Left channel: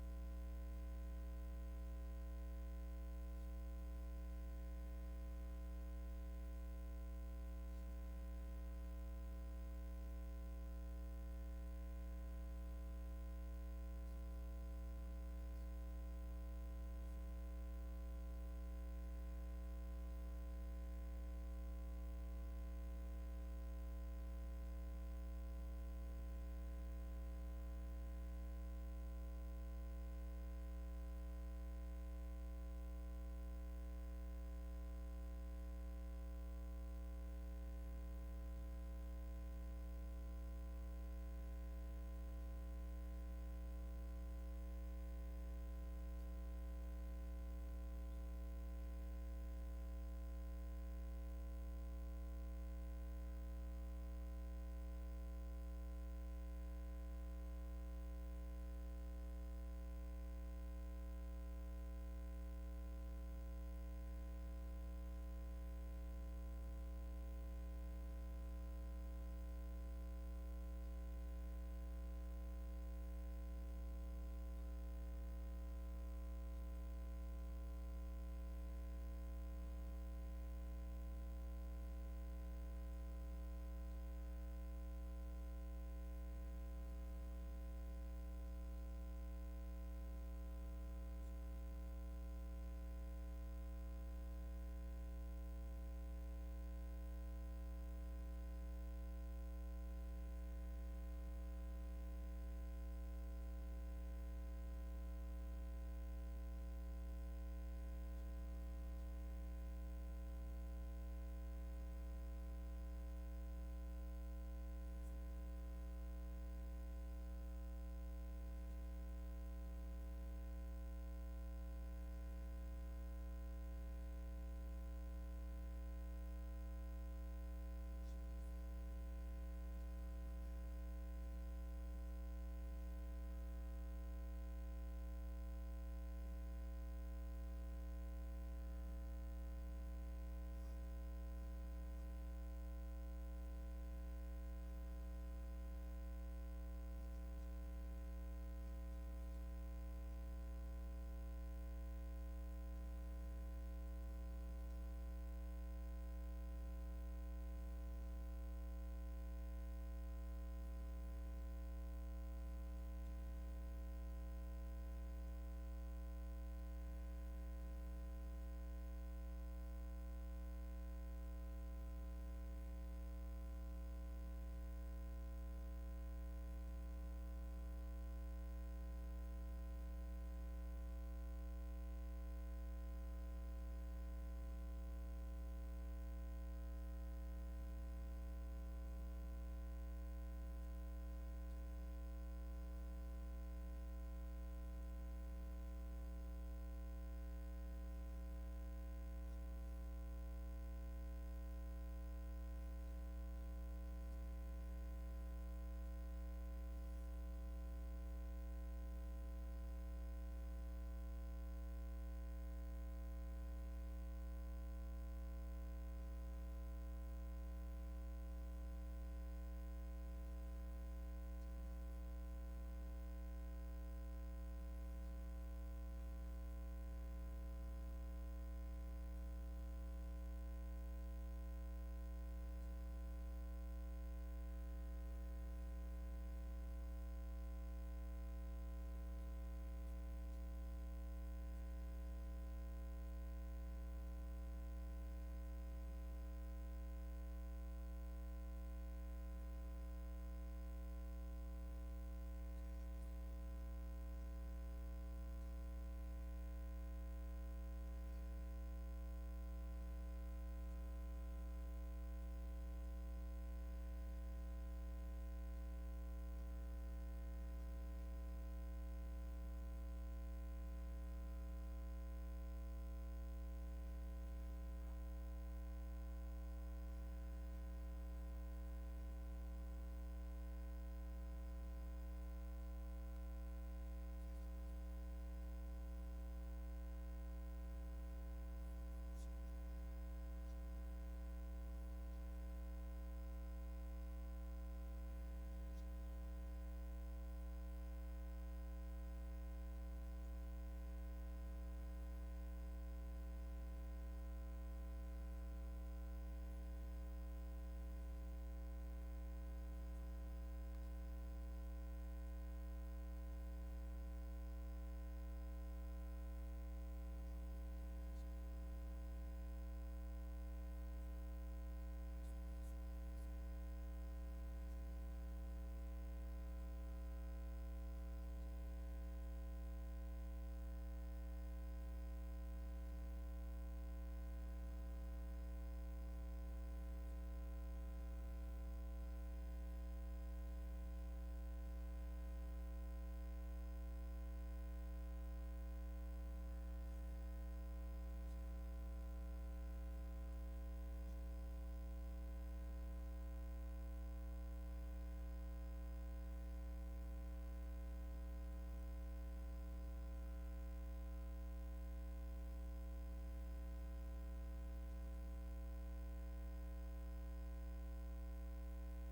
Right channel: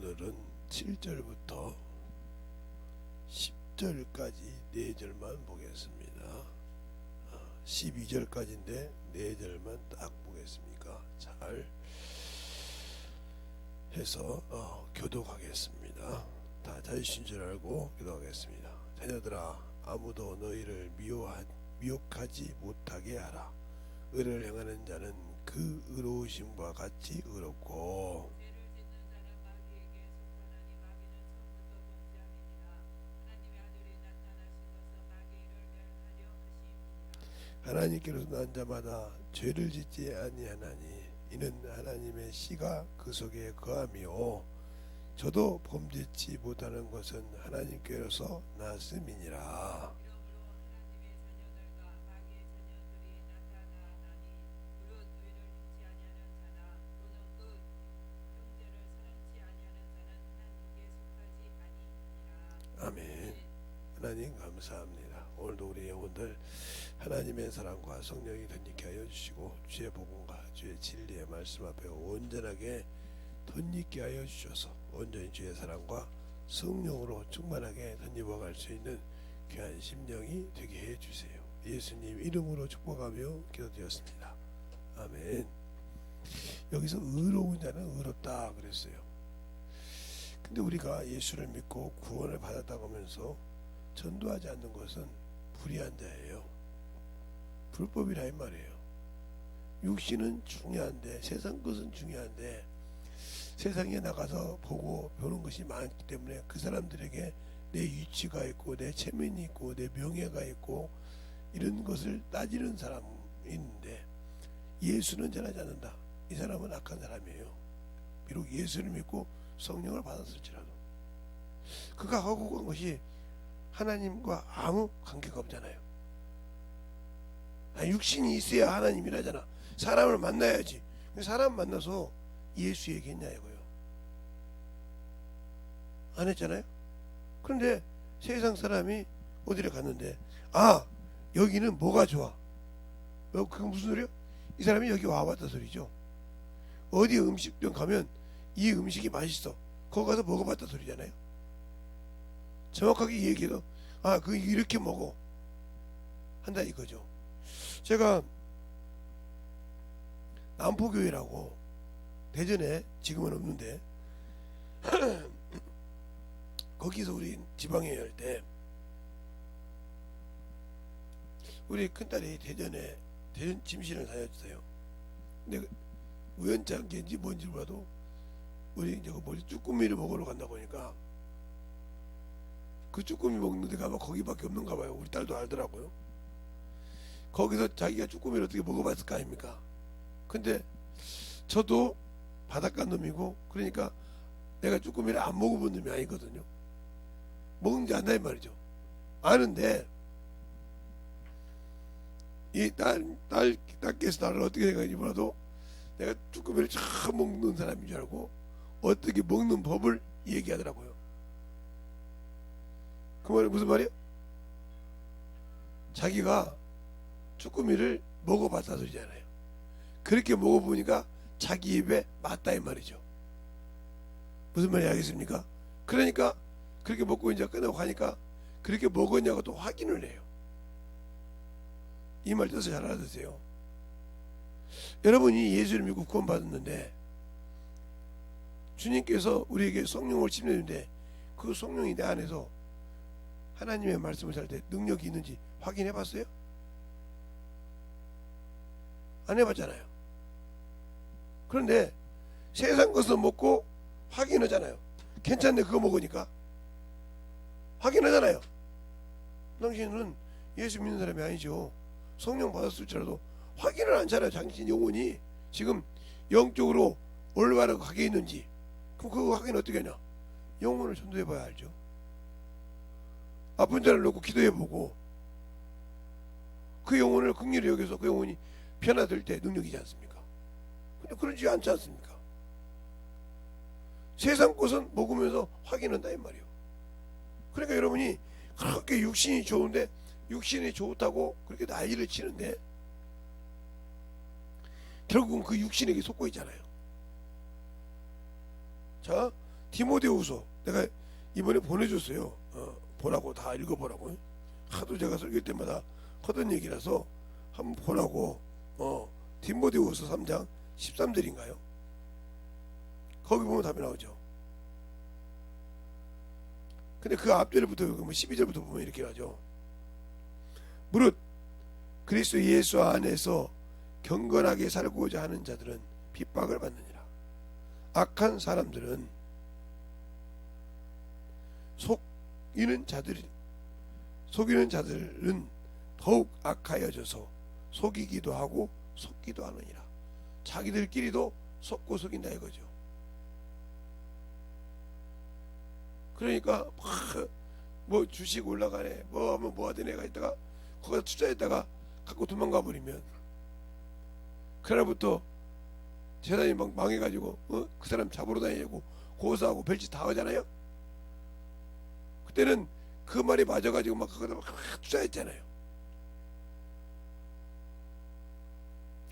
오늘은 7절부터 10절까지 4절만 보겠습니다. 12절까지인데 4절만 딱 보겠습니까? 잘 해서 교독하겠습니다. 다 자유신 줄 알고 교독하겠습니다. 자녀들아, 아무도 너희를 미혹하지 못하게 하라. 의를 행하는 자는 그 의로우심과 같이 의롭고, 하나님께로서 난 자마다 죄를 짓지 아니하나니 이는 하나님의 씨가 그 속에 거함이요 저도 범죄치 못하는 것은 하나님께로서 났음이니라. 아멘. 하나님 감사합니다. 오늘도 우리 영혼들 하나님의 사랑과 성령이 덧입게 하여 주시고 주의 복음과 주의 진리의 말씀 앞에 온전하게 덧입게 하여 주셔서 온전히 주의 사랑과 성령으로 충만하게 덧입어갈 수 있는 귀한 심령이 되게 해 주세요. 예수님 이름으로 축복하며 기도드렸습니다. 아멘. 여기서 의로운 자는 의롭다 그랬어요. 근데 우리가 예수를 믿고 구원을 받았다고 하면서 전도하지 않는 것은 불의한 자예요. 불법이라 이 말이에요. 육신은 중요한데, 세상 것은 중요한데, 세상에 나가서 보고 배우는 것이 많기 때문에 그 사람들에게 내 위치가 있고 내 체면이 있고 내 명예가 있고 이런 것을 따지는 사람이 있는데, 예수는 전하지 않는다. 이 사람은 악한 사람이에요. 비록 예수를 믿고 성령을 받았을지라도 그가 하고 간 것이 하나님과 아무 관계가 없잖아요. 육신이 있어야 하나님이라잖아. 사람을 만나야지. 사람 만나서 예수 얘기했냐고요. 안 했잖아요. 그런데 세상 사람이 어디를 갔는데, 여기는 뭐가 좋아? 그게 무슨 소리야? 이 사람이 여기 와봤다 소리죠. 어디 음식점 가면 이 음식이 맛있어. 거기 가서 먹어봤다 소리잖아요. 정확하게 얘기해도 그 이렇게 먹어 한다 이거죠. 제가 남포교회라고 대전에 지금은 없는데 거기서 우리 지방에 할 때 우리 큰딸이 대전 침실을 다녔어요. 근데 우연찮게인지 뭔지 몰라도 우리 이제 쭈꾸미를 먹으러 간다고 하니까 그 쭈꾸미 먹는 데가 아마 거기밖에 없는가 봐요. 우리 딸도 알더라고요. 거기서 자기가 쭈꾸미를 어떻게 먹어봤을 거 아닙니까? 근데 저도 바닷가 놈이고 그러니까 내가 쭈꾸미를 안 먹어본 놈이 아니거든요. 먹는지 안다 이 말이죠. 아는데 이 딸께서 나를 어떻게 생각하는지 몰라도 내가 쭈꾸미를 잘 먹는 사람인 줄 알고 어떻게 먹는 법을 얘기하더라고요. 그 말이 무슨 말이야? 자기가 쭈꾸미를 먹어봤다 소리잖아요. 그렇게 먹어보니까 자기 입에 맞다 이 말이죠. 무슨 말인지 알겠습니까? 그러니까 그렇게 먹고 이제 끝나고 가니까 그렇게 먹었냐고 또 확인을 해요. 이 말 뜻을 잘 알아두세요. 여러분이 예수를 믿고 구원받았는데 주님께서 우리에게 성령을 침례했는데 그 성령이 내 안에서 하나님의 말씀을 살 때 능력이 있는지 확인해 봤어요? 안 해봤잖아요. 그런데 세상 것을 먹고 확인하잖아요. 괜찮네 그거 먹으니까 확인하잖아요. 당신은 예수 믿는 사람이 아니죠. 성령 받았을지라도 확인을 안 하잖아요. 당신 영혼이 지금 영적으로 올바르게 가게 있는지. 그럼 그 확인 어떻게 하냐? 영혼을 전도해 봐야 알죠. 아픈 자를 놓고 기도해 보고 그 영혼을 긍휼히 여겨서 그 영혼이 변화될 때 능력이지 않습니까? 근데 그러지 않지 않습니까? 세상 것은 먹으면서 확인한다 이 말이에요. 그러니까 여러분이 그렇게 육신이 좋은데 육신이 좋다고 그렇게 난리를 치는데 결국은 그 육신에게 속고 있잖아요. 자, 디모데후서 내가 이번에 보내줬어요. 보라고, 다 읽어보라고. 하도 제가 설교 때마다 하던 얘기라서 한번 보라고. 디모데후서 3장 13절인가요? 거기 보면 답이 나오죠. 근데 그 앞절부터 12절부터 보면 이렇게 하죠. 무릇 그리스도 예수 안에서 경건하게 살고자 하는 자들은 핍박을 받느니라. 악한 사람들은 속이는 자들은 더욱 악하여져서 속이기도 하고 속기도 하느니라. 자기들끼리도 속고 속인다 이거죠. 그러니까 뭐 주식 올라가네, 뭐 하면 뭐 하던 애가 있다가 거기다 투자했다가 갖고 도망가 버리면 그날부터 재단이 막 망해가지고 그 사람 잡으러 다니고 고소하고 별짓 다 하잖아요. 그때는 그 말이 맞아가지고 막 거기다 막 투자했잖아요.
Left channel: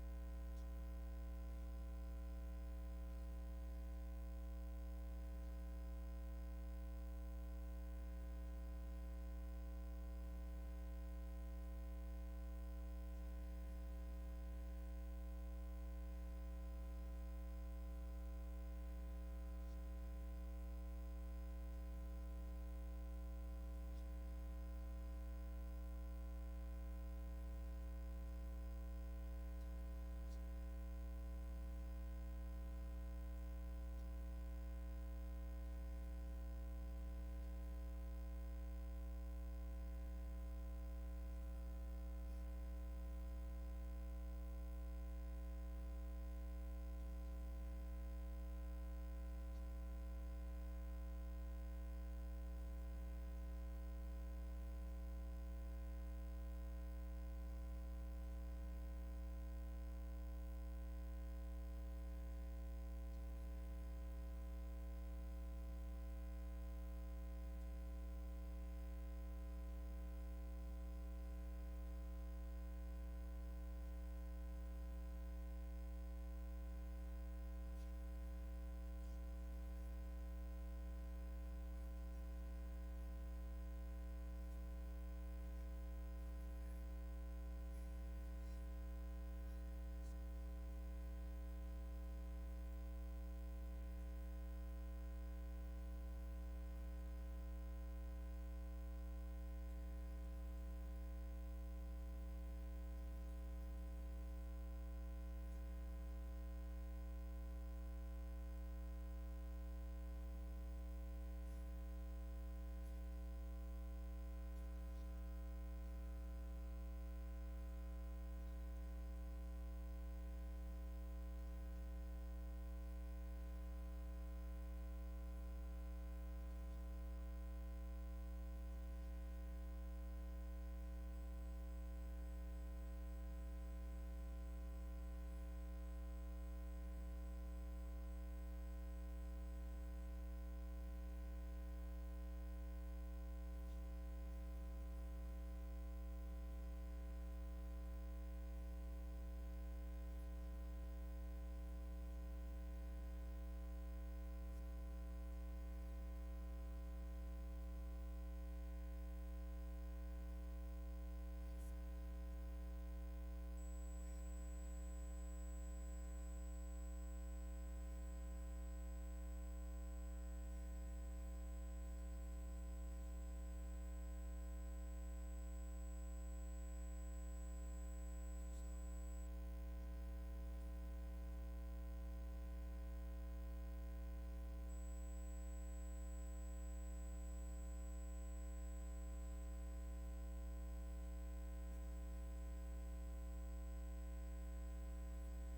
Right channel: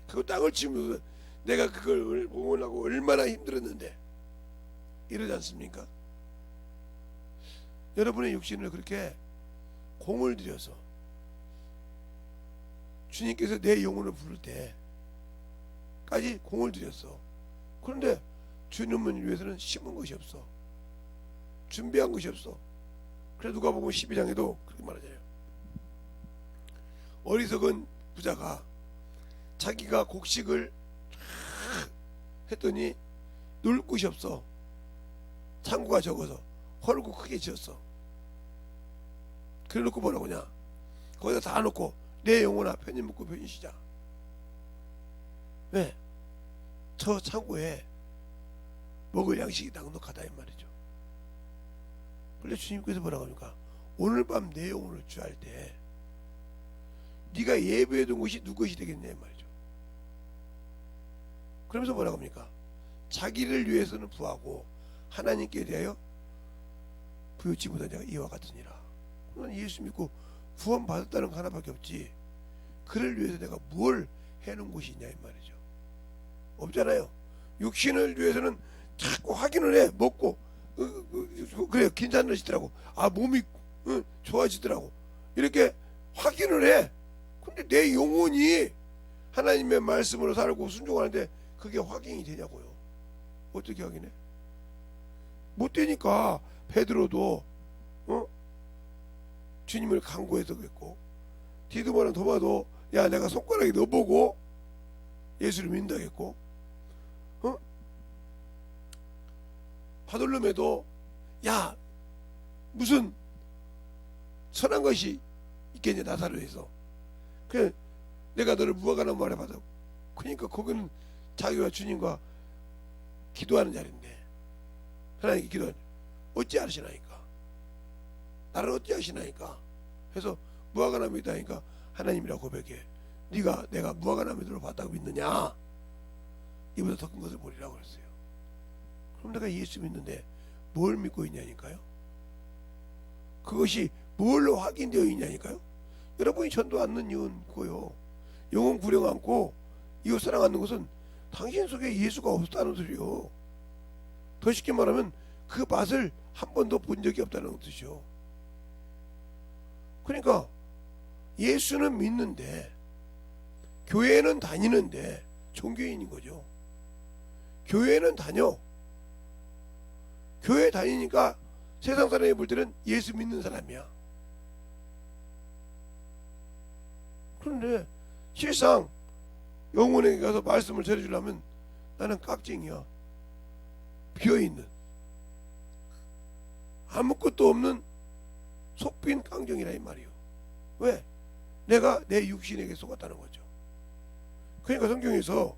그 땅을 치면서 내가 그걸 보려고 얼마나 힘들었는데 이러지 않습니까? 여러분의 육신을 그렇게 공을 들여서 주님께서 내 영혼을 부를 때까지 공을 들였어. 그런데 주님을 위해서는 심은 것이 없어. 준비한 것이 없어. 그래서 누가 보면 12장에도 그렇게 말하잖아요. 어리석은 부자가 자기가 곡식을 했더니 놀 곳이 없어. 창고가 적어서 헐고 크게 지었어. 그래 놓고 뭐라고 하냐, 거기다 다 놓고 내 영혼아 편히 먹고 편히 쉬자. 왜? 저 창고에 먹을 양식이 넉넉하다 이 말이죠. 그런데 주님께서 뭐라고 합니까? 오늘 밤 내 영혼을 취할 때 네가 예배해둔 것이 누구 것이 되겠냐 이 말이죠. 그러면서 뭐라고 합니까? 자기를 위해서는 부하고 하나님께 대하여 부요치 못한 자가 이와 같으니라. 예수 믿고 구원 받았다는 거 하나밖에 없지, 그를 위해서 내가 뭘 해놓은 것이 있냐 이 말이죠. 없잖아요. 육신을 위해서는 자꾸 확인을 해. 먹고 그래 괜찮아지더라고, 몸이 좋아지더라고, 이렇게 확인을 해. 근데 내 영혼이 하나님의 말씀으로 살고 순종하는데 그게 확인이 되냐고요. 어떻게 확인해? 못 되니까 베드로도 주님을 간구해서 그랬고, 디두모랑 도마도 야 내가 손가락에 넣어보고 예수를 믿는다겠고, 바돌로매도 야 무슨 선한 것이 있겠냐 나사로에서, 그래 내가 너를 무화과나무 아래 받아. 그러니까 거기는 자기와 주님과 기도하는 자리인데 하나님께 기도하는, 어찌 하시나이까, 나를 어찌 하시나이까 해서 무화과나무에 있다니까 하나님이라고 고백해. 네가 내가 무화과나무를 봤다고 믿느냐, 이보다 더 큰 것을 보리라고 그랬어요. 그럼 내가 예수 믿는데 뭘 믿고 있냐니까요. 그것이 뭘로 확인되어 있냐니까요. 여러분이 전도 않는 이유는 그거요. 영혼 구령 않고 이웃 사랑하는 것은 당신 속에 예수가 없다는 소리요. 더 쉽게 말하면 그 맛을 한 번도 본 적이 없다는 뜻이요. 그러니까 예수는 믿는데 교회는 다니는데 종교인인 거죠. 교회는 다녀. 교회 다니니까 세상 사람이 볼 때는 예수 믿는 사람이야. 그런데 실상 영혼에게 가서 말씀을 전해주려면 나는 깍쟁이야. 비어있는 아무것도 없는 속빈 깡정이라 이 말이요. 왜? 내가 내 육신에게 속았다는 거죠. 그러니까 성경에서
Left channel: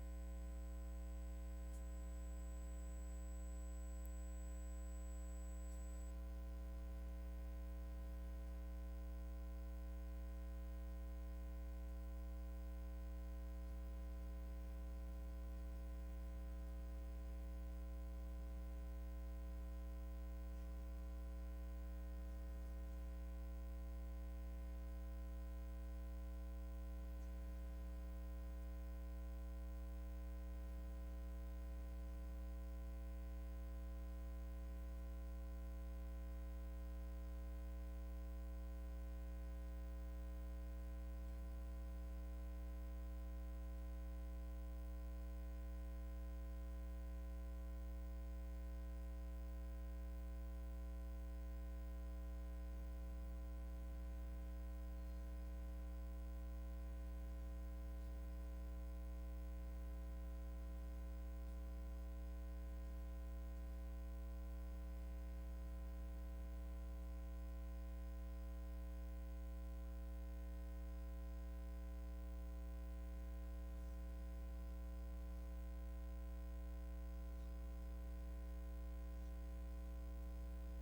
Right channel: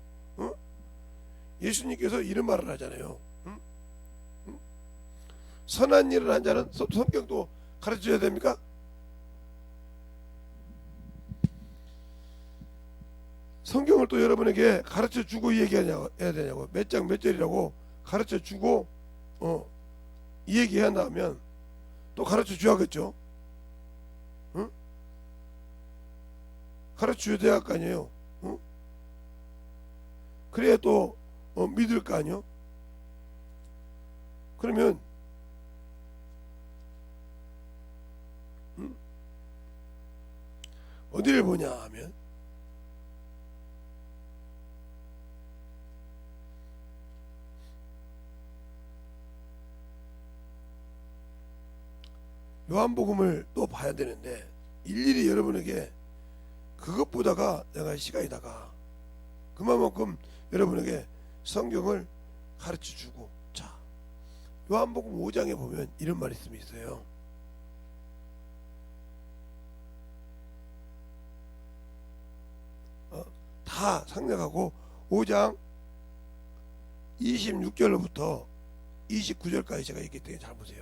예수님께서 이런 말을 하잖아요. 선한 일을 한 자는 성경도 가르쳐줘야 됩니까? 성경을 또 여러분에게 가르쳐주고 얘기해야 되냐고, 몇 장 몇 절이라고 가르쳐주고 얘기해야 한다면 또 가르쳐줘야겠죠. 가르쳐줘야 될 거 아니에요. 그래야 또 믿을 거 아니에요. 그러면 어디를 보냐 하면 요한복음을 또 봐야 되는데 일일이 여러분에게 그것보다가 내가 시간이다가 그만큼 여러분에게 성경을 가르쳐 주고, 자, 요한복음 5장에 보면 이런 말씀이 있어요. 다 상략하고 5장 26절로부터 29절까지 제가 읽기 때문에 잘 보세요.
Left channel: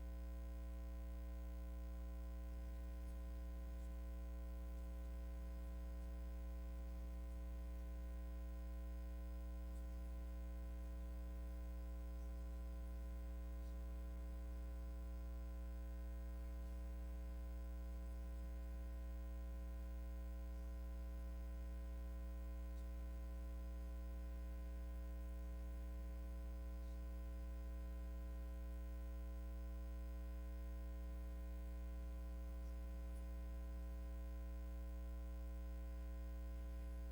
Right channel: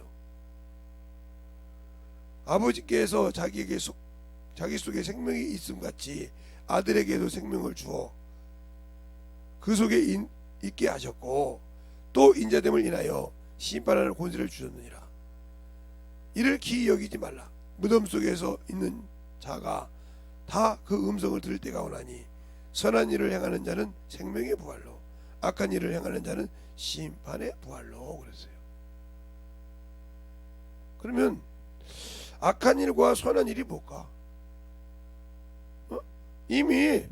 아버지께서 자기 속에 생명이 있음 같이 아들에게도 생명을 주어 그 속에 있게 하셨고, 또 인자됨을 인하여 심판하는 권세를 주셨느니라. 이를 기이 여기지 말라. 무덤 속에서 있는 자가 다 그 음성을 들을 때가 오나니 선한 일을 행하는 자는 생명의 부활로, 악한 일을 행하는 자는 심판의 부활로. 그랬어요. 그러면 악한 일과 선한 일이 뭘까? 이미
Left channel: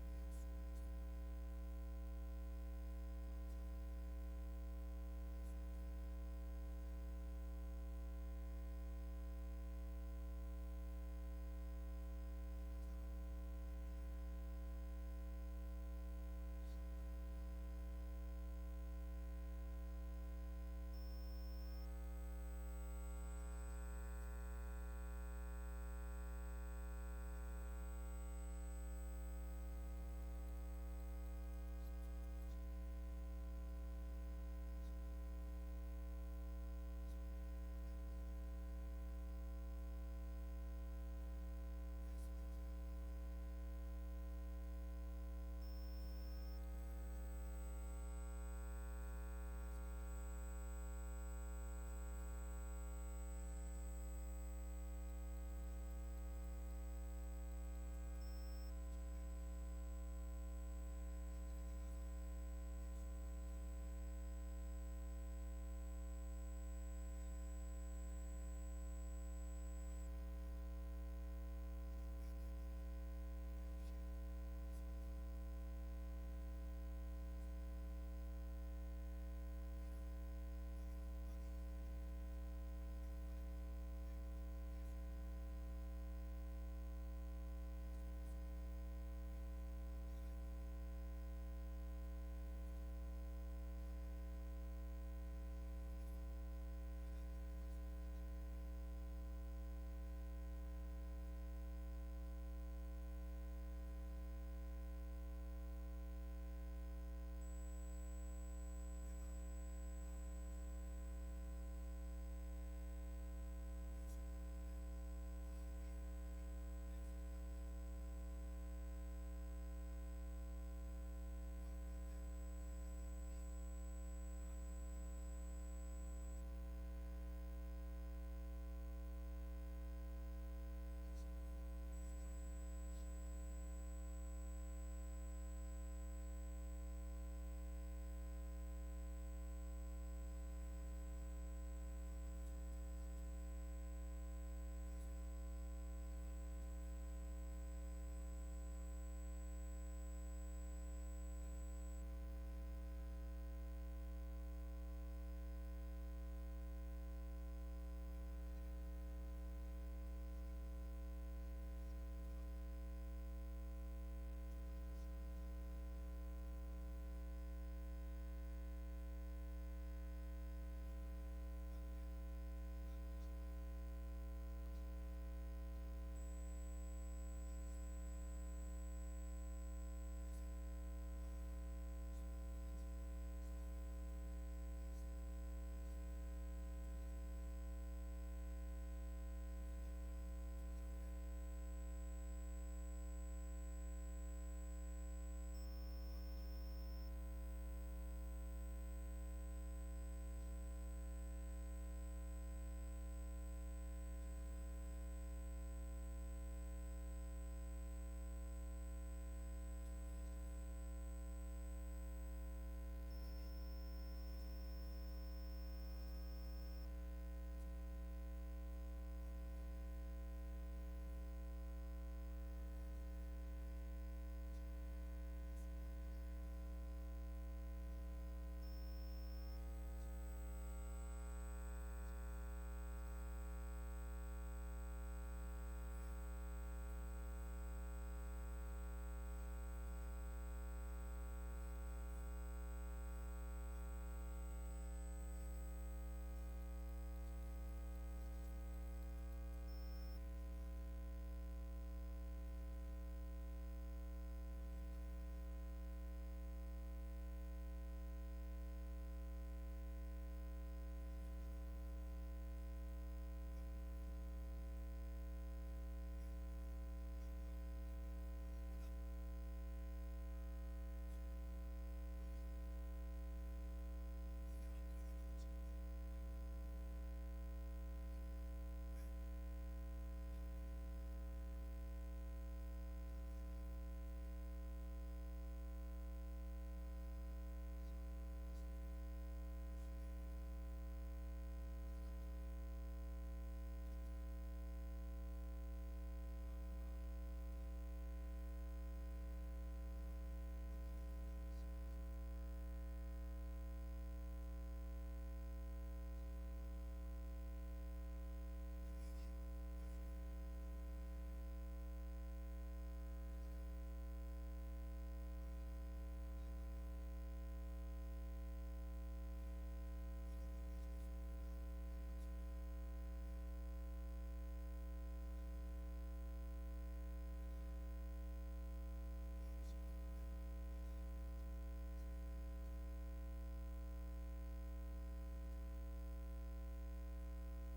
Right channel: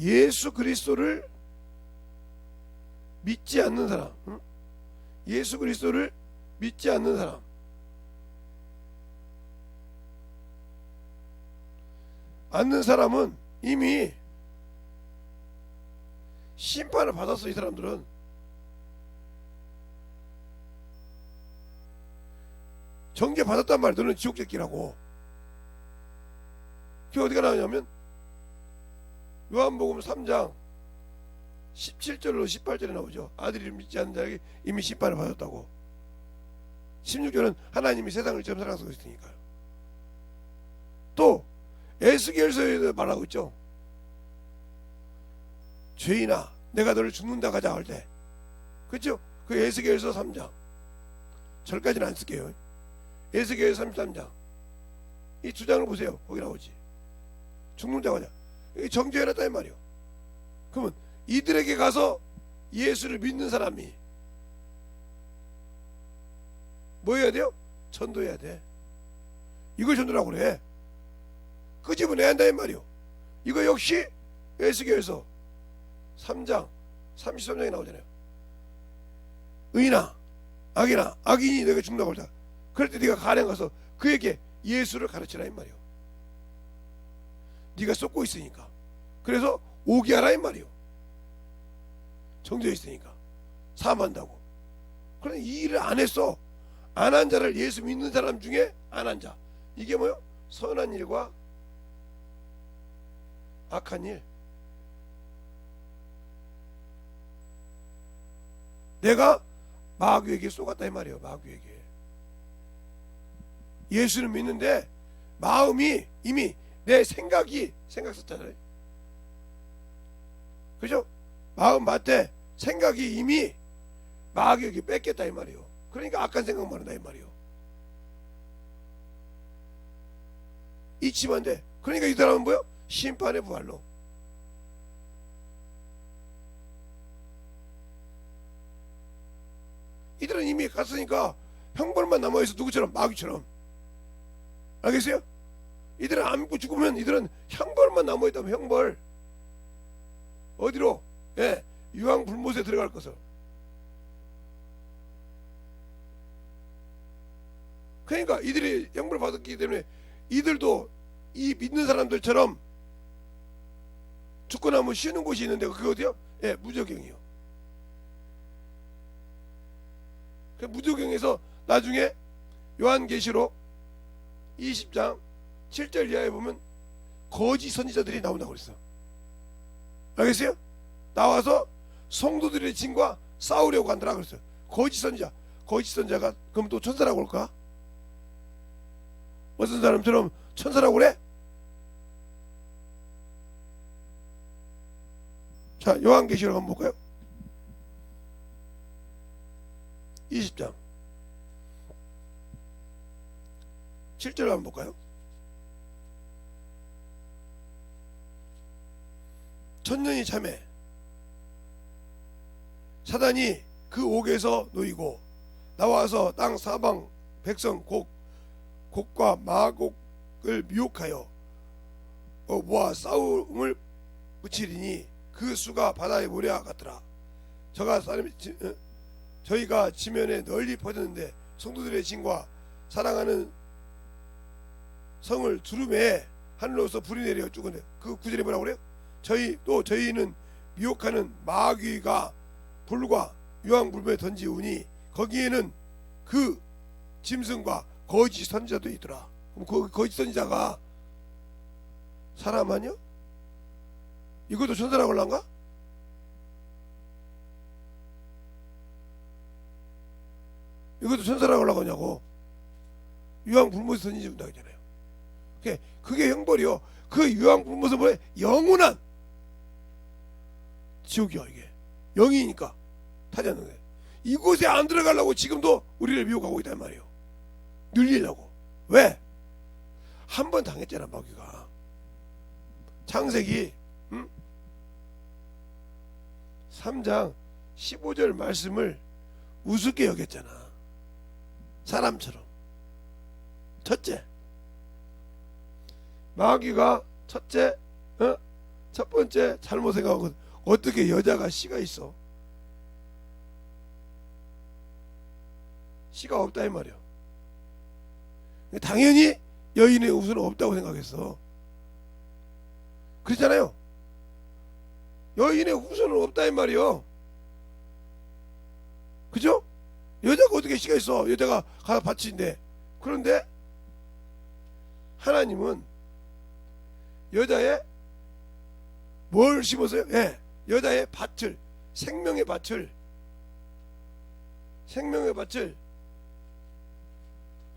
예수 그리스도를 믿지 않는 사람, 예수 그리스도를 믿지 않는 사람, 않는 사람은 이미 심판을 받았어. 이 사람들은 정죄 받았단 말이야. 너는 지옥 새끼라고. 그게 어디가 나오냐면 요한복음 3장 17절로 18절에 나오죠. 아들이 믿지 않는 자에게 이미 심판을 받았다고. 16절은 하나님이 세상을 처음 사랑하고 있으니까. 또 에스겔서에도 말하고 있죠. 죄인아 내가 너를 죽는다 가자 할 때, 그렇죠? 그 에스겔서 3장, 절까지는 안 쓸게요. 에스겔 33장 이 두 장을 보세요. 거기 나오지. 죽는다 가자. 정죄해놨다 이 말이요. 그러면 이들에게 가서 예수를 믿는 사람이 뭐 해야 돼요? 전도해야 돼. 이걸 전도라고 그래. 끄집어내야 한다 이 말이요. 이거 역시 에스겔서 3장 33장에 나오잖아요. 의인아 악이나 악인이 내가 죽는다고 하자. 그럴 때 네가 가령 가서 그에게 예수를 가르치라 이 말이요. 네가 쏟고 있으니까. 그래서 오게 하라 이 말이요. 정죄 있으니까 사함한다고. 그런데 이 일을 안 했어. 안 한 자를, 예수 믿는 사람 중에 안 한 자, 이게 뭐요? 선한 일과 악한 일. 내가 마귀에게 쏘갔다 이 말이에요. 마귀에게. 예수는 믿는데 마음이 이미 내 생각 썼잖아요. 그죠? 마음 밭에 생각이 이미 마귀에게 뺏겼다 이 말이에요. 그러니까 악한 생각만 한다 이 말이에요. 잊히면 안 돼. 그러니까 이 사람은 뭐요? 심판의 부활로. 이들은 이미 갔으니까 형벌만 남아있어. 누구처럼? 마귀처럼. 알겠어요? 이들은 안 믿고 죽으면 이들은 형벌만 남아있다면 형벌. 어디로? 예, 유황 불못에 들어갈 것을. 그러니까 이들이 형벌을 받았기 때문에 이들도 이 믿는 사람들처럼 죽고 나면 쉬는 곳이 있는데 그게 어디요? 예, 무저경이요. 그 무저경에서 나중에 요한계시록 20장 7절 이하에 보면 거짓 선지자들이 나온다고 그랬어. 알겠어요? 나와서 성도들의 진과 싸우려고 한다고 그랬어요. 거짓 선지자. 거짓 선지자가 그럼 또 천사라고 할까? 어떤 사람처럼 천사라고 그래? 자, 요한계시록 한번 볼까요? 20장 7절 한번 볼까요? 천년이 참해 사단이 그 옥에서 놓이고 나와서 땅 사방 백성 곡과 마곡을 미혹하여 모아 싸움을 붙이리니 그 수가 바다의 모래와 같더라. 저희가 지면에 널리 퍼졌는데 성도들의 진과 사랑하는 성을 두루매 하늘로서 불이 내려 죽었네. 그 구절에 뭐라고 그래요? 저희는 미혹하는 마귀가 불과 유황불변에 던지우니 거기에는 그 짐승과 거짓 선지자도 있더라. 그 거짓 선지자가 사람 아니야? 이것도 천사라고 할란가? 이것도 천사라고 하려고 하냐고. 유황불못에 던진다고 했잖아요. 그게 형벌이요. 그 유황불못은 뭐예요? 영원한 지옥이야. 이게 영이니까 타지 않는 거예요. 이곳에 안 들어가려고 지금도 우리를 미혹하고 있단 말이에요. 늘리려고. 왜? 한 번 당했잖아. 마귀가. 창세기 3장 15절 말씀을 우습게 여겼잖아. 사람처럼. 첫째, 마귀가 첫 번째 잘못 생각한 건 어떻게 여자가 씨가 있어? 씨가 없다 이 말이야. 당연히 여인의 후손은 없다고 생각했어. 그렇잖아요. 여인의 후손은 없다 이 말이요. 그죠? 여자가 어떻게 씨가 있어? 여자가 가서 밭인데. 그런데 하나님은 여자의 뭘 심었어요? 여자의 밭을, 생명의 밭을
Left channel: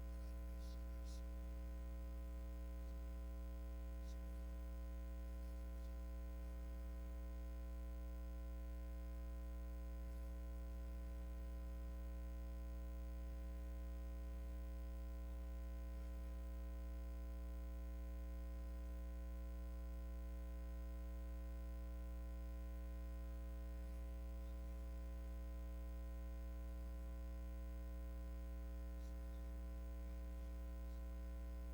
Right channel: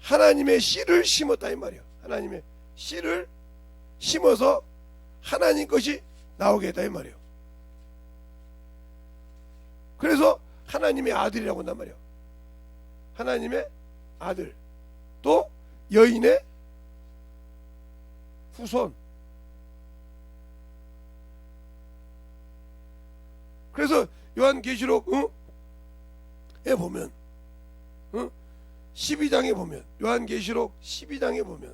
하나님의 씨를 심었다 이 말이야. 하나님의 씨를 심어서 하나님 것이 나오게 했다 이 말이야. 그래서 하나님의 아들이라고 한단 말이야. 하나님의 아들, 또 여인의 후손. 그래서 요한계시록에 보면 12장에 보면 요한계시록 12장에 보면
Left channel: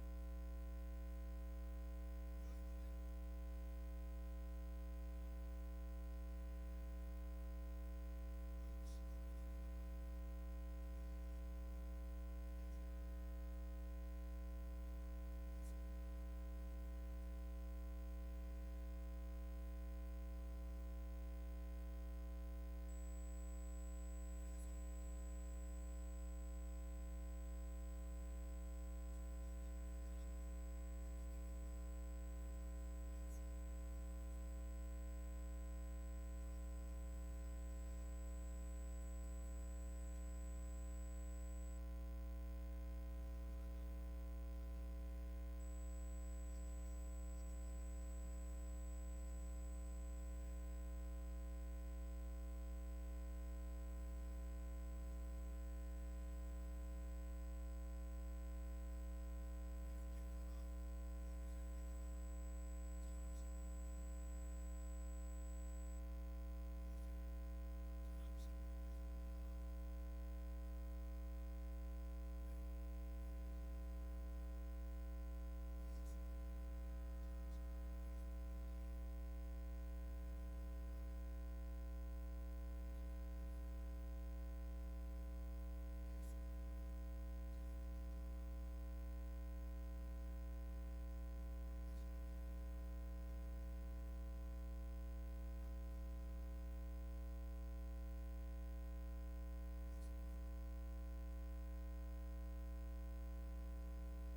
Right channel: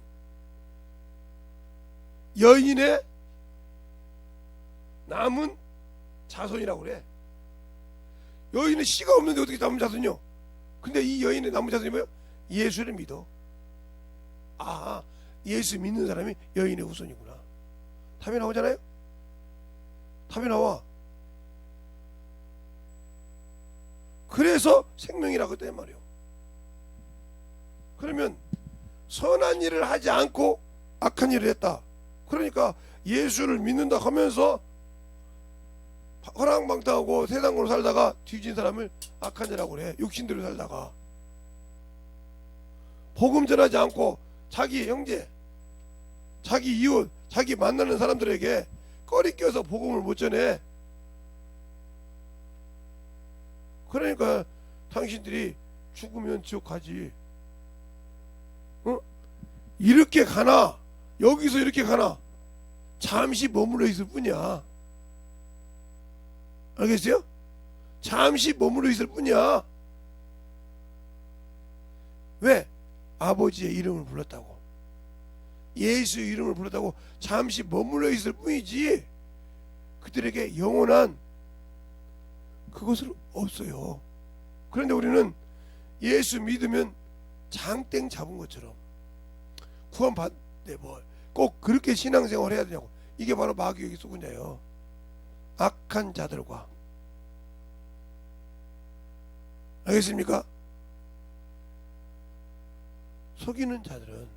여인의 남은 자손이라고 그래. 여인은 씨가 없는데 어떻게 남은 자손이요? 근데 이 여인의 남은 자손이 뭐예요? 예수를 믿어. 아, 예수 믿는 사람이 여인의 후손이구나. 답이 나오잖아요. 답이 나와. 그래서 생명이라고 했단 말이에요. 그러면 선한 일을 하지 않고 악한 일을 했다. 그러니까 예수를 믿는다 하면서 허랑방탕하고 세상으로 살다가 뒤진 사람을 악한 자라고 그래. 육신대로 살다가 복음 전하지 않고 자기 형제, 자기 이웃, 자기 만나는 사람들에게 꺼리 껴서 복음을 못 전해. 그러니까 당신들이 죽으면 지옥 가지. 이렇게 가나 여기서 이렇게 가나 잠시 머물러 있을 뿐이야. 알겠어요? 잠시 머물러 있을 뿐이야. 왜? 아버지의 이름을 불렀다고, 예수의 이름을 불렀다고 잠시 머물러 있을 뿐이지 그들에게 영원한 그것은 없어요. 그런데 우리는 예수 믿으면 장땡 잡은 것처럼 구원받는데 뭐 꼭 그렇게 신앙생활 해야 되냐고. 이게 바로 마귀의 수군자예요. 악한 자들과. 알겠습니까? 속이는 자들은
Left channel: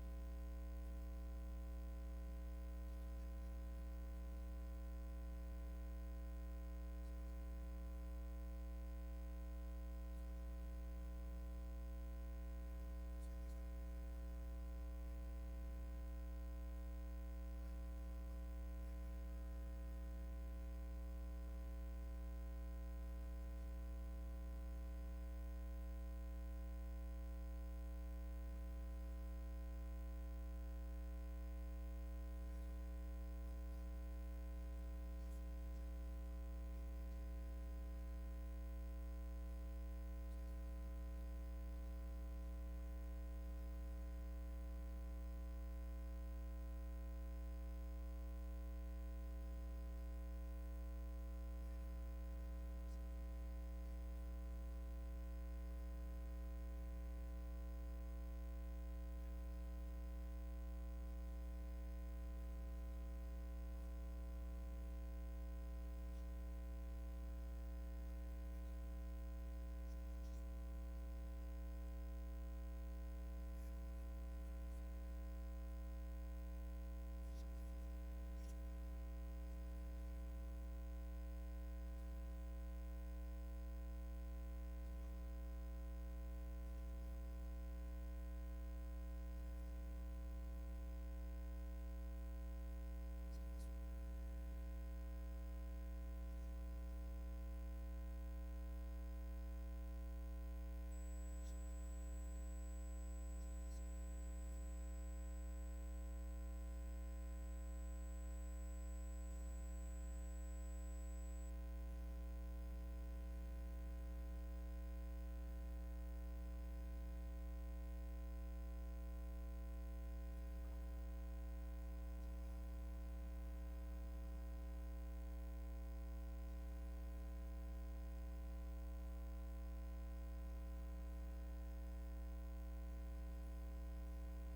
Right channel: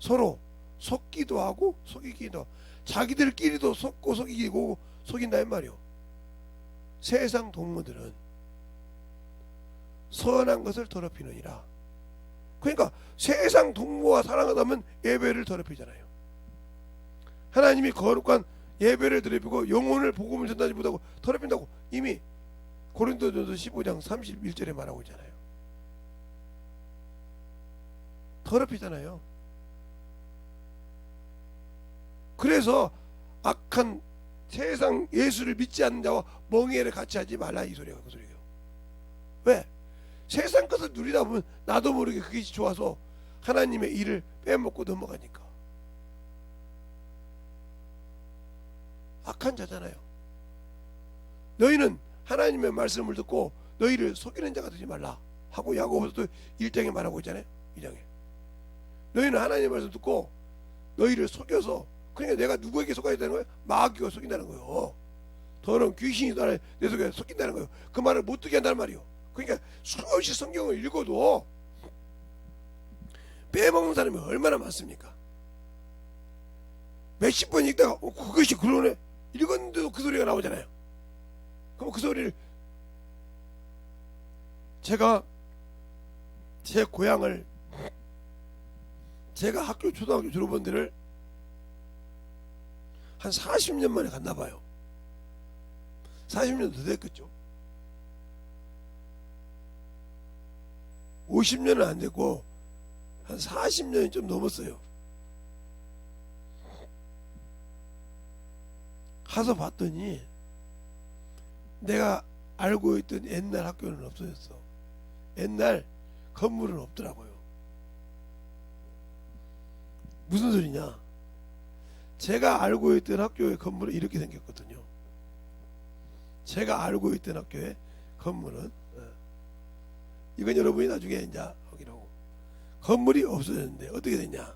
서로 속기도 하고 속이기도 하고 자기들끼리도 속고 속이고 속인다 이 말이요. 세상 동무들은 선한 것을 더럽히느니라. 그러니까 세상 동무와 사랑하다면 예배를 더럽히잖아요. 하나님이 거룩한 예배를 더럽히고 영혼을 복음을 전하지 못하고 더럽힌다고 이미 고린도전서 15장 31절에 말하고 있잖아요. 더럽히잖아요. 그래서 악한 세상 예수를 믿지 않는 자와 멍에를 같이 하지 말라 이 소리가 그 소리예요. 왜? 세상 것을 누리다 보면 나도 모르게 그것이 좋아서 하나님의 일을 빼먹고 넘어가니까. 악한 자잖아요. 너희는 하나님의 말씀을 듣고 너희를 속이는 자가 되지 말라 하고 야고보서도 1장에 말하고 있잖아요. 2장에 너희는 하나님의 말씀 듣고 너희를 속여서, 그러니까 내가 누구에게 속아야 되는 거예요? 마귀가 속인다는 거예요. 더러운 귀신이 내 속에 속인다는 거예요. 그 말을 못 듣게 한다는 말이에요. 그러니까 수없이 성경을 읽어도 빼먹는 사람이 얼마나 많습니까? 몇십 번 읽다가 그것이 그러네 읽었는데도 그 소리가 나오잖아요. 그럼 그 소리를, 제가 제 고향을, 제가 학교 초등학교 졸업한 데를 한 40년 만에 갔나봐요. 40년 더 됐겠죠. 50년은 안 됐고 한 40년이 좀 넘었어요. 가서 봤더니 내가 알고 있던 옛날 학교는 없어졌어. 옛날 건물은 없더라고요. 무슨 소리냐? 제가 알고 있던 학교의 건물은 이렇게 생겼거든요. 제가 알고 있던 학교의 건물은, 이건 여러분이 나중에 이제 확인하고, 건물이 없어졌는데 어떻게 됐냐?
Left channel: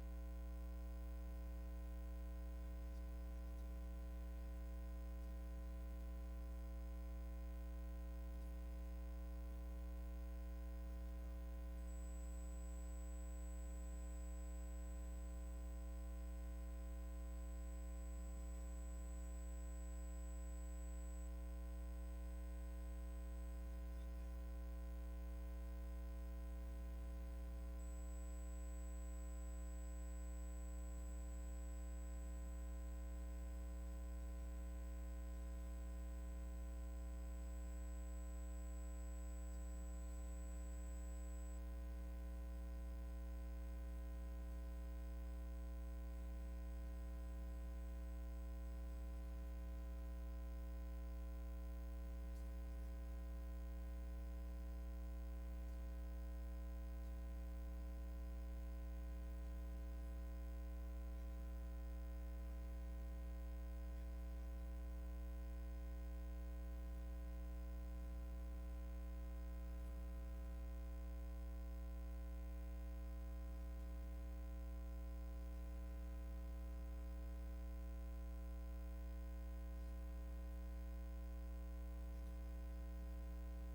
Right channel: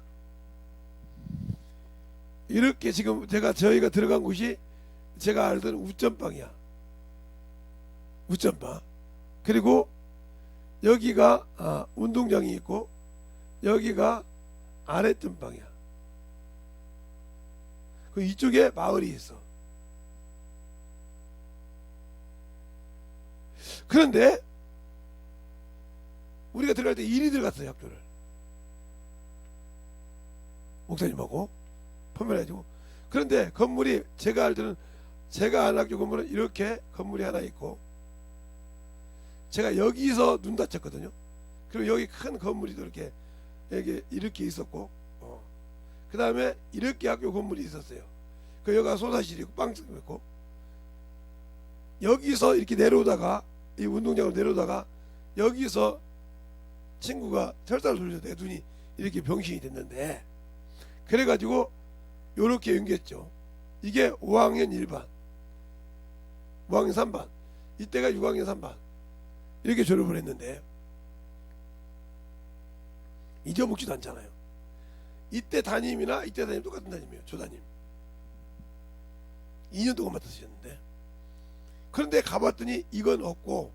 이렇게 지금 저희가 들어간 곳이 제가 알던 우점방이야. 우점방. 그리고 여기가 운동장이 있고 여기가 아래점방이야. 그 이쪽에 마을이 있어. 그런데 우리가 들어갈 때 이리 들어갔어요. 학교를 목사님하고 판매해가지고. 그런데 건물이, 제가 알던 제가 아는 학교 건물은 이렇게 건물이 하나 있고, 제가 여기서 눈 다쳤거든요. 그리고 여기 큰 건물이 이렇게 이렇게 있었고, 그 다음에 이렇게 학교 건물이 있었어요. 그 여기가 소사실이 있고 빵집이 있고, 여기서 이렇게 내려오다가 이 운동장으로 내려오다가 여기서 친구가 철사를 돌려서 내 눈이 이렇게 병신이 됐는데, 그래가지고 요렇게 연기했죠. 이게 5학년 1반, 5학년 3반, 이때가 6학년 3반 이렇게 졸업을 했는데 잊어먹지도 않잖아요. 이때 담임이나 이때 담임 똑같은 담임이에요. 조담임 2년 동안 맡으셨는데, 그런데 가봤더니 이건 없고,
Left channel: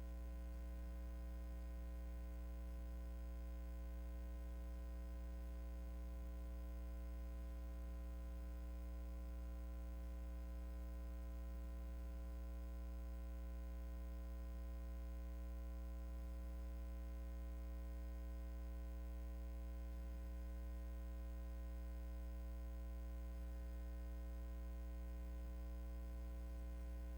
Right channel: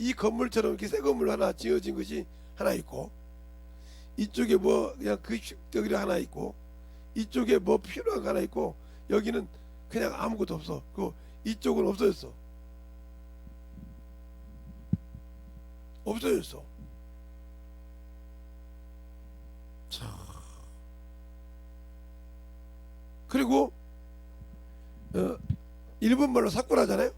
이 건물처럼 이렇게 새 건물 하나 지어진 것이 하나 있고, 이쪽에 뭐 그냥 급식대기 하나 있고, 이쪽에 뭐 필요한 거 하나 있고, 여기는 그냥 아무것도 없어. 그 이쪽은 없어졌어. 없어졌어. 자, 그리고 일본 말로 사쿠라잖아요.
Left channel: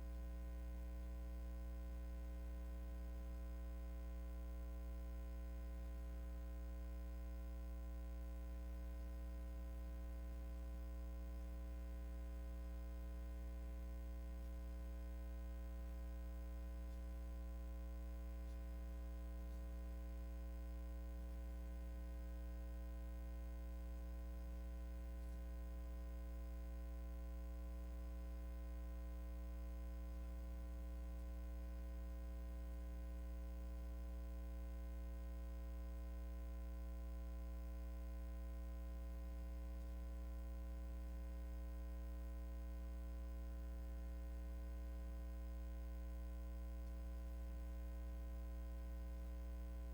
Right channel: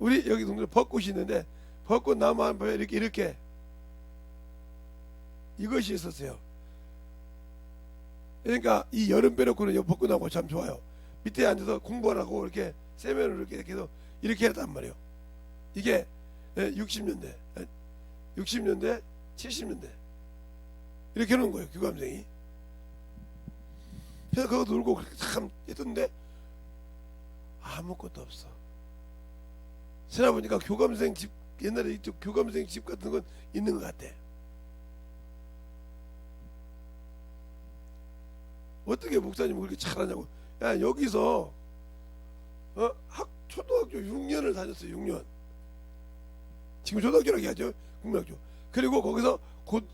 우리 여기 동네 벚꽃이 있는데 벚꽃 나무 한 번에 이렇게 이것이 있었어요. 그러니까 이 여름 빼놓고는 벚꽃나무 참 좋아요. 밑에 앉아서 공부하라고 이렇게 세면으로 이렇게 계속 이렇게 했단 말이에요. 이게 60년대 70년대 이렇게 해놓은 거예요. 교감생이. 그래서 그거 놀고 그렇게 참 했던데 아무것도 없어. 지나보니까 교감생 집, 옛날에 이쪽 교감생 집 같은 건 있는 것 같아. 어떻게 목사님은 그렇게 잘하냐고. 야, 여기서 초등학교 6년을 다녔어요. 6년. 지금 초등학교라고 하죠. 국민학교. 그리고 거기서 곧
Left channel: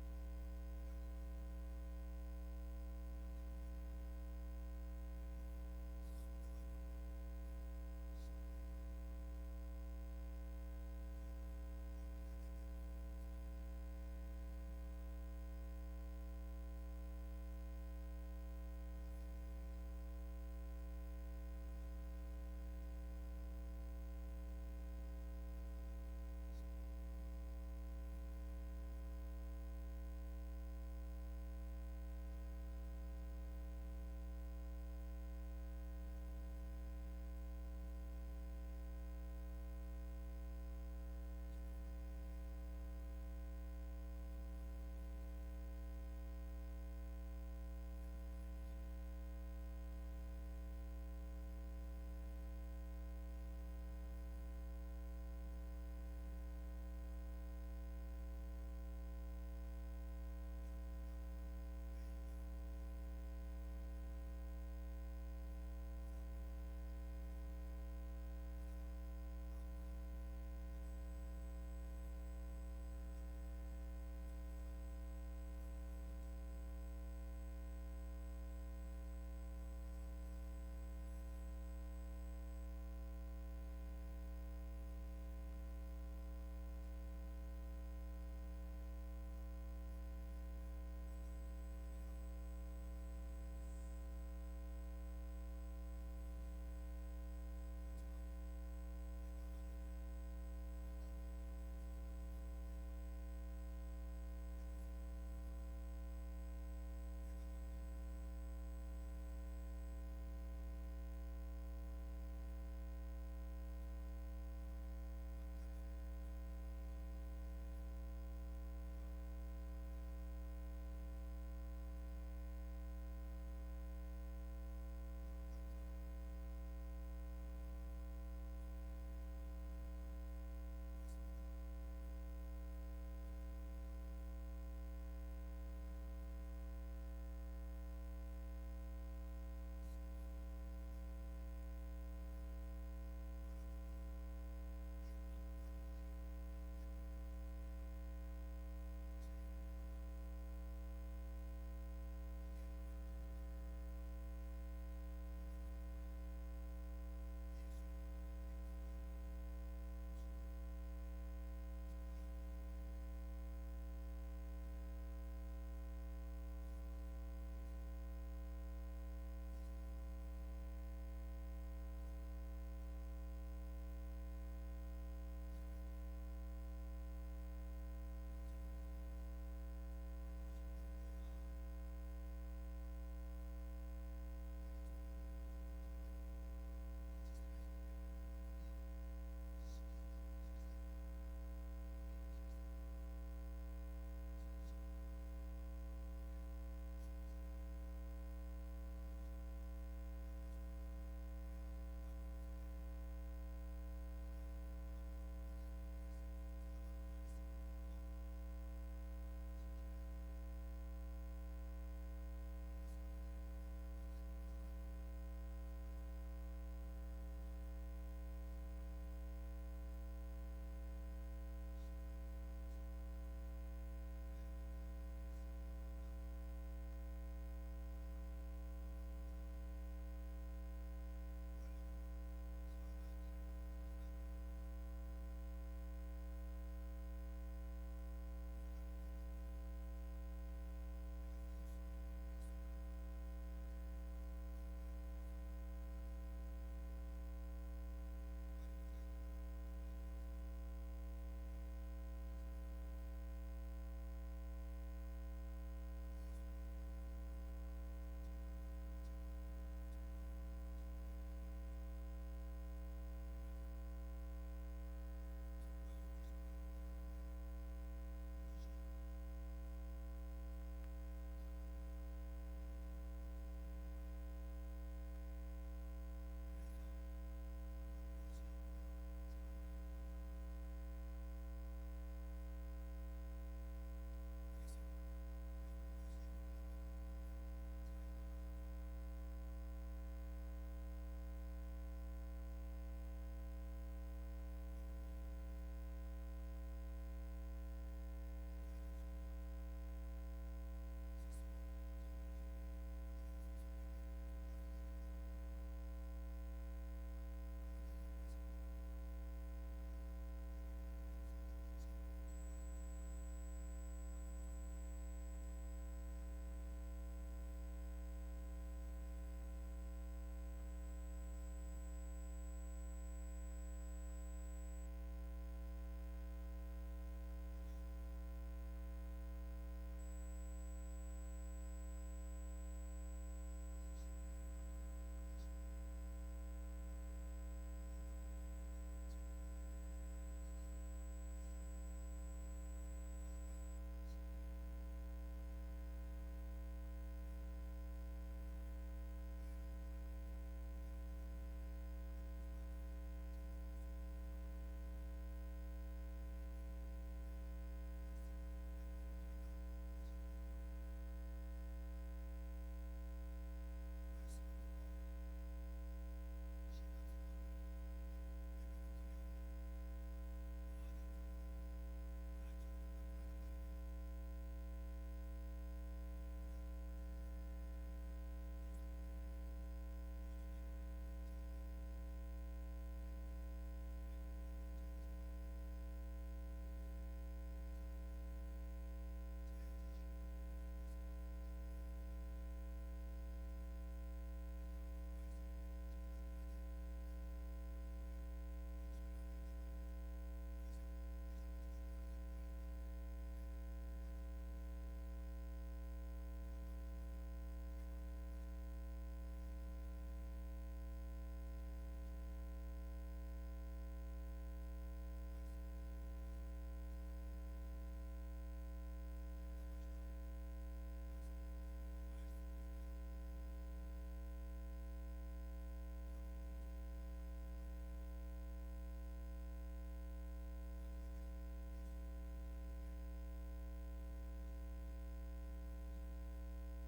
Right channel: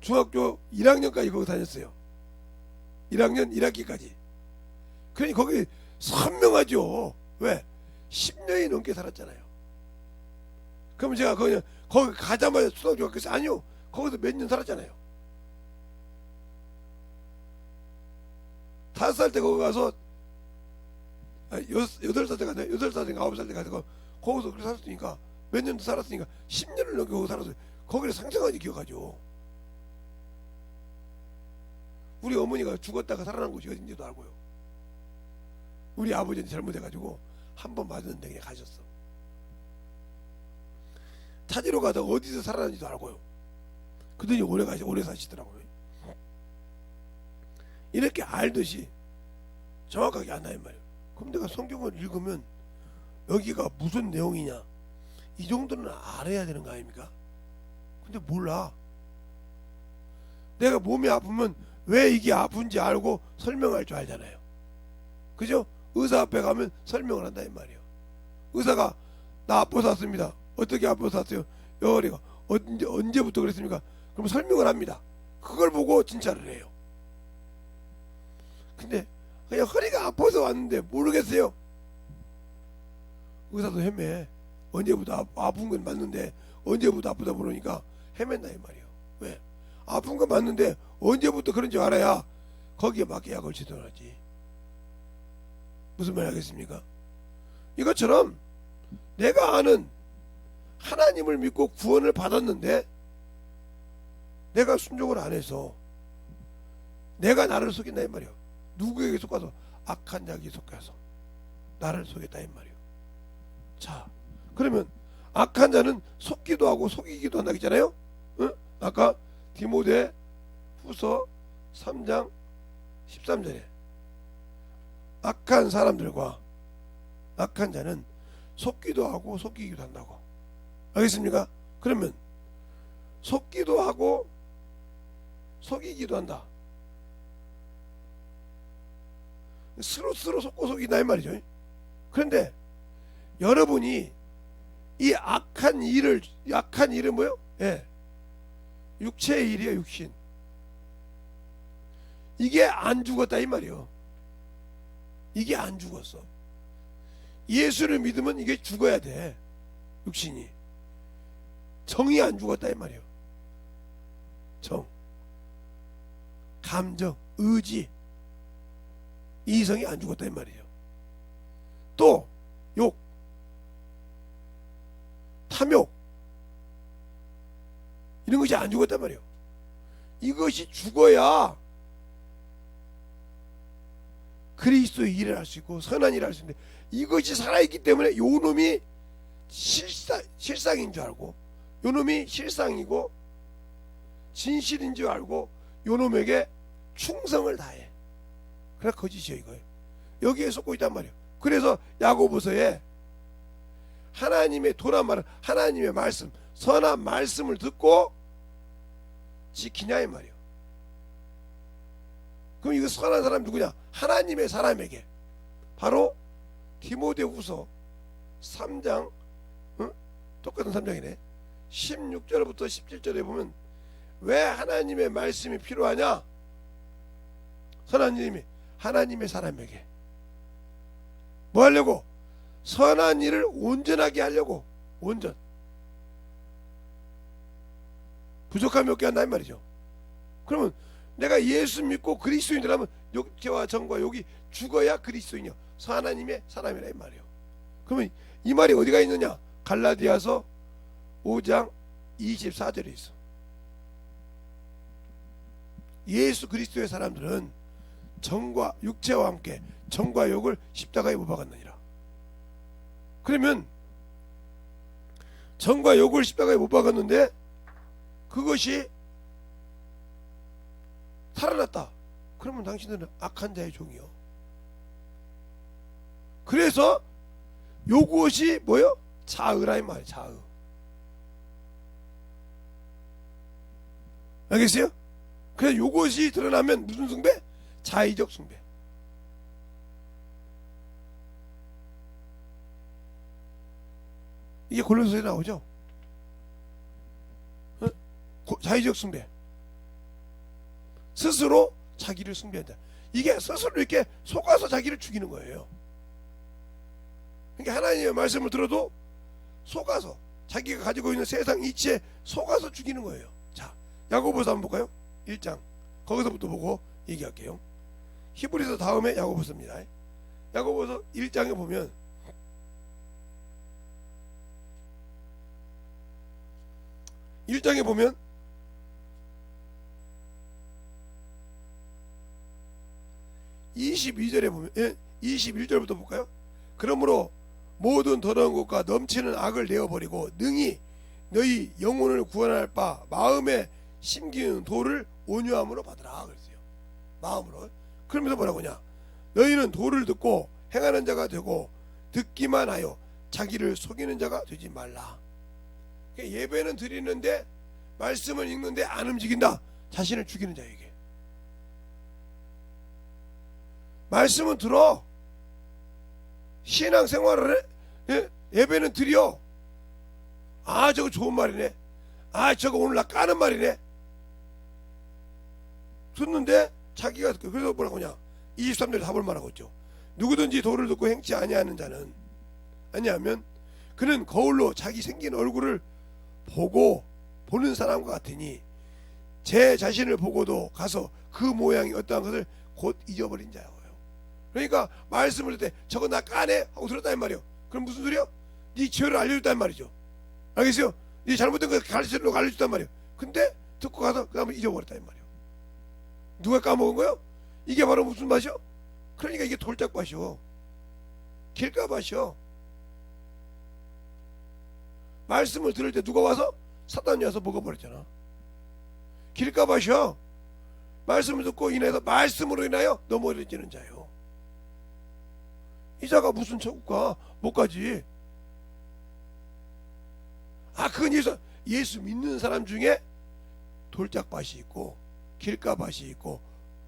중학교 1학년까지 거기 다녔어요. 1학년 1학기까지. 그러니 거기 선명하죠. 왜? 10년이 넘게 살았잖아요. 그럼 제가 거기 가자마자 초등학교 갔어요? 아니요. 거기서 몇 년 살았잖아요. 5살 때 거기 가서 8살 때 가서 8살 때 9살 때 가서 거기서 그렇게 살았으니까 몇 년도 살았으니까 10년을 넘게 거기 살았어요. 거기를 상상하지 기억하죠. 우리 어머니가 죽었다가 살아난 곳이 어딘지도 알고요. 우리 아버지는 잘못해가지고 한 번 맞았는데 그냥 가셨어. 찾으러 가다 어디서 살아난지도 알고요. 그들이 오래 사시더라고요. 이렇게 알듯이 정확하게 안다는 말이에요. 그럼 내가 성경을 읽으면 여기가 무슨 내용이냐 이 정도는 알아야 되는 거 아닙니까? 근데 몰라. 내가 몸이 아프면 왜 이게 아픈지 알고 설명할 줄 알잖아요. 그죠? 의사 앞에 가면 설명을 한다는 말이에요. 의사가 나 아파서 왔습니다. 어떻게 아파서 왔어요? 여리가 언제부터 그랬습니까? 그럼 설명을 합니다. 그걸 보고 진찰을 해요. 근데 그냥 허리가 아파서 왔는데 모르겠어요. 의사도 헤매. 언제부터 아픈 건 맞는데 언제부터 아프다 그러니까 헤맨다 이 말이에요. 왜? 아픈 건 맞는데 언제부터 그런지 알아야 거기에 맞게 약을 지도하지. 무슨 말 하겠습니까? 이것처럼 내가 아는 하나님을 믿고 구원을 받았는데 내가 순종을 안 해서 내가 나를 속인다 이 말이에요. 누구에게 속아서? 악한 자에게 속아서 나를 속였다 이 말이에요. 자, 그러면 악한 자는 속기도 하고 속이기도 한다 했잖아요. 응? 아까 디모데 후서 3장 13절에 악한 사람들과 악한 자는 속기도 하고 속이기도 한다고. 알겠습니까? 그러면 속기도 하고 속이기도 한다. 스스로 속고 속인다 이 말이죠. 그런데 여러분이 이 악한 일은 뭐요? 예, 육체의 일이에요. 육신. 이게 안 죽었다 이 말이요. 이게 안 죽었어. 예수를 믿으면 이게 죽어야 돼. 육신이. 정이 안 죽었다 이 말이에요. 정, 감정, 의지, 이성이 안 죽었다 이 말이에요. 또 욕, 탐욕, 이런 것이 안 죽었단 말이에요. 이것이 죽어야 그리스도의 일을 할 수 있고 선한 일을 할 수 있는데 이것이 살아있기 때문에 요 놈이 실상인 줄 알고 요 놈이 실상이고 진실인 줄 알고 요 놈에게 충성을 다해. 그래 거짓이에요 이거예요. 여기에 속고 있단 말이에요. 그래서 야고보서에 하나님의 도란 말은 하나님의 말씀 선한 말씀을 듣고 지키냐 이 말이에요. 그럼 이거 선한 사람 누구냐? 하나님의 사람에게. 바로 디모데후서 3장 똑같은 3장이네 16절부터 17절에 보면 왜 하나님의 말씀이 필요하냐? 선한 일이 하나님의 사람에게 뭐 하려고? 선한 일을 온전하게 하려고. 온전. 부족함이 없게 한다 이 말이죠. 그러면 내가 예수 믿고 그리스도인이라면 육체와 정과 욕이 죽어야 그리스도인이요 하나님의 사람이라 이 말이에요. 그러면 이 말이 어디가 있느냐? 갈라디아서 5장 24절에 있어. 예수 그리스도의 사람들은 정과 육체와 함께 정과 욕을 십자가에 못 박았느니라. 그러면 정과 욕을 십자가에 못 박았는데 그것이 살아났다. 그러면 당신들은 악한 자의 종이요. 그래서 요것이 뭐요? 자의라 이 말. 자의. 알겠어요? 그래서 요것이 드러나면 무슨 숭배? 자의적 숭배. 이게 골로새서에 나오죠. 자의적 숭배. 스스로 자기를 숭배한다. 이게 스스로 이렇게 속아서 자기를 죽이는 거예요. 그러니까 하나님의 말씀을 들어도 속아서 자기가 가지고 있는 세상 이치에 속아서 죽이는 거예요. 자, 야고보서 한번 볼까요? 1장 거기서부터 보고 얘기할게요. 히브리서 다음에 야고보서입니다. 야고보서 1장에 보면 보면 22절에 보면 21절부터 볼까요? 그러므로 모든 더러운 것과 넘치는 악을 내어버리고 능히 너희 영혼을 구원할 바 마음에 심기는 도를 온유함으로 받으라 그랬어요. 마음으로. 그러면서 뭐라고냐? 너희는 도를 듣고 행하는 자가 되고 듣기만 하여 자기를 속이는 자가 되지 말라. 예배는 드리는데 말씀을 읽는데 안 움직인다. 자신을 죽이는 자에게. 말씀은 들어. 신앙생활을 해. 예배는 드려. 아 저거 좋은 말이네. 아 저거 오늘 나 까는 말이네. 듣는데 자기가 그래서 뭐라고 하냐? 23절에 답을 말하고 있죠. 누구든지 도를 듣고 행치 아니하는 자는 아니하면 그는 거울로 자기 생긴 얼굴을 보고 보는 사람과 같으니 제 자신을 보고도 가서 그 모양이 어떠한 것을 곧 잊어버린 자예요. 그러니까 말씀을 듣을 때 저거 나 까네 하고 들었단 말이요. 그럼 무슨 소리야? 네 죄를 알려줬단 말이죠. 알겠어요? 네 잘못된 거 알려줬단 말이에요. 근데 듣고 가서 그 다음에 잊어버렸단 말이에요. 누가 까먹은 거요? 이게 바로 무슨 맛이요? 그러니까 이게 돌짝밭이요. 길가밭이요. 말씀을 들을 때 누가 와서? 사단이 와서 먹어버렸잖아. 길가밭이요. 말씀을 듣고 인해서 말씀으로 인하여 넘어지는 자요. 이 자가 무슨 천국 가? 못 가지. 아 그건 예수 믿는 사람 중에 돌짝밭이 있고 길가밭이 있고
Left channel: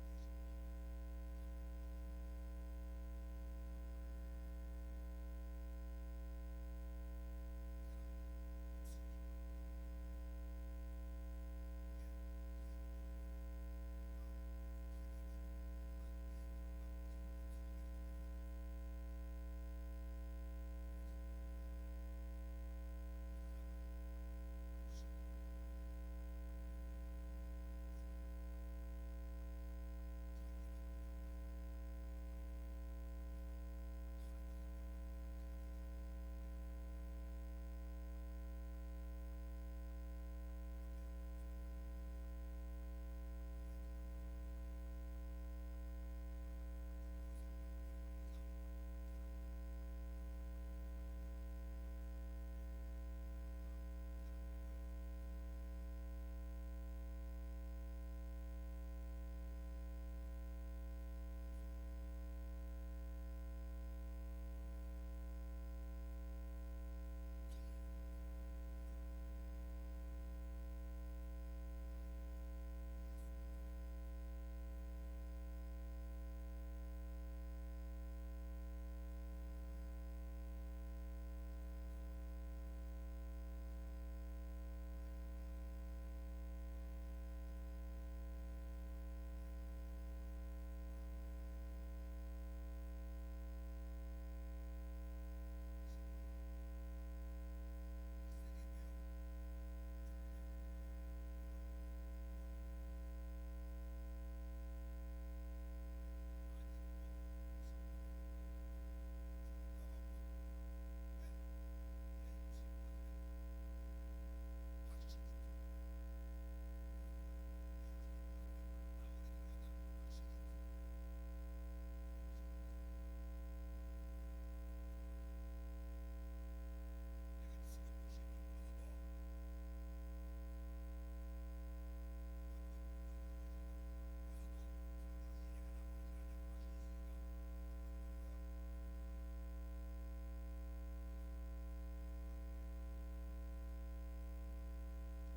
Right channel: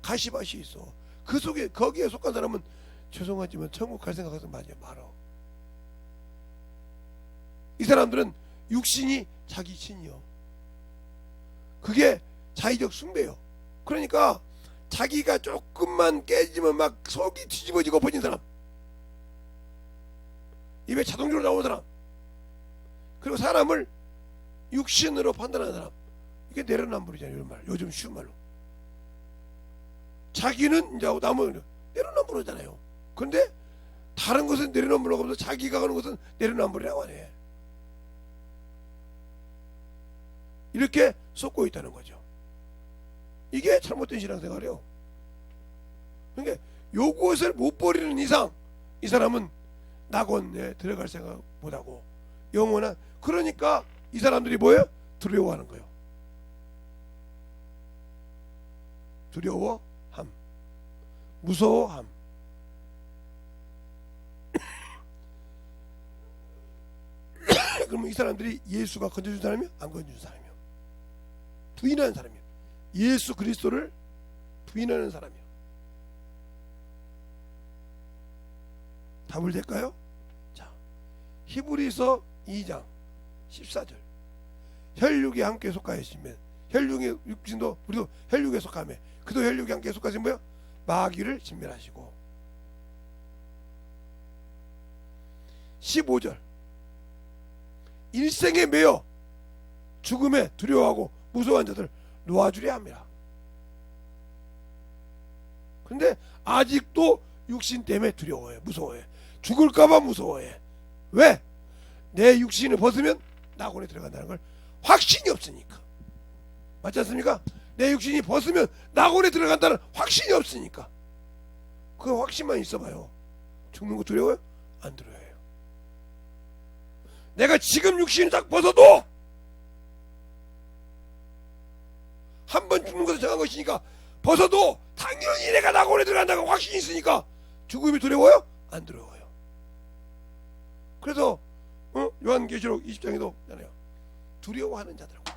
가시밭이 있어. 그 속에 거기에 속한 사람은 죄송하지만 천국 갈 생각하지 말어. 이 사람들은 육신이 자기 신이요. 그게 자의적 숭배요. 그러니까 자기가 조금만 깨지면 막 속이 뒤집어지고 버진 사람, 입에 자동적으로 나오는 사람, 그리고 사람을 육신으로 판단하는 사람, 이게 내로남불이잖아요. 이런 말, 요즘 쉬운 말로. 자기는 이제 남은 내로남불이잖아요. 그런데 다른 것은 내로남불이라고 하면서 자기가 하는 것은 내로남불이라고 하네. 이렇게 쏟고 있다는 거죠. 이게 잘못된 신앙생활이에요. 그러니까 요것을 못 버리는 이상 이 사람은 낙원에 들어갈 생각 못하고 영원한, 그러니까 이 사람들이 뭐예요? 두려워하는 거예요. 두려워함, 무서워함. 그러면 이 사람들이 예수가 건져준 사람이요? 안 건져준 사람이요? 부인하는 사람이요. 예수 그리스도를 부인하는 사람이요. 답을 될까요? 자, 히브리서 2장 14절. 혈육에 함께 속하였으면, 혈육의 육신도 우리도 혈육에 속하며 그도 혈육에 함께 속하신 뭐요? 마귀를 진멸하시고. 15절. 일생에 매여 죽음에 두려워하고 무서워한 자들 놓아주려 합니다. 근데 아직도 육신 때문에 두려워해, 무서워해. 죽을까봐 무서워해. 왜? 내 육신을 벗으면 낙원에 들어간다는 걸 확신이 없으니까. 맞지 않습니까? 내 육신이 벗으면 낙원에 들어간다는 확신이 없으니까. 그 확신만 있어봐요. 죽는 거 두려워요? 안 두려워요. 내가 지금 육신을 딱 벗어도 한 번 죽는 것은 정한 것이니까 벗어도 당연히 내가 낙원에 들어간다고 확신이 있으니까 죽음이 두려워요? 안 두려워요. 그래서 요한계시록 20장에도 있잖아요. 두려워하는 자들하고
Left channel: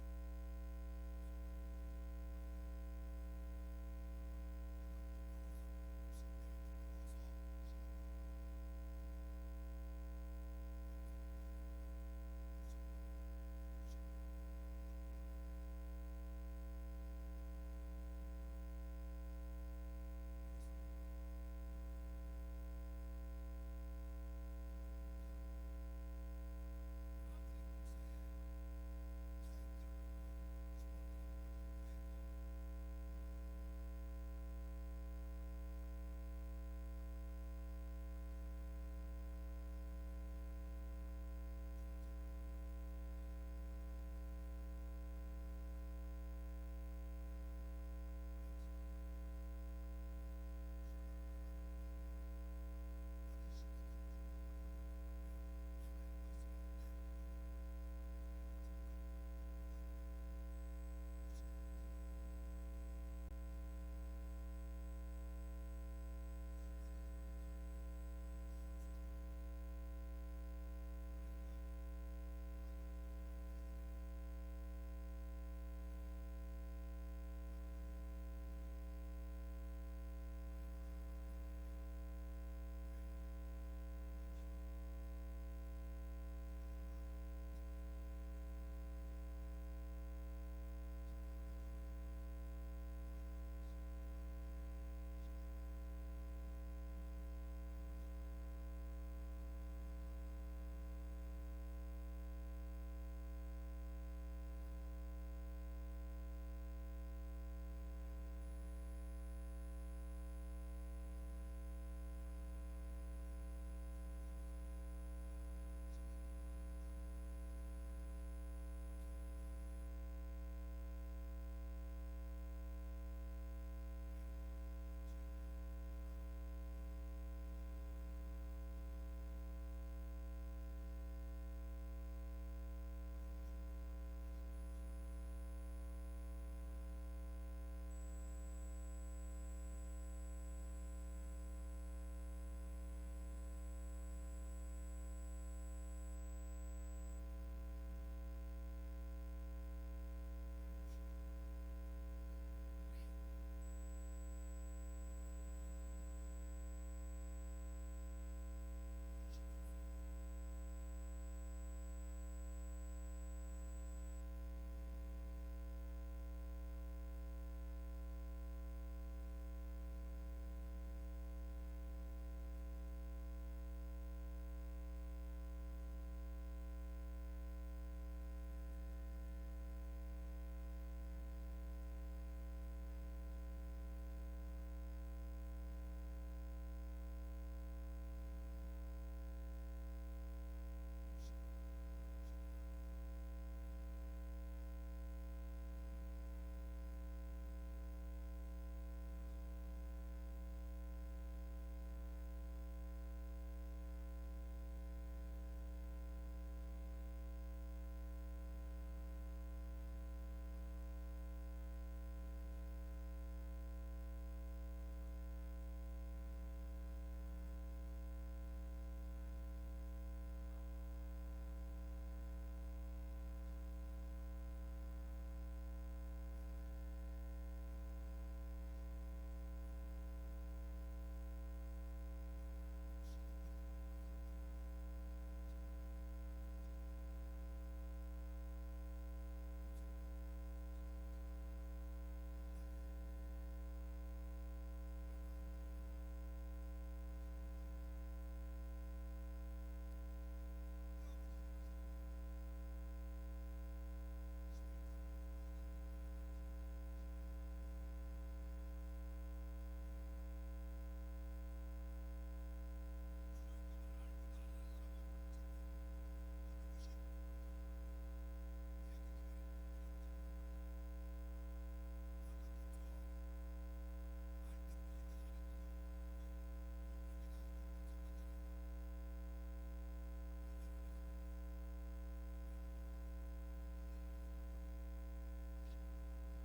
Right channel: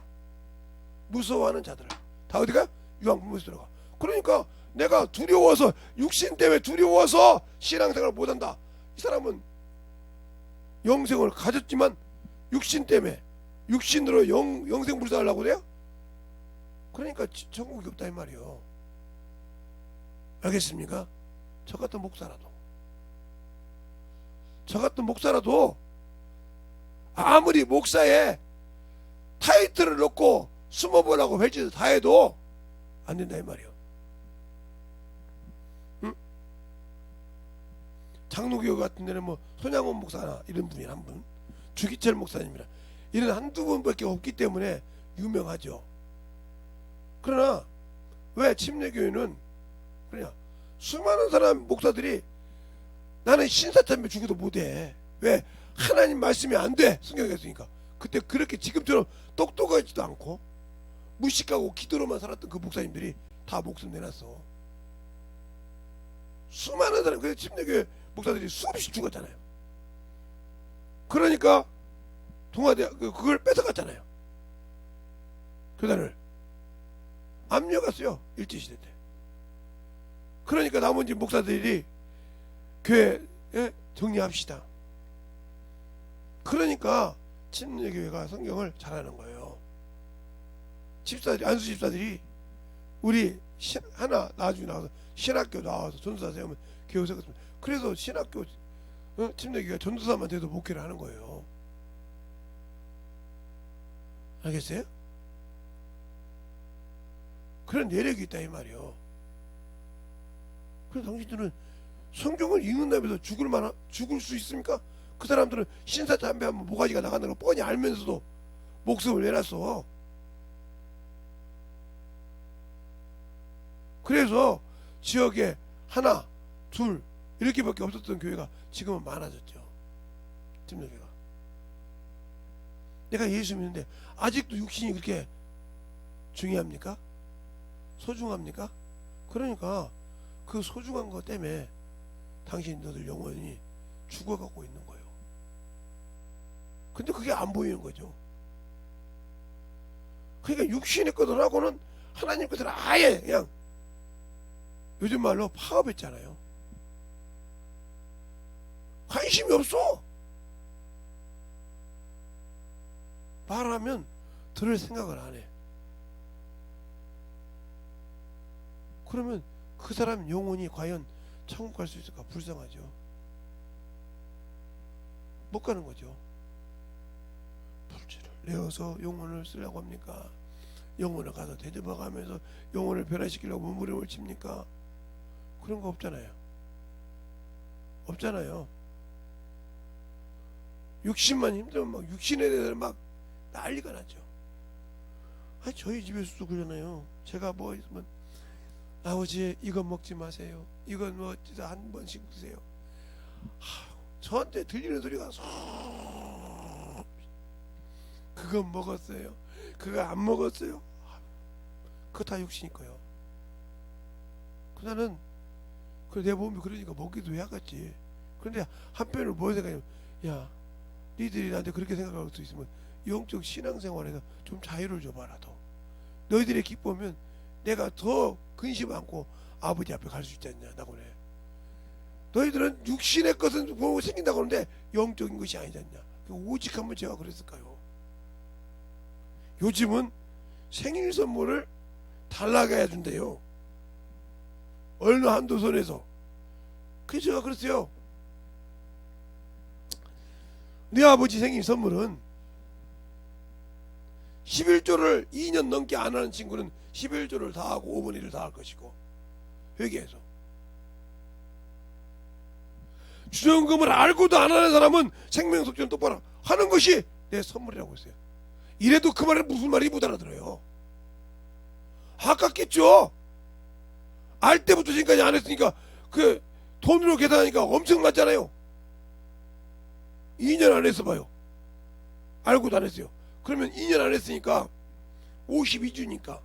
무서워하는 자들 다 어디가? 유황불문에서 들어가. 그러니까 내가 두려워서, 육신 때문에 두려워서 신앙생활을 못한다. 이 사람은 영생을 가졌지만 육신 때문에 육신으로 영생불사하려고 그래요? 그러니까 천국이 없다 이 말이요. 알겠습니까? 저 같은 목사라도 아무리 목사에 타이틀을 넣고 숨어보라고 벨짓을 다 해도 안 된다 이 말이요. 응? 장로교회 같은 데는 뭐 손양원 목사나 이런 분이 한 분, 주기철 목사님이라 이런 한두 분밖에 없기 때문에 유명하죠. 그러나 왜 침례교회는 그냥 수많은 사람 목사들이 나는 신사참배 죽어도 못해. 왜? 하나님 말씀이 안 돼. 성경에 있으니까. 그때 그렇게 지금처럼 똑똑하지도 않고 무식하고 기도로만 살았던 그 목사님들이 다 목숨 내놨어. 수많은 사람, 그래서 침례교회 목사들이 수없이 죽었잖아요. 그러니까 동아대학 그걸 뺏어갔잖아요. 교단을 압류갔어요, 일제시대 때. 그러니까 나머지 목사들이 교회 정리합시다. 그러니까 침례교회가 성경을 잘하는 거예요. 집사들이, 안수 집사들이 우리 하나 나중에 나와서 신학교 나와서 전도사 세우면 교회 세웠습니다. 그래서 신학교 침례교회가 전도사만 돼도 목회를 하는 거예요. 알겠어요? 그런 내력이 있다 이 말이요. 그래서 당신들은 성경을 읽는다면서 죽을 수 있습니까? 그 사람들은 신사 담배하면 모가지가 나가는 걸 뻔히 알면서도 목숨을 내놨어. 그래서 지역에 하나, 둘 이렇게밖에 없었던 교회가 지금은 많아졌죠. 침례교회가. 내가 예수 믿는데 아직도 육신이 그렇게 중요합니까? 소중합니까? 그러니까 그 소중한 것 때문에 당신들 영혼이 죽어가고 있는 거예요. 근데 그게 안 보이는 거죠. 그러니까 육신의 것들하고는 하나님 것을 아예 그냥 요즘 말로 파업했잖아요. 관심이 없어. 말하면 들을 생각을 안 해. 그러면 그 사람 영혼이 과연 천국 갈 수 있을까? 불쌍하죠. 못 가는 거죠. 불지를 내어서 영혼을 쓰려고 합니까? 영혼을 가서 대접해가면서 영혼을 변화시키려고 몸부림을 칩니까? 그런 거 없잖아요. 없잖아요. 육신만 힘들면 막 육신에 대해서 막 난리가 나죠. 아니 저희 집에서도 그러잖아요. 제가 뭐 있으면 아버지 이거 먹지 마세요. 이건 뭐 진짜 한 번씩 드세요. 저한테 들리는 소리가 그거 먹었어요. 그거 안 먹었어요. 그거 다 육신일 거예요. 나는 내 몸이 그러니까 먹기도 해야겠지. 그런데 한편으로 뭐 생각해요? 야, 니들이 나한테 그렇게 생각할 수 있으면 영적 신앙생활에서 좀 자유를 줘봐라. 더 너희들의 기쁨은 내가 더 근심 안고 아버지 앞에 갈 수 있지 않냐. 나고 그래. 너희들은 육신의 것은 보고 생긴다고 하는데 영적인 것이 아니지 않냐. 오직 한번 제가 그랬을까요? 요즘은 생일 선물을 달라게 해준대요. 어느 한도 선에서. 그래서 제가 그랬어요. 네 아버지 생일 선물은 11조를 2년 넘게 안 하는 친구는 11조를 다 하고 5분의 1을 다 할 것이고 회개해서 주정금을 알고도 안 하는 사람은 생명속죄는 똑바로 하는 것이 내 선물이라고 했어요. 이래도 그 말은 무슨 말이 못 알아들어요. 아깝겠죠. 알 때부터 지금까지 안 했으니까 그 돈으로 계산하니까 엄청났잖아요. 2년 안 했어 봐요. 알고도 안 했어요. 그러면 2년 안 했으니까 52주니까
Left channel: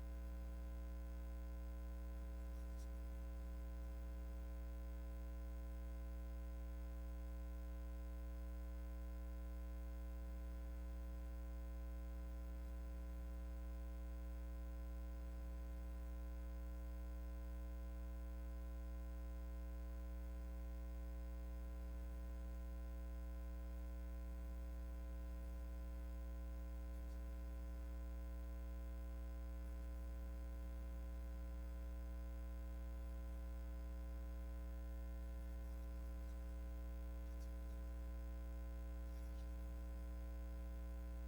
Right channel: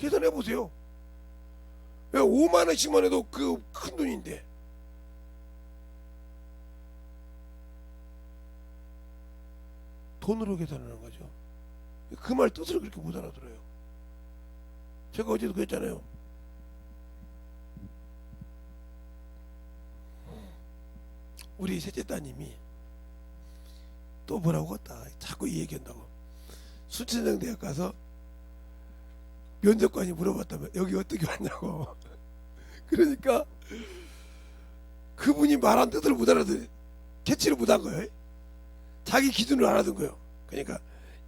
계산해 보세요. 5만 원씩만 해도 그 큰 돈인데. 돈으로 계산하는 거죠. 그 말 뜻을 그렇게 못 알아들어요. 제가 어제도 그랬잖아요. 우리 셋째 따님이 또 뭐라고 했다. 자꾸 이 얘기한다고. 순천향대학 가서 면접관이 물어봤다면 여기 어떻게 왔냐고. 그러니까 그분이 말한 뜻을 못 알아듣, 캐치를 못한 거예요. 자기 기준으로 알아듣은 거예요. 그러니까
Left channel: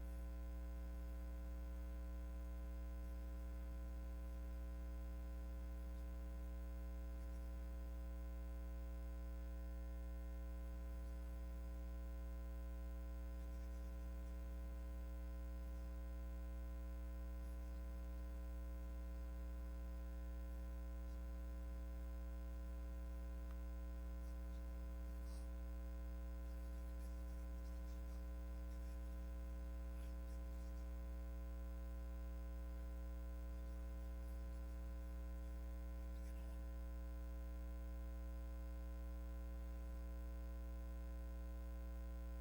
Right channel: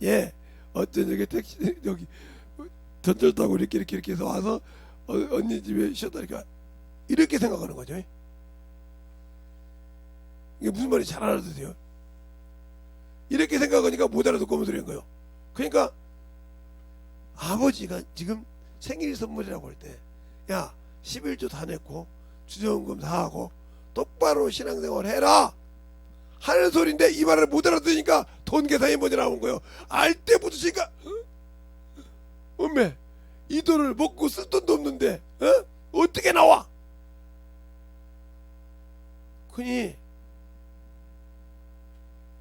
예 어떤 여기 택시 여기 전철 타고 이렇게 해서 와서 언니 집에 쉬었다니까 이렇게 생각하는 거죠. 이게 무슨 말인지 잘 알아듣으세요. 이렇게 생각하니까 못 알아듣고 오면 소리인 거예요. 그러니까 아버지가 지금 생일 선물이라고 할 때 야 11조 다 냈고 주정금 다 하고 똑바로 신앙생활 해라 하는 소리인데 이 말을 못 알아듣으니까 돈 계산이 먼저 나온 거요. 알 때부터 제가 엄매 이 돈을 먹고 쓸 돈도 없는데 어떻게 나와? 그니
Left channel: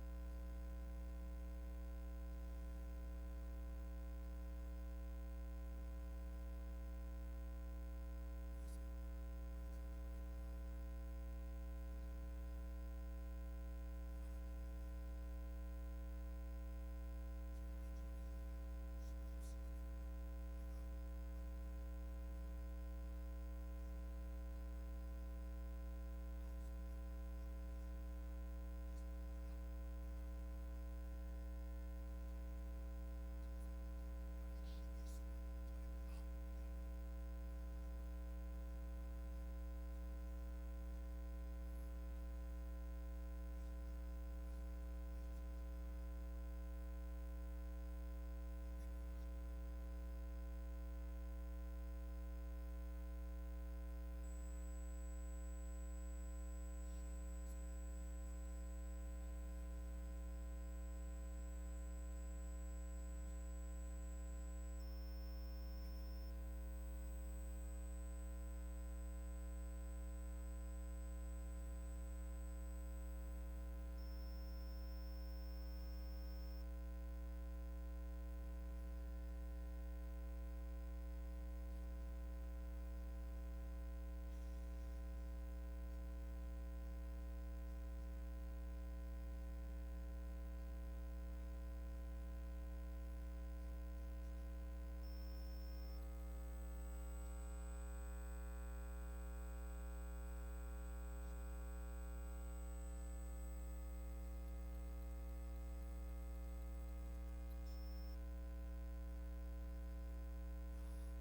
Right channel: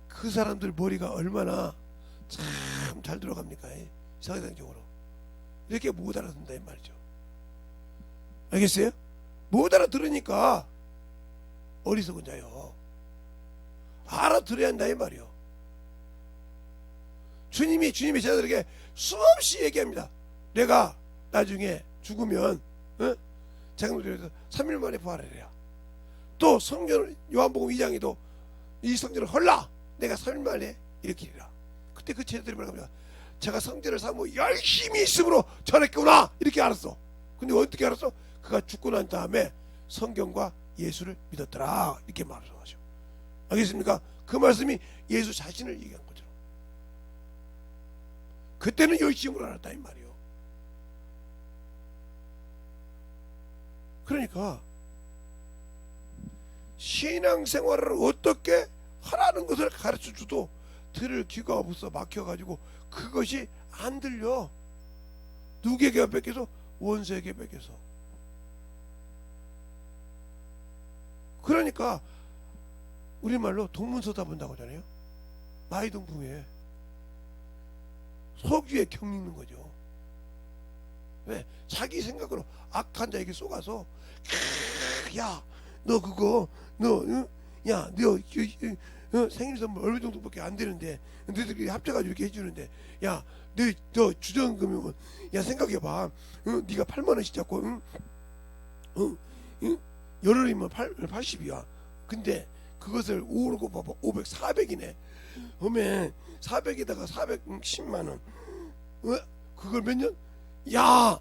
그 사람들 머리가 얼마나 참 잘 들어갑니까? 사회상적으로 이렇게 못 알아듣는다 이 말이죠. 알겠어요? 못 알아들으니까 어리석은 자요. 알아들어야 한다 이 말이요. 주님이 주님의 제자들에게 수없이 얘기합니다. 내가 나중에 죽으면 장로들에서 3일 만에 부활하리라. 또 성경 요한복음 2장에도 이 성전을 헐라 내가 3일 만에 일으키리라. 그때 그 제자들이 뭐라고 합니다. 제가 성전을 사모 열심히 있음으로 전했구나 이렇게 알았어. 근데 어떻게 알았어? 그가 죽고 난 다음에 성경과 예수를 믿었더라 이렇게 말을 하죠. 알겠습니까? 그 말씀이 예수 자신을 얘기한 거죠. 그때는 열심으로 알았다 이 말이요. 그러니까 신앙생활을 어떻게 하라는 것을 가르쳐줘도 들을 귀가 없어 막혀가지고 그것이 안 들려. 누구에게 뺏겨서? 원수에게 뺏겨서. 그러니까 우리말로 동문서다 본다고 하잖아요. 마이동풍에 석유에 경 읽는 거죠. 왜? 자기 생각으로 악한 자에게 속아서 야 너 그거 너 생일 선물 얼마 정도밖에 안 되는데 너희들끼리 합쳐가지고 이렇게 해주는데 야 너 주전금이면 야 생각해봐. 네가 8만원씩 잡고 열흘이면 80이야. 근데 그것을 5로 곱하면 500, 400이네. 그러면 400에다가 410만원 그걸 몇 년? 야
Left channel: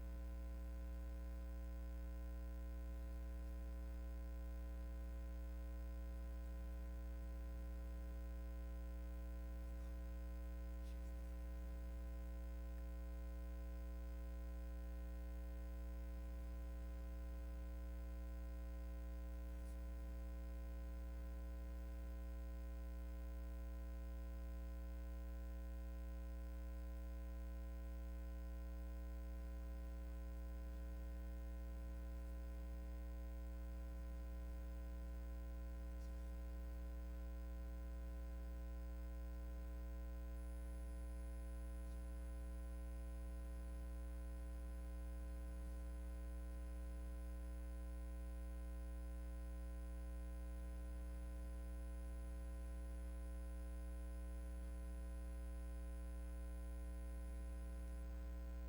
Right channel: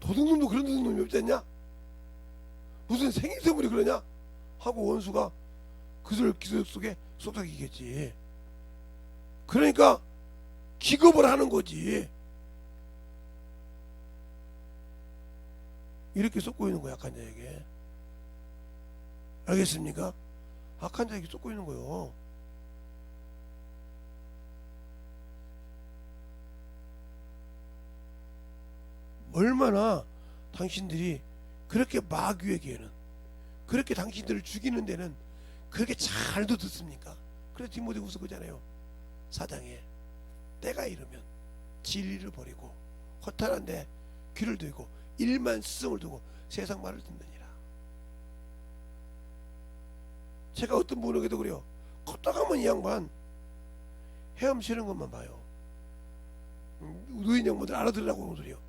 도둑놈도 그런 도둑놈이 없지 않냐? 무슨 생일 선물이 그러냐? 하고 원수가 그들 기술 속에 속삭이겠지. 그러니까 기겁을 하는 거지. 이렇게 쏟고 있는 거야 악한 자에게. 알겠습니까? 악한 자에게 쏟고 있는 거요. 얼마나 당신들이 그렇게 마귀에게는 그렇게 당신들을 죽이는 데는 그렇게 잘도 듣습니까? 그래서 디모데후서 그잖아요. 4장에 때가 이르면 진리를 버리고 허탄한데 귀를 들고 일만 스승을 두고 세상 말을 듣느니라. 제가 어떤 분에게도 그래요. 걷다 가면 이 양반 헤엄치는 것만 봐요. 노인 양반들 알아들으라고 하는 소리요.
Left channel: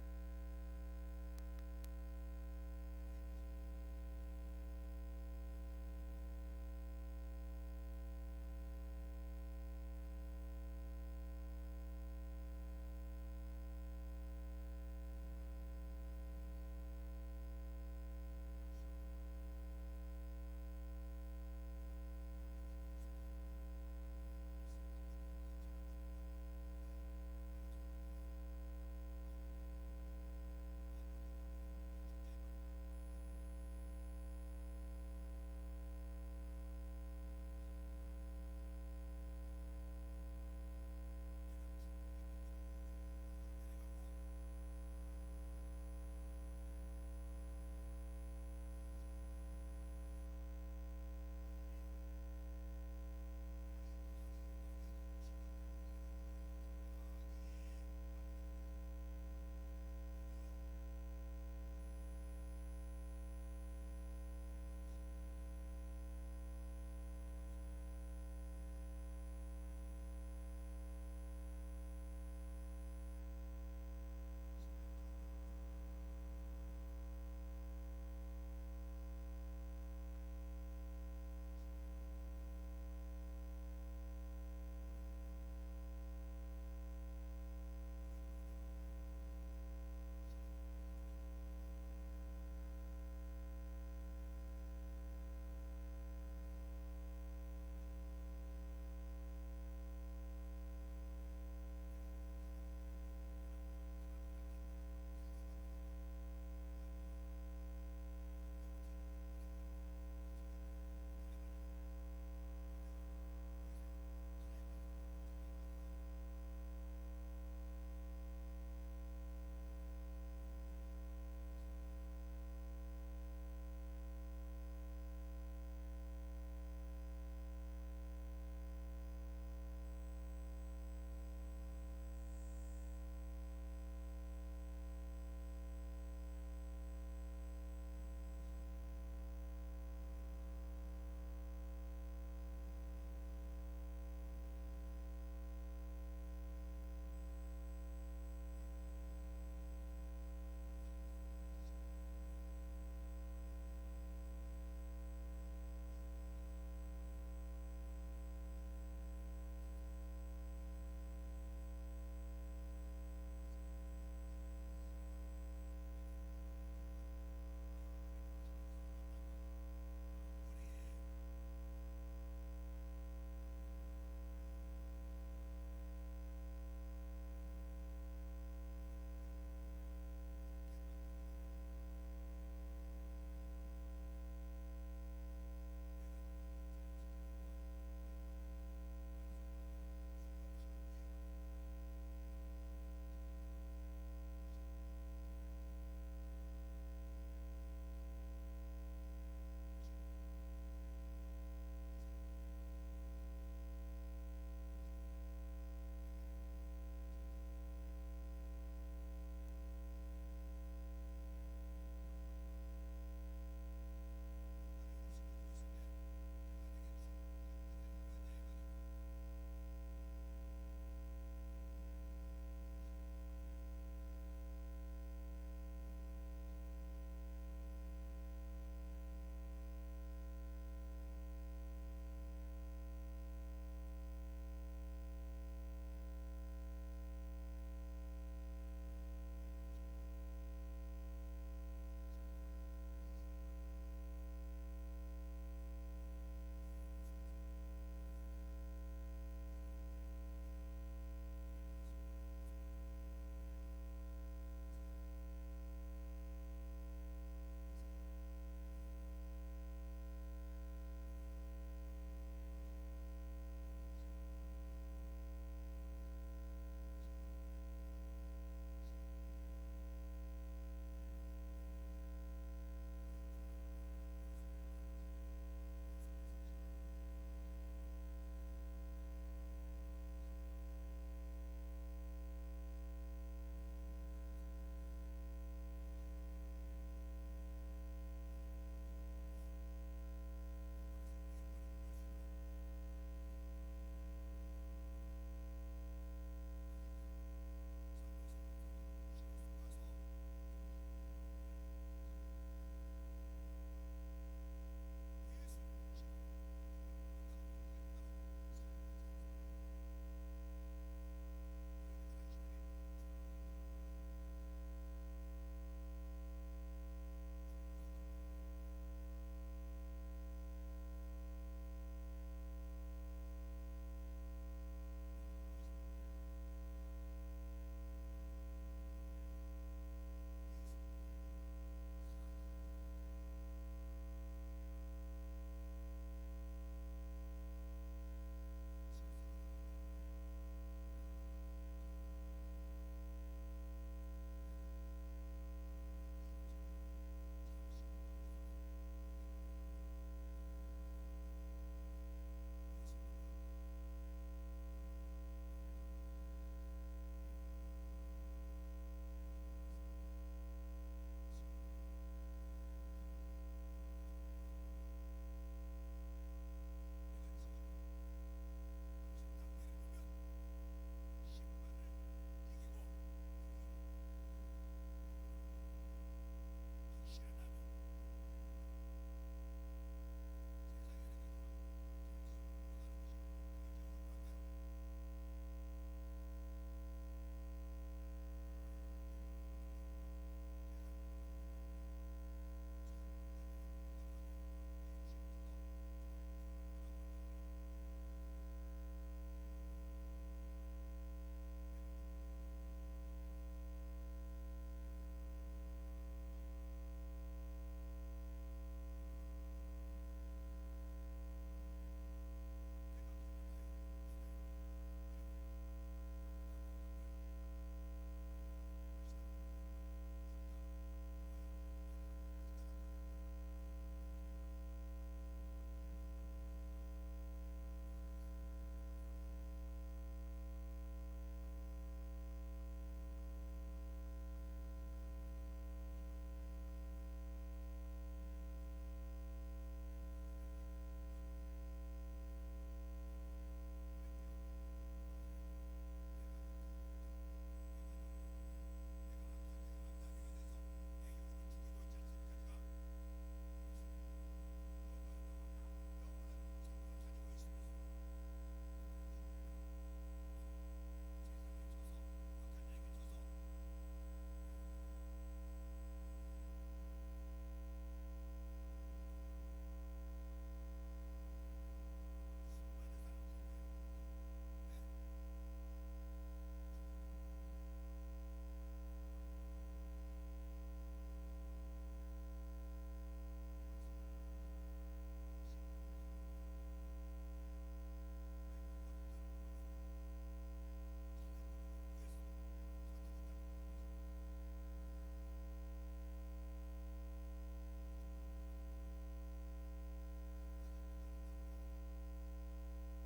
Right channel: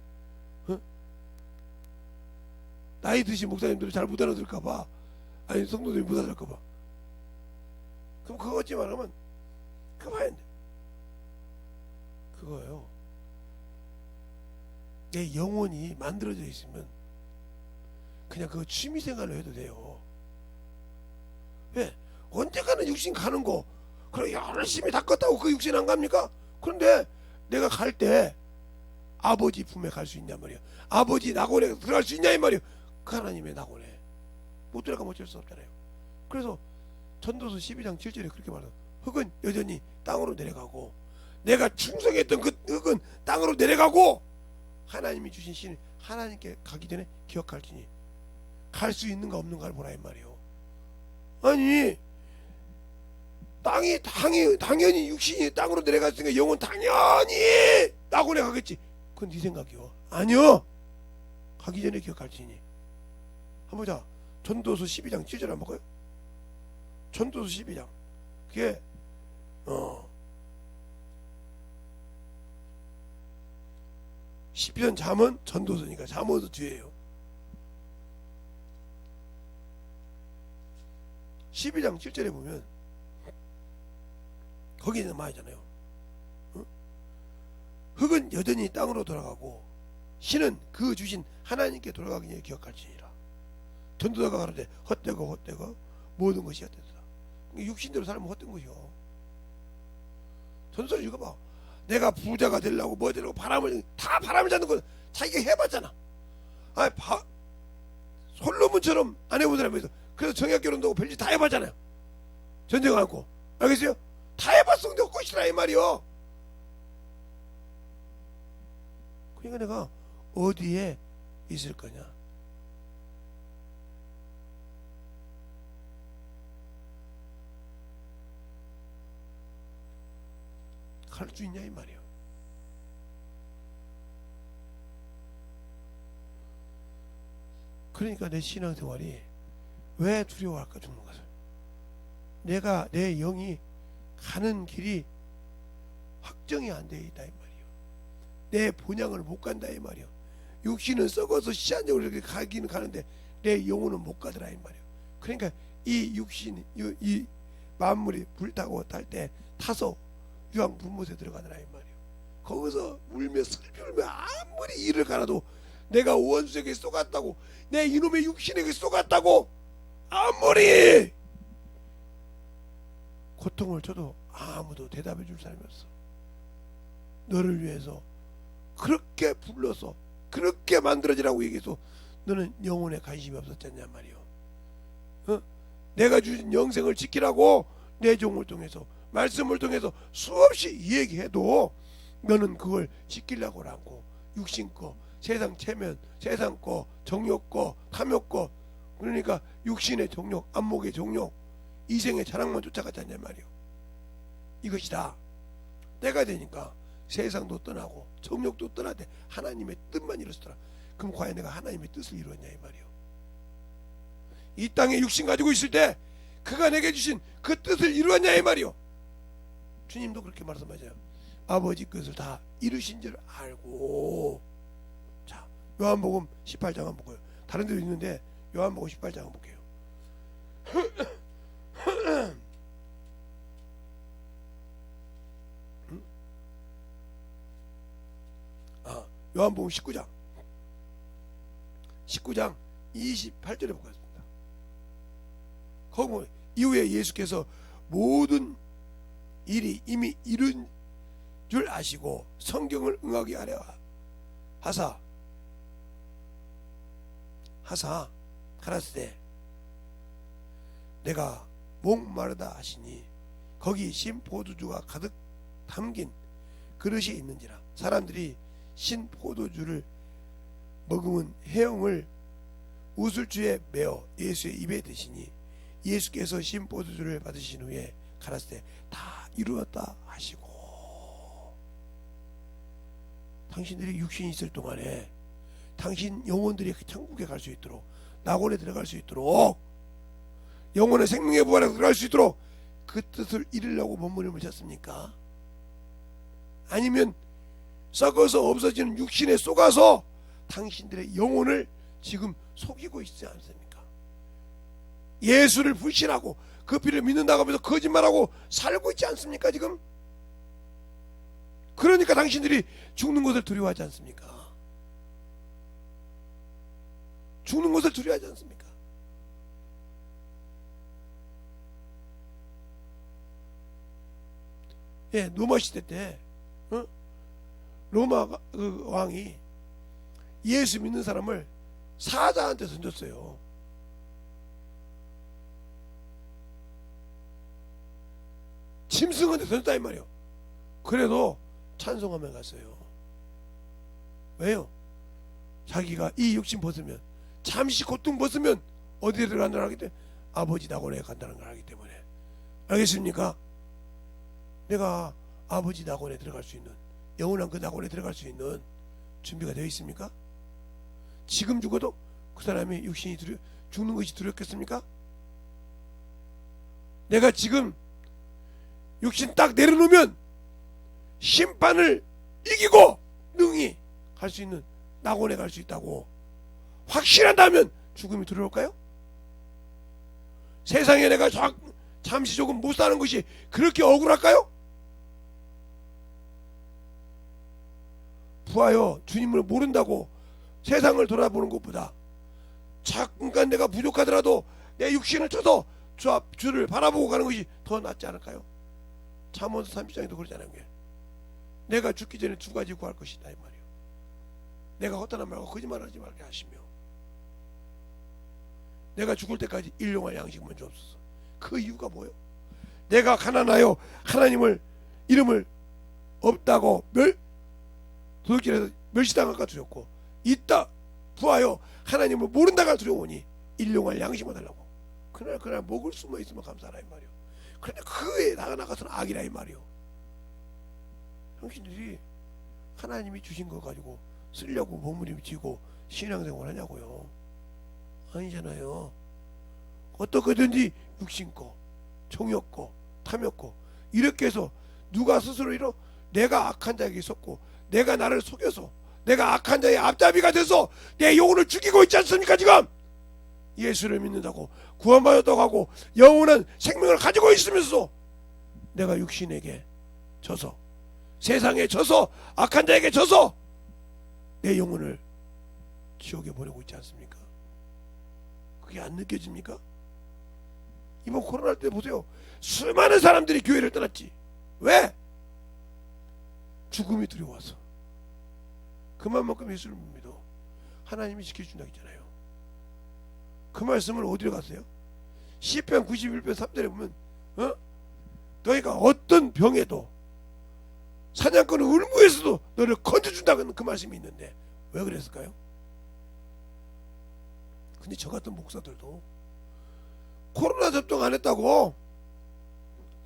나이 드신 목사님들이 잘 못 알아들을까봐, 아니 성도들이 못 알아들을까봐. 그럼 그거 어찌 말하면 그만야 돼. 그거예요. 내 영혼이 만들어져 있으면 그냥 그거 취미생활로 해도 돼요. 왜? 언제가는 육신 가는 거 그래 열심히 닦았다고 그 육신 안 갑니까? 그런데 내가 갈 때 아버지 품에 갈 수 있냐 말이야. 아버지 낙원에 들어갈 수 있냐 이 말이야. 그 하나님의 낙원에 못 들어가면 어쩔 수 없잖아요. 그래서 전도서 12장 7절에 그렇게 말해요. 흙은 여전히 땅으로 내려가고 내가 충성했던 그 흙은 땅으로 내려가고 하나님이 주신 신을 하나님께 가기 전에 기억할지니 갈 수 있는가 없는가를 보라 이 말이에요. 아니 당연히 육신이 땅으로 내려갔으니까 영혼 당연히 낙원에 가겠지. 그건 네 생각이요. 아니요. 가기 전에 기억할지니. 한번 보자. 전도서 12장 7절 한번 볼까요? 전도서 12장 그게 10편 잠언 전도서니까 잠언도 뒤에요. 12장 7절에 보면 거기는 말이잖아요. 흙은 여전히 땅으로 돌아가고 신은 그 주신 하나님께 돌아가기 전에 기억할지니라. 전도자가 가로되 헛되고 모든 것이 헛되다. 육신대로 살면 헛된 것이요. 전서를 읽어봐. 내가 부자가 되려고 뭐 되려고 바람을 잡는 건 자기가 해봤잖아. 아니 솔로몬처럼 안 해본 사람이 있어. 그래서 정약 결혼도 하고 별짓 다 해봤잖아요. 전쟁 않고. 알겠어요? 다 해봤으면 될 것이라 이 말이요. 그러니까 내가 어디에 있을 거냐? 갈 수 있냐 이 말이요. 그러니까 내 신앙생활이 왜 두려워할까 죽는 것을. 내가 내 영이 가는 길이 확정이 안 돼 있다 이 말이요. 내 본향을 못 간다 이 말이요. 육신은 썩어서 시한적으로 이렇게 가기는 가는데 내 영혼은 못 가더라 이 말이요. 그러니까 이 육신 이 만물이 불타고 탈 때 타서 유황 분못에 들어가더라 이 말이요. 거기서 울며 슬피 울며 아무리 이를 갈아도 내가 원수에게 쏘갔다고, 내 이놈의 육신에게 쏘갔다고 아무리 고통을 줘도 아무도 대답해 줄 사람이 없어. 너를 위해서 그렇게 불러서 그렇게 만들어지라고 얘기해서 너는 영혼에 관심이 없었잖냐 말이요. 어? 내가 주신 영생을 지키라고 내 종을 통해서 말씀을 통해서 수없이 얘기해도 너는 그걸 지키려고 하고 육신 거, 세상 체면, 세상 거, 정욕 거, 탐욕 거, 그러니까 육신의 정욕, 안목의 정욕, 이생의 자랑만 쫓아갔잖냐 말이요. 이것이다. 때가 되니까 세상도 떠나고 정욕도 떠나되 하나님의 뜻만 이루었더라. 그럼 과연 내가 하나님의 뜻을 이루었냐 이 말이요. 이 땅에 육신 가지고 있을 때 그가 내게 주신 그 뜻을 이루었냐 이 말이요. 주님도 그렇게 말씀하세요. 아버지 뜻을 다 이루신 줄 알고. 자, 요한복음 18장 한번 볼까요? 다른 데도 있는데 요한복음 18장 한번 볼게요. 요한복음 19장 28절에 보겠습니다. 거기 보면 이후에 예수께서 모든 일이 이미 이룬 줄 아시고 성경을 응하게 하려 하사 가라사대 내가 목마르다 하시니 거기 신 포도주가 가득 담긴 그릇이 있는지라. 사람들이 신 포도주를 머금은 해영을 우슬주에 메어 예수의 입에 드시니 예수께서 신 포도주를 받으신 후에 가라사대 다 이루었다 하시고. 당신들이 육신이 있을 동안에 당신 영혼들이 천국에 갈 수 있도록, 낙원에 들어갈 수 있도록, 영혼의 생명의 부활에 들어갈 수 있도록 그 뜻을 이루려고 몸부림을 쳤습니까? 아니면 썩어서 없어지는 육신에 쏘가서 당신들의 영혼을 지금 속이고 있지 않습니까? 예수를 불신하고 그 피를 믿는다고 하면서 거짓말하고 살고 있지 않습니까 지금? 그러니까 당신들이 죽는 것을 두려워하지 않습니까? 죽는 것을 두려워하지 않습니까? 예, 로마 시대 때 로마 그 왕이 예수 믿는 사람을 사자한테 던졌어요. 짐승한테 던졌다 이 말이요. 그래도 찬송하며 갔어요. 왜요? 자기가 이 육신 벗으면, 잠시 고통 벗으면 어디에 들어간다는 하기 때문에 아버지 낙원에 간다는 걸 알기 때문에. 알겠습니까? 내가 아버지 낙원에 들어갈 수 있는, 영원한 그 낙원에 들어갈 수 있는 준비가 되어 있습니까? 지금 죽어도 그 사람이 육신이 죽는 것이 두렵겠습니까? 내가 지금 육신 딱 내려놓으면 심판을 이기고 능히 갈 수 있는 낙원에 갈 수 있다고 확신한다면 죽음이 두려울까요? 세상에 내가 잠시 조금 못 사는 것이 그렇게 억울할까요? 부하여 주님을 모른다고 세상을 돌아보는 것보다 잠깐 내가 부족하더라도 내 육신을 쳐서 주를 바라보고 가는 것이 더 낫지 않을까요? 잠언서 30장에도 그러잖아요. 내가 죽기 전에 두 가지 구할 것이다 이 말이에요. 내가 헛되는 말과 거짓말하지 말게 하시며 내가 죽을 때까지 일용할 양식만 주옵소서. 그 이유가 뭐예요? 내가 가난하여 하나님을 이름을 없다고 도둑질해서 멸시당할까 두렵고 있다 부하여 하나님을 모른다가 두려우니 일용할 양식을 달라고. 그날 먹을 수만 있으면 감사하라 이 말이요. 그런데 그에 나가서는 악이라 이 말이요. 당신들이 하나님이 주신 거 가지고 쓰려고 몸부림치고 신앙생활 하냐고요. 아니잖아요. 어떻게든지 육신거 정욕거 탐욕거 이렇게 해서 누가 스스로 이러 내가 악한 자에게 속고 내가 나를 속여서 내가 악한 자의 앞잡이가 돼서 내 영혼을 죽이고 있지 않습니까? 지금 예수를 믿는다고 구원받았다고 하고 영원한 생명을 가지고 있으면서 내가 육신에게 져서 세상에 져서 악한 자에게 져서 내 영혼을 지옥에 보내고 있지 않습니까? 그게 안 느껴집니까? 이번 코로나 때 보세요. 수많은 사람들이 교회를 떠났지. 왜? 죽음이 두려워서. 그만큼 예수를 못 믿어. 하나님이 지켜준다고 했잖아요. 그 말씀을 어디로 갔어요? 시편 91편 3절에 보면 너희가 어떤 병에도 사냥꾼의 울무에서도 너를 건져준다는 그 말씀이 있는데 왜 그랬을까요? 근데 저 같은 목사들도 코로나 접종 안 했다고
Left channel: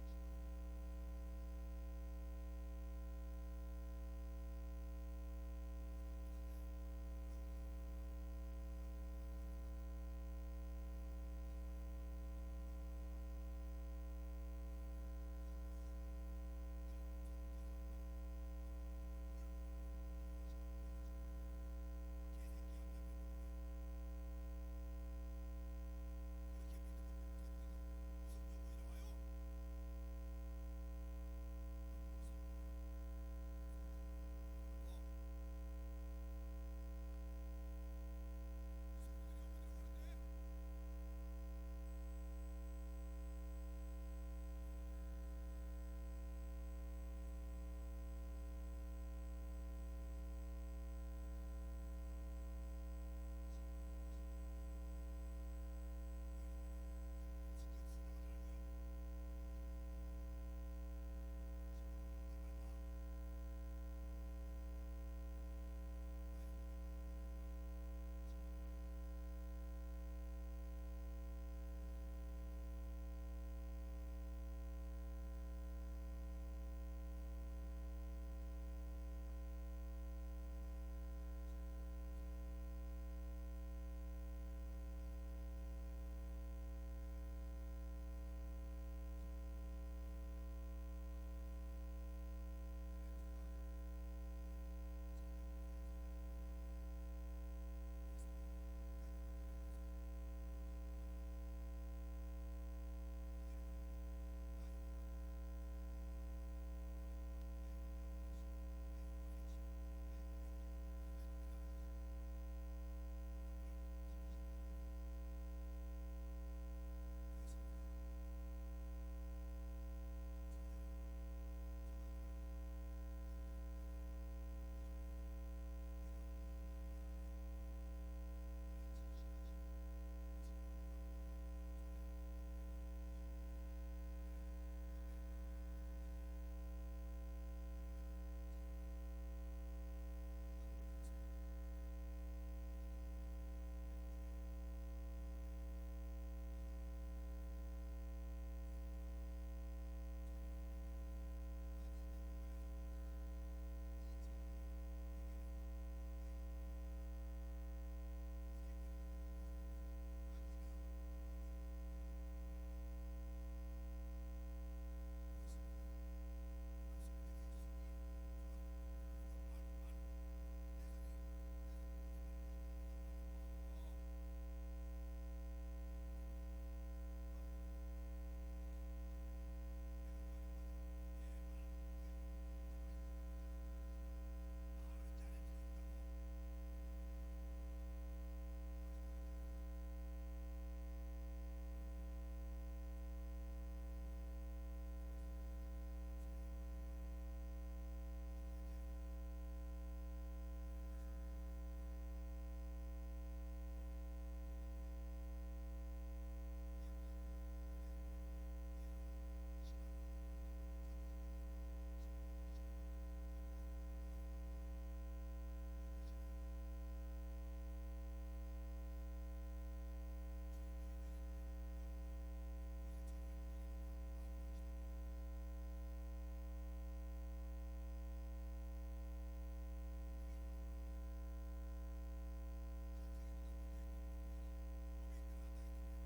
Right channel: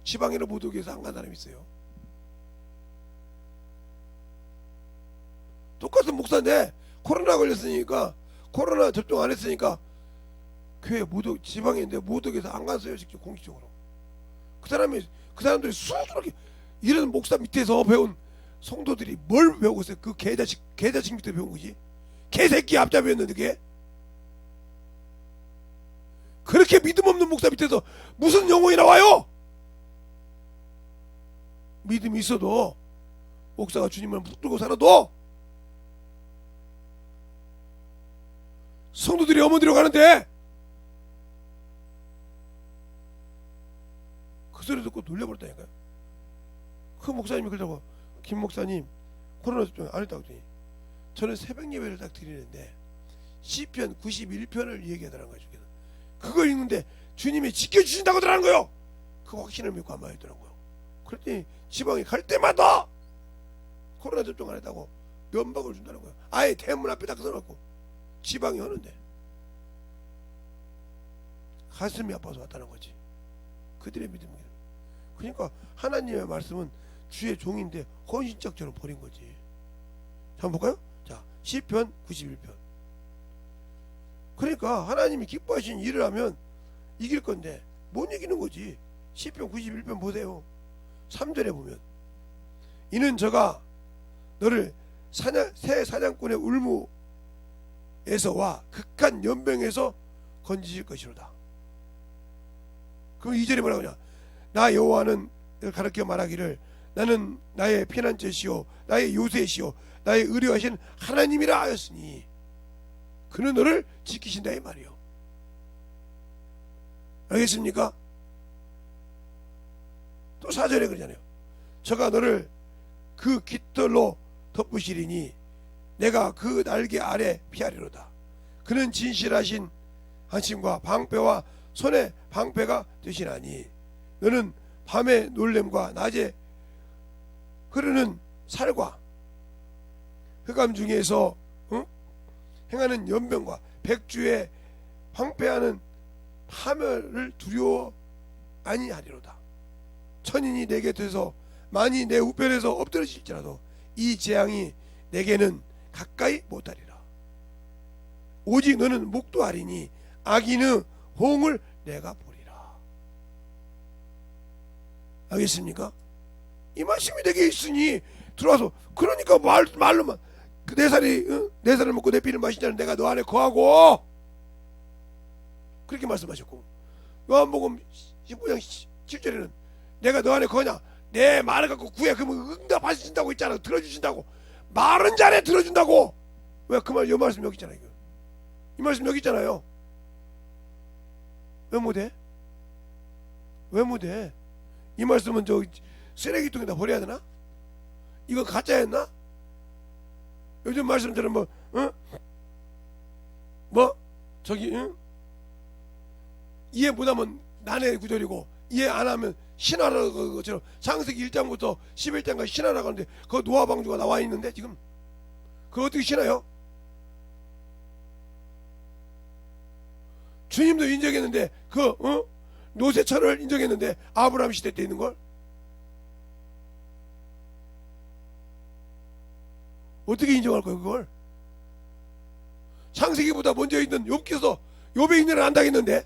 지방이나 모독에서 안 간 사람이 있어요. 똑같은 목사인데 코로나 걸렸으니까 코로나 접종 안 했으니까 교회 모독 지방인데 모독에서 안 갔어요. 직접 공식적으로. 그 사람들이 수두룩이 이런 목사 밑에서 배운 성도들이 뭘 배우고 있어요? 그 개자식 밑에 배운 거지. 개새끼 앞잡이였는데 그게 그렇게 믿음 없는 목사 밑에서 무슨 영혼이 나와요? 믿음이 있어도 목사가 주님을 붙들고 살아도 성도들이 어머니로 가는데 그 소리 듣고 놀려버렸다니까요. 그 목사님이 그러자고 김 목사님 코로나 접종 안 했다고 했더니 저는 새벽 예배를 딱 드리는데 시편 91편을 얘기하더라는 거예요. 그걸 읽는데 주님이 지켜주신다고 하더라는 거예요. 그 확신을 믿고 안 말했더라고요. 그랬더니 지방에 갈 때마다 코로나 접종 안 했다고 면박을 준다는 거예요. 아예 대문 앞에 딱 서놓고 지방이 하는데 가슴이 아파서 왔다는 거지. 그들의 믿음이에요. 그러니까 하나님의 말씀은 주의 종인데 헌신짝처럼 버린 거지. 자, 한번 볼까요? 자, 시편 91편. 그러니까 하나님이 기뻐하신 일을 하면 이길 건데 못 이기는 거지. 시편 91편 보세요. 3절에 보면 이는 저가 너를 새 사냥꾼의 울무에서와 극한 연병에서 건지실 것이로다. 그럼 2절에 뭐라고 하냐? 나 여호와는 가르쳐 말하기를 나는 나의 피난처시요 나의 요새시요 나의 의뢰하신 하나님이라 하였으니 그는 너를 지키신다 이 말이요. 알겠습니까? 또 4절에 그러잖아요. 저가 너를 그 깃털로 덮으시리니 내가 그 날개 아래 피하리로다. 그는 진실하신 안심과 방패와 손의 방패가 되시나니 너는 밤의 놀램과 낮에 흐르는 살과 흑암 중에서 행하는 연병과 백주에 방패하는 파멸을 두려워 아니하리로다. 천인이 내 곁에서 만이 내 우편에서 엎드러질지라도 이 재앙이 내게는 가까이 못하리라. 오직 너는 목도하리니 악인의 호응을 내가 보리라. 알겠습니까? 이 말씀이 내게 있으니 들어와서 그러니까 말로만 내 살을 먹고 내 피를 마시자는 내가 너 안에 거하고 그렇게 말씀하셨고 요한복음 19장 7절에는 내가 너 안에 거냐 내 말을 갖고 구해 그러면 응답하신다고 있잖아. 들어주신다고 말은 잘해 들어준다고. 왜 그 말 요 말씀 여기 있잖아요. 이 말씀 여기 있잖아요. 왜 못해? 왜 못해? 이 말씀은 저 쓰레기통에다 버려야 되나? 이거 가짜였나? 요즘 말씀처럼 저기 이해 못하면 난해 구절이고 이해 안 하면 신하라고 것처럼 창세기 1장부터 11장까지 신하라고 하는데 그 노아 방주가 나와 있는데 지금 그거 어떻게 신하요? 주님도 인정했는데 그 노세철을 인정했는데 아브라함 시대 때 있는 걸 어떻게 인정할 거예요? 그걸 창세기보다 먼저 있는 욥기서 욥의 인연을 안다겠는데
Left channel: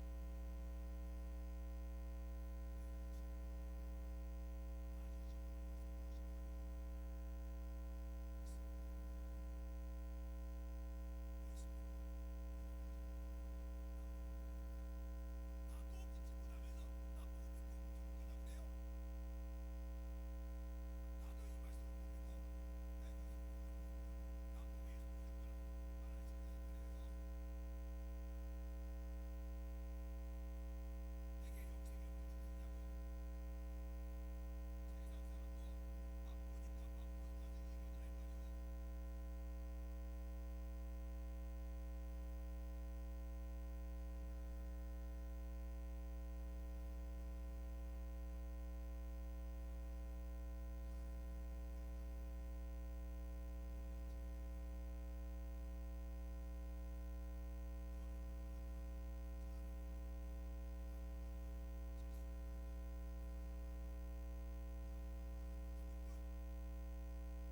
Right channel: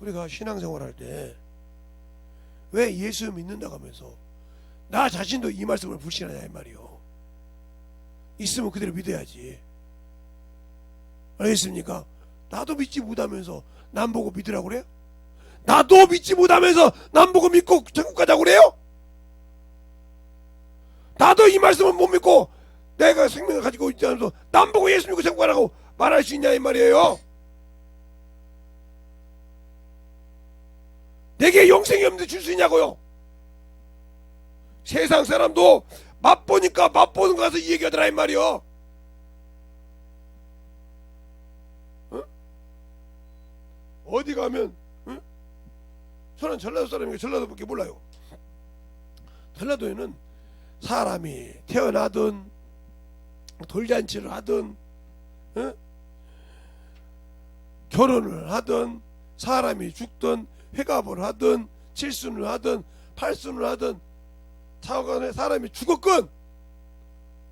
우리가 신앙생활 할 때 왜 예수 믿는다고 하면서 나 자신도 이 말씀을 불신하냐 이 말이요. 있으면 그대로 믿어야지. 알겠습니까? 나도 믿지 못하면서 남 보고 믿으라고 그래요? 나도 믿지 못하면서 남 보고 믿고 천국 가자고 그래요? 나도 이 말씀을 못 믿고 내가 생명을 가지고 있지 않아서 남 보고 예수 믿고 천국 가라고 말할 수 있냐 이 말이에요. 내게 영생이 없는데 줄 수 있냐고요. 세상 사람도 맛보니까 맛보는 거 가서 이 얘기하더라 이 말이요. 어디 가면 저는 전라도 사람이니까 전라도밖에 몰라요. 전라도에는 사람이 태어나든 돌잔치를 하든 결혼을 하든 사람이 죽든 회갑을 하든 칠순을 하든 팔순을 하든 차관에 사람이 죽었건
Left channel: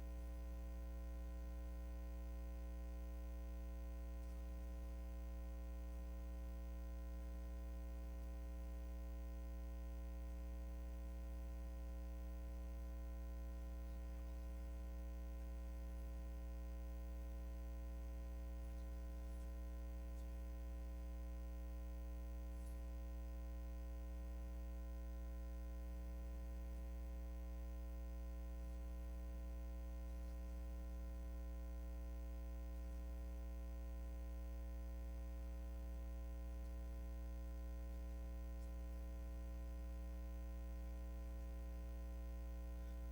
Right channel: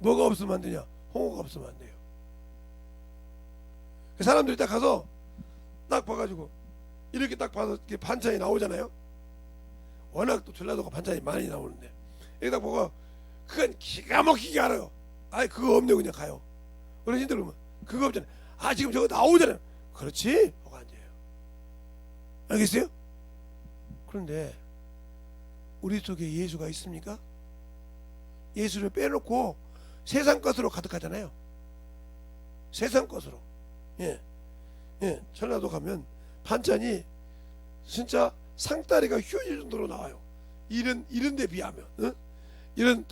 뭐가 없으면 안 되냐? 홍어가 없으면 안 돼요. 사람들이 딱 가서 딱 봐가지고 이렇게 딱 봐서 이렇게 반찬이 나오잖아요. 워낙 또 전라도가 반찬이 많이 나오는데 여기 딱 보고 그건 기가 막히게 알아요. 아이 그거 없네 그냥 가요. 어르신들 그러면 그거 없잖아요. 아 지금 저거 나오잖아요. 그렇지? 뭐가 안 돼요. 알겠어요? 그런데 우리 속에 예수가 있습니까? 예수를 빼놓고 세상 것으로 가득하잖아요. 세상 것으로. 예, 전라도 가면 반찬이 진짜 상다리가 휘어질 정도로 나와요. 이런 데 비하면, 이런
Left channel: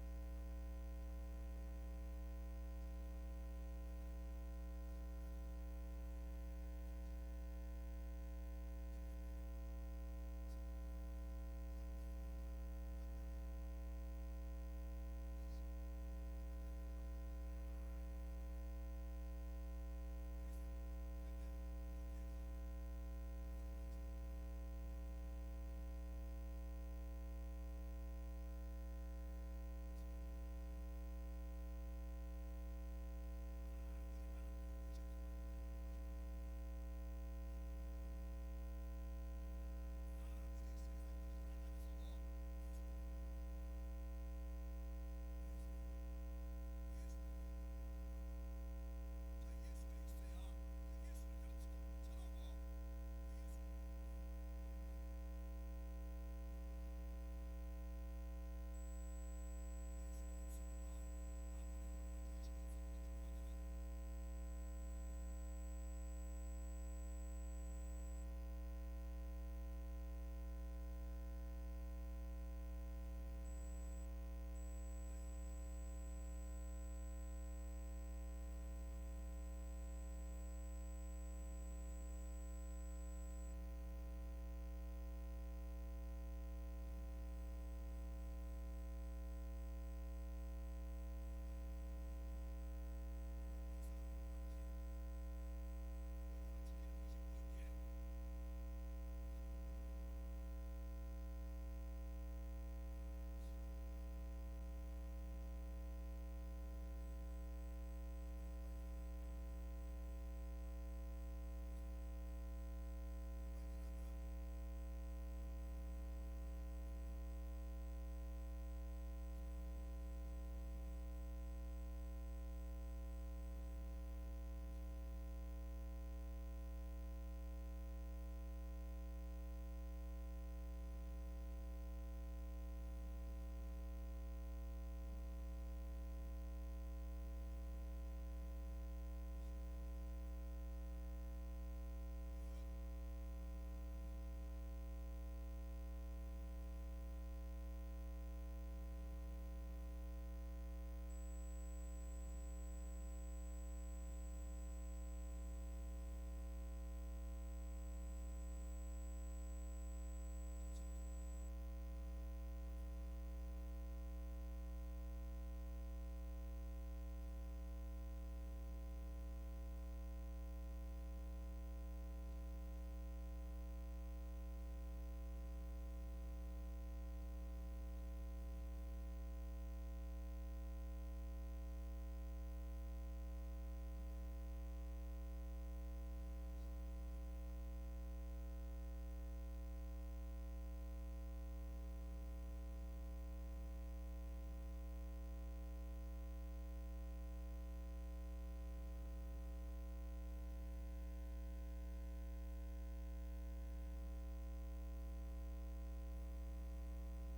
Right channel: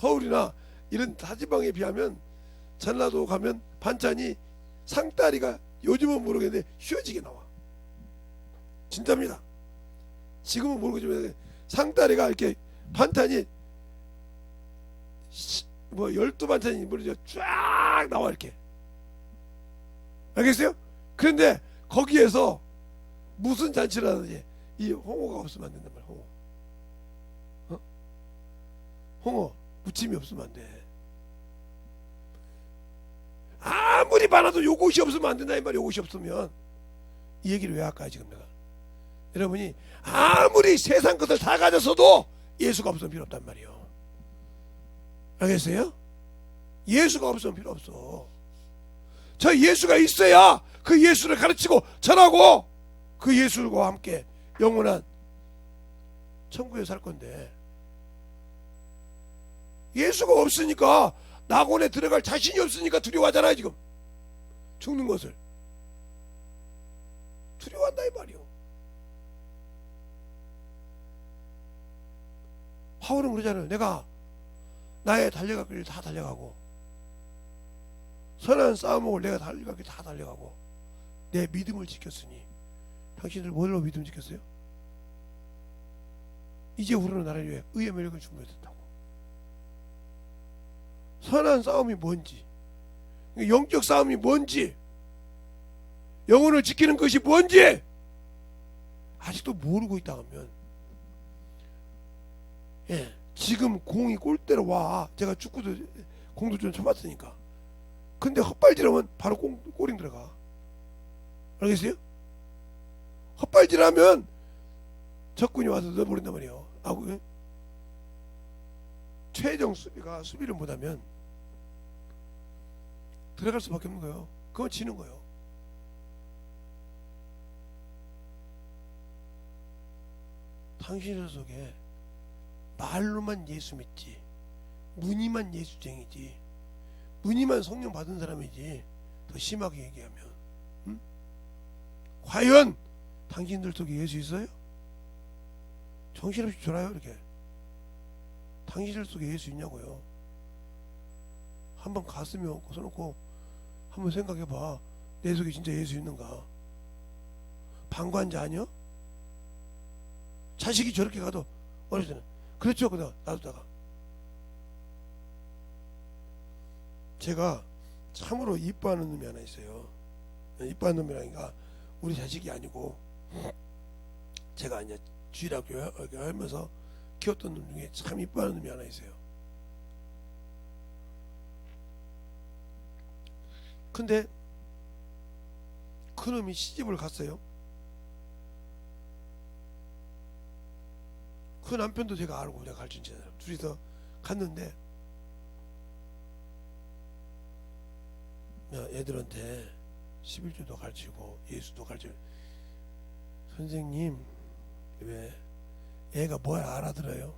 서울이나 이런 다지방에 비하면 전라도 가면 반찬이 상다리가 요즘은 모르겠는데 휘어지게 나와. 진짜입니다. 지금은 모르겠지만 상다리가 이렇게 반찬이 뭐 12반찬이 모르죠. 쫙 나와 이렇게. 알겠어요? 그런데 거기에서 무슨 잔치를 하든지 이 홍어가 없으면 안 된단 말이야. 홍어 무침이 없으면 안 돼. 아무리 많아도 요것이 없으면 안 된다 이 말이야. 요것이 없으면 이 얘기를 왜 할까 지금 내가. 여러분이 아무리 세상 것을 다 가졌어도 예수가 없으면 필요 없단 말이에요. 알겠어요? 예수가 없으면 필요 없어. 저 예수가 있어야 그 예수를 가르치고 전하고 그 예수와 함께 영원한 천국에 살 건데 예수가 없으니까 낙원에 들어갈 자신이 없으니까 두려워하잖아요. 지금 죽는 것을 두려워한다 이 말이요. 바울은 그러잖아요. 내가 나의 달려갈 길을 다 달려가고 선한 싸움을 내가 달려갈 길 다 달려가고 내 믿음을 지켰으니 당신들 뭘로 믿음 지켰어요? 이제 우리는 나를 위해 의의 매력을 준비했다고. 선한 싸움이 뭔지, 영적 싸움이 뭔지, 영혼을 지키는 것이 뭔지 아직도 모르고 있다 하면 지금 공이 골대로 와. 제가 축구도 공도 좀 쳐봤으니까. 근데 헛발질하면 바로 골인 들어가. 알겠어요? 헛발질하면 적군이 와서 넣어버린단 말이에요. 최정 수비가 수비를 못하면 들어갈 수밖에 없는 거예요. 그건 지는 거예요. 당신의 속에 말로만 예수 믿지 무늬만 예수쟁이지 무늬만 성령 받은 사람이지 더 심하게 얘기하면 과연 당신들 속에 예수 있어요? 정신없이 졸아요 이렇게. 당신들 속에 예수 있냐고요. 한번 가슴에 얹고 서놓고 한번 생각해봐. 내 속에 진짜 예수 있는가? 방관자 아니요? 자식이 저렇게 가도 어렸을 때는 그렇죠. 그다 놔두다가 제가 참으로 이뻐하는 놈이 하나 있어요. 이뻐하는 놈이라니까 우리 자식이 아니고 제가 이제 주일학교 하면서 키웠던 놈 중에 참 이뻐하는 놈이 하나 있어요. 근데 그 놈이 시집을 갔어요. 그 남편도 제가 알고 내가 가르친 잖아요. 둘이서 갔는데 애들한테 11조도 가르치고 예수도 가르치고 선생님 왜 애가 뭐야 알아들어요?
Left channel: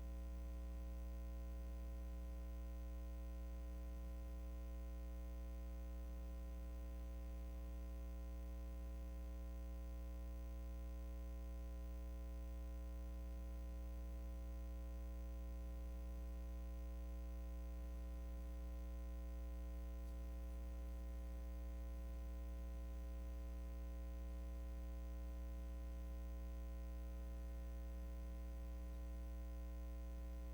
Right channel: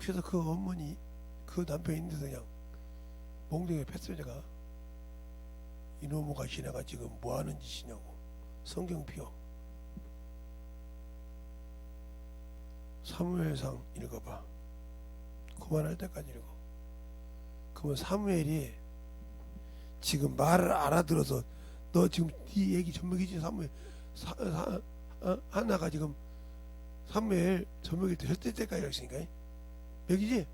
그래서 그 어머니 그 남편이 있는데서 그냥 몽둥이에 팼어요. 제가 이놈의 지네가 지금 뭐하는 짓이냐고. 성경 펴 사무엘상 읽어봐. 그만할 때까지 읽어. 그러면 사무엘이 지금 말을 알아들어서 너 지금 네 얘기 전먹이지. 사무엘 하나가 지금 사무엘 전먹일 때 혈대 때까지 했으니까 여기지.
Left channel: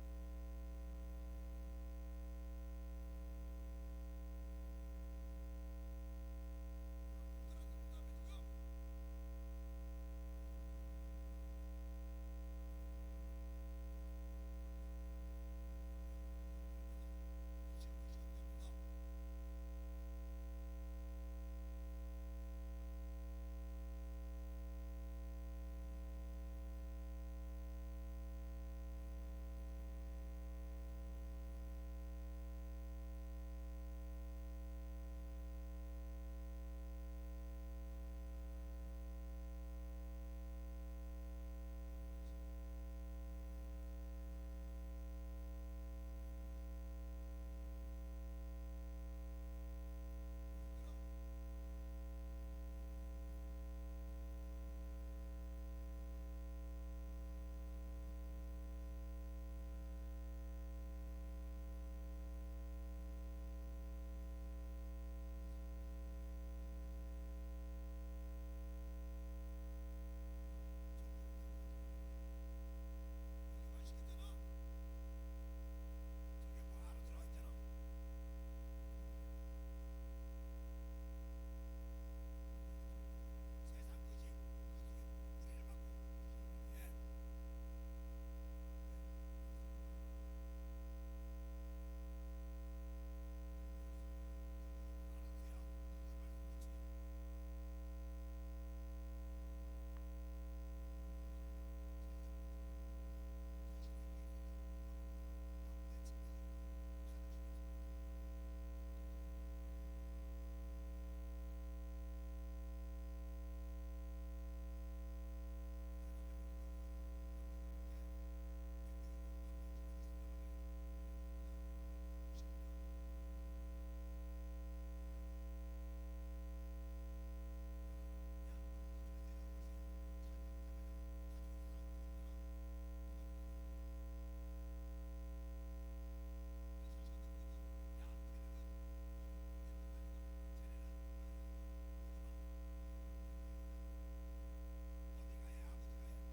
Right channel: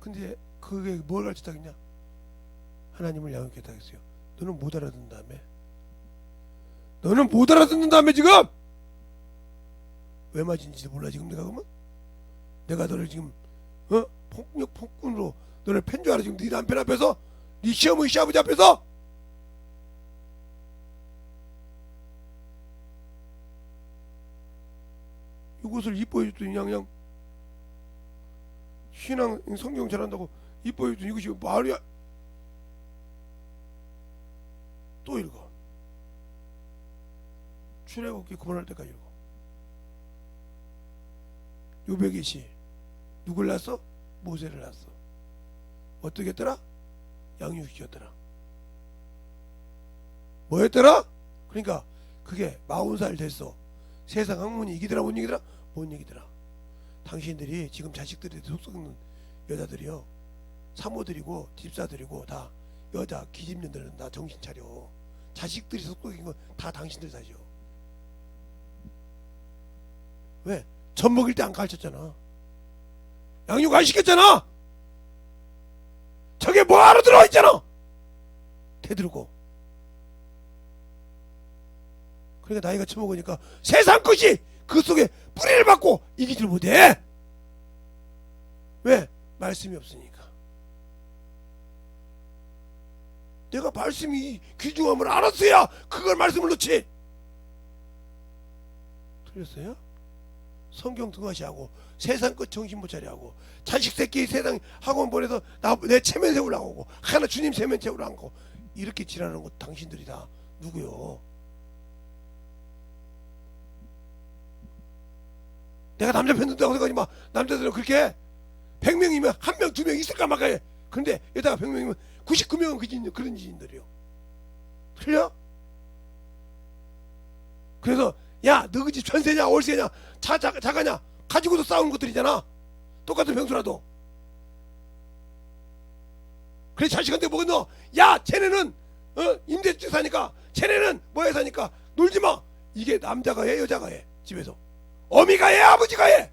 근데 그게 뭘 가르쳤다겠냐? 하나님을 양육했다 했어요. 너는 못 알아듣는다며. 너는 못 알아듣는다며. 지금 왜 맞은지 몰라. 지금 내가 그러면 내가 너를 지금 폭력 폭군으로 너를 팬 줄 알아. 지금 네 남편 앞에서, 네 시어머니 시아버지 앞에서. 이것을 이뻐해 줬더니 그냥 신앙 성경 잘한다고 이뻐해 줬더니 이것이 말이야. 또 읽어. 출애굽기 그만할 때까지 읽어. 요백이시 누굴 낳았어? 모세를 낳았어. 어떻게 했더라? 양육시켰더라. 뭐 했더라? 그러니까 그게 40살 됐어. 세상 학문이 이기더라 못 이기더라? 못 이기더라. 당신들이 지금 자식들이 속 썩는 여자들이요, 사모들이고 집사들이고 다 여자 기집년들은 다 정신 차려. 자식들이 속 썩인 건 다 당신들 사죠. 왜? 젖 먹일 때 안 가르쳤잖아. 양육 안 시켰잖아. 저게 뭐 알아들어 있잖아. 대들고. 그러니까 나이가 처먹으니까 세상 것이 그 속에 뿌리를 받고 이기질 못해. 왜? 말씀이 없으니까. 내가 말씀이 귀중함을 알았어야 그걸 말씀을 넣지. 틀렸어요? 성경 등하시하고 세상 것 정신 못 차려 하고 자식 새끼 세상 학원 보내서 내 체면 세우려고 하고 하나 주님 체면 세우려고 하고 이렇게 지랄하는 거 당신들이 다 누구요? 내가 남자 편 든다고 생각하지 마. 남자들은 그렇게 100명이면 1명 2명 있을까 말까 해. 그런데 여기다가 100명이면 99명은 그런 지인들이요. 틀려? 그래서 야 너 그 집 전세냐 월세냐 자가냐 가지고도 싸우는 것들이잖아. 똑같은 병수라도. 그래 자식한테 뭐가 너? 야 쟤네는 임대주택 사니까, 쟤네는 뭐해 사니까 놀지마. 이게 남자가 해 여자가 해? 집에서 어미가 해 아버지가 해?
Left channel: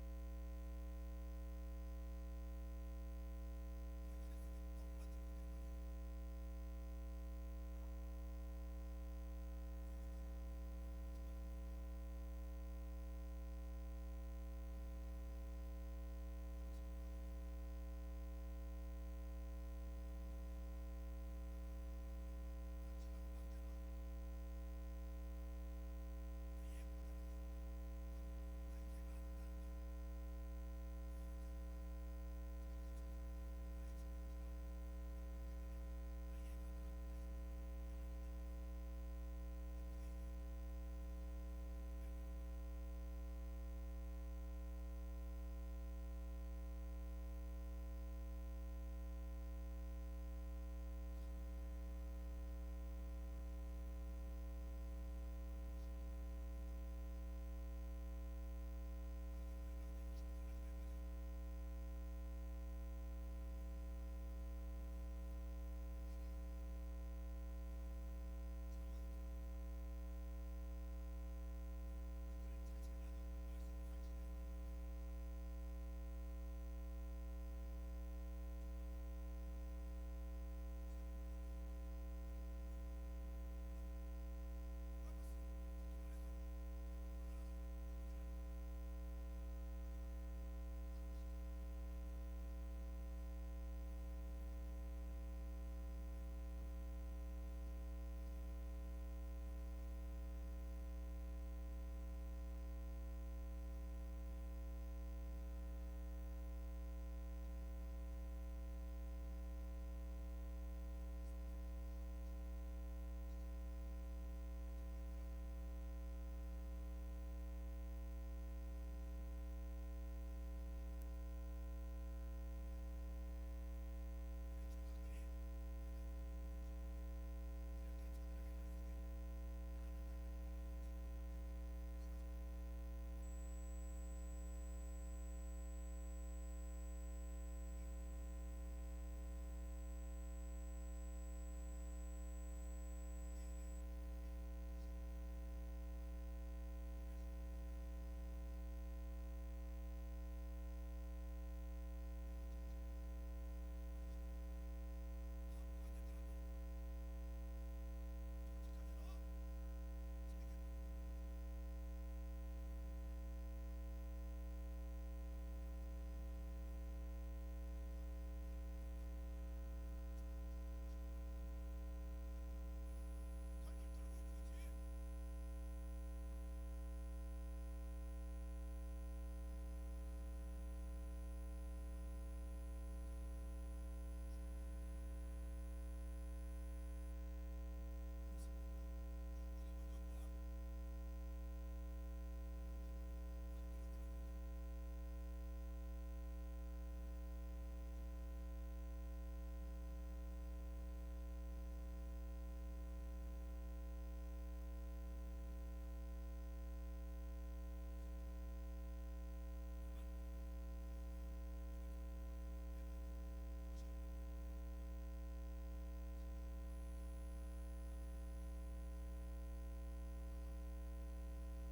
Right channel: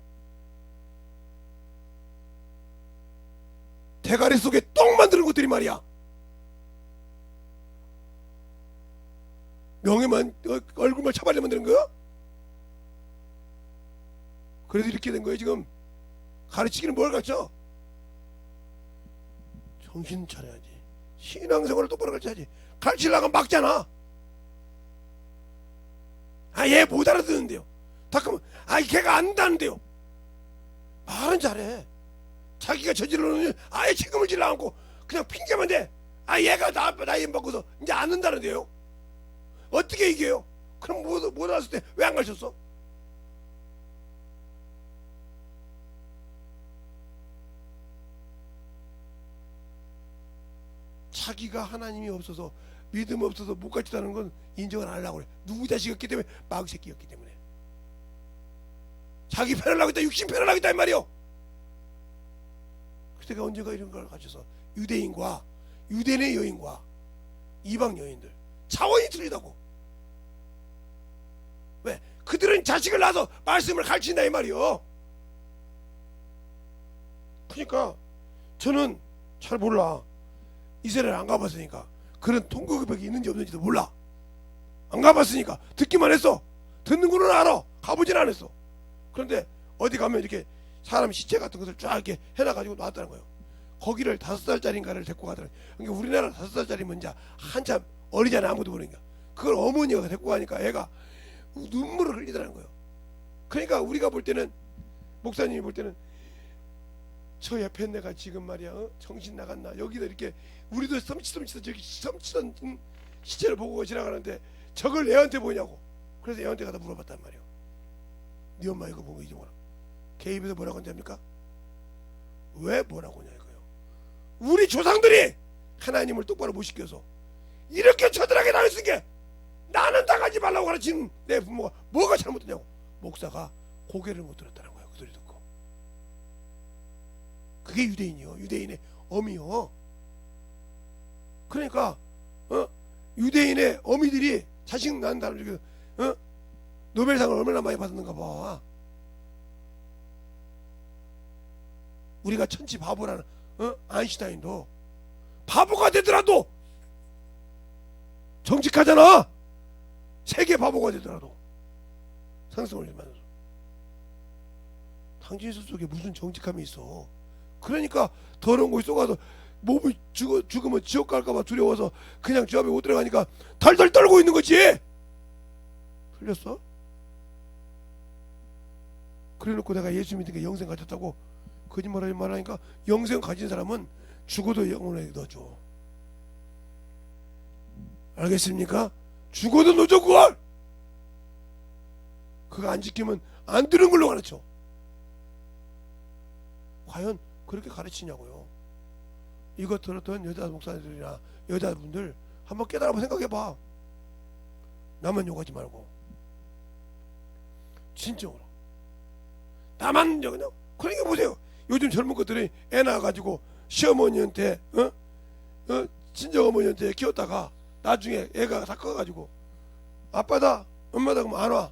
대가리 속에 똥 만드는 것들이 말이야. 명예만 얼굴만 차발려 만드는 거야? 그래서 이렇게 된 거예요. 지금 가르치기는 뭘 가르쳐? 정신 차려야지. 신앙생활을 똑바로 가르쳐야지. 가르치려고 막잖아. 얘 못 알아듣는데요. 가끔 걔가 안다는데요. 말은 잘해. 자기가 저지르는 아예 책임을 질러 않고 그냥 핑계만 대. 얘가 나이 먹고서 이제 안 는다는데요. 어떻게 이겨요? 그럼 못 알았을 때 왜 안 가르쳤어? 자기가 하나님이 없어서 믿음 없어서 못 가르치다는 건 인정을 안 하려고 그래. 누구 자식이었기 때문에? 마귀새끼였기 때문에. 자기 편을 하고 있다, 육신 편을 하고 있다 이 말이요. 그때가 언젠가 이런 걸 가르쳐서 유대인의 여인과 이방 여인들 차원이 틀리다고. 왜? 그들은 자식을 낳아서 말씀을 가르친다 이 말이요. 그러니까 저는 잘 몰라. 이스라엘 안 가봤으니까 그런 통곡벽이 있는지 없는지도 몰라. 안 가봤으니까 듣기만 했어. 듣는 거는 알아. 가보진 않았어. 그런데 어디 가면 이렇게 사람 시체 같은 것을 쫙 이렇게 해놔가지고 놨다는 거예요. 거기를 5살짜리인가를 데리고 가더라고요. 그러니까 우리나라 5살짜리면 이제 한참 어리잖아. 아무도 모르니까. 그걸 어머니가 데리고 가니까 애가 눈물을 흘리더라는 거예요. 그러니까 우리가 볼 때는, 목사님이 볼 때는 저 옆에 내가 지금 말이야 정신 나갔나, 여기도 이렇게 우리도 섬치섬치서 저기 섬치던 시체를 보고 지나가는데 저걸 애한테 보냐고. 그래서 애한테 가다 물어봤단 말이에요. 네 엄마 이거 보고 이제 뭐라? 걔 입에서 뭐라고 한지 압니까? 왜 뭐라고 하냐 이거예요. 우리 조상들이 하나님을 똑바로 못 시켜서 이렇게 처절하게 당했으니까 나는 당하지 말라고 가르친 내 부모가 뭐가 잘못됐냐고. 목사가 고개를 못 들었다는 거예요. 그 소리 듣고. 그게 유대인이요. 유대인의 어미요. 그러니까 유대인의 어미들이 자식 낳는 사람 중에 노벨상을 얼마나 많이 받았는가 봐. 우리가 천지 바보라는 아인슈타인도 바보가 되더라도 정직하잖아. 세계 바보가 되더라도 상승을 일만해서. 당신 속에 무슨 정직함이 있어. 그러니까 더러운 곳에 쏘가서 몸이 죽으면 지옥 갈까봐 두려워서 그냥 저 앞에 못 들어가니까 덜덜 떨고 있는 거지. 틀렸어? 그래놓고 내가 예수 믿으니까 영생 가졌다고 거짓말하지 말라니까. 영생 가진 사람은 죽어도 영원하게 넣어줘. 알겠습니까? 죽어도 넣어줘 그걸. 그거 안 지키면 안 들은 걸로 가르쳐. 과연 그렇게 가르치냐고요. 이거 들었던 여자 목사님들이나 여자분들 한번 깨달아 생각해봐. 나만 욕하지 말고 진짜로 나만 그냥. 그러니까 보세요. 요즘 젊은 것들이 애 낳아가지고 시어머니한테 친정어머니한테 키웠다가 나중에 애가 다 커가지고 아빠다 엄마다 그러면 안 와.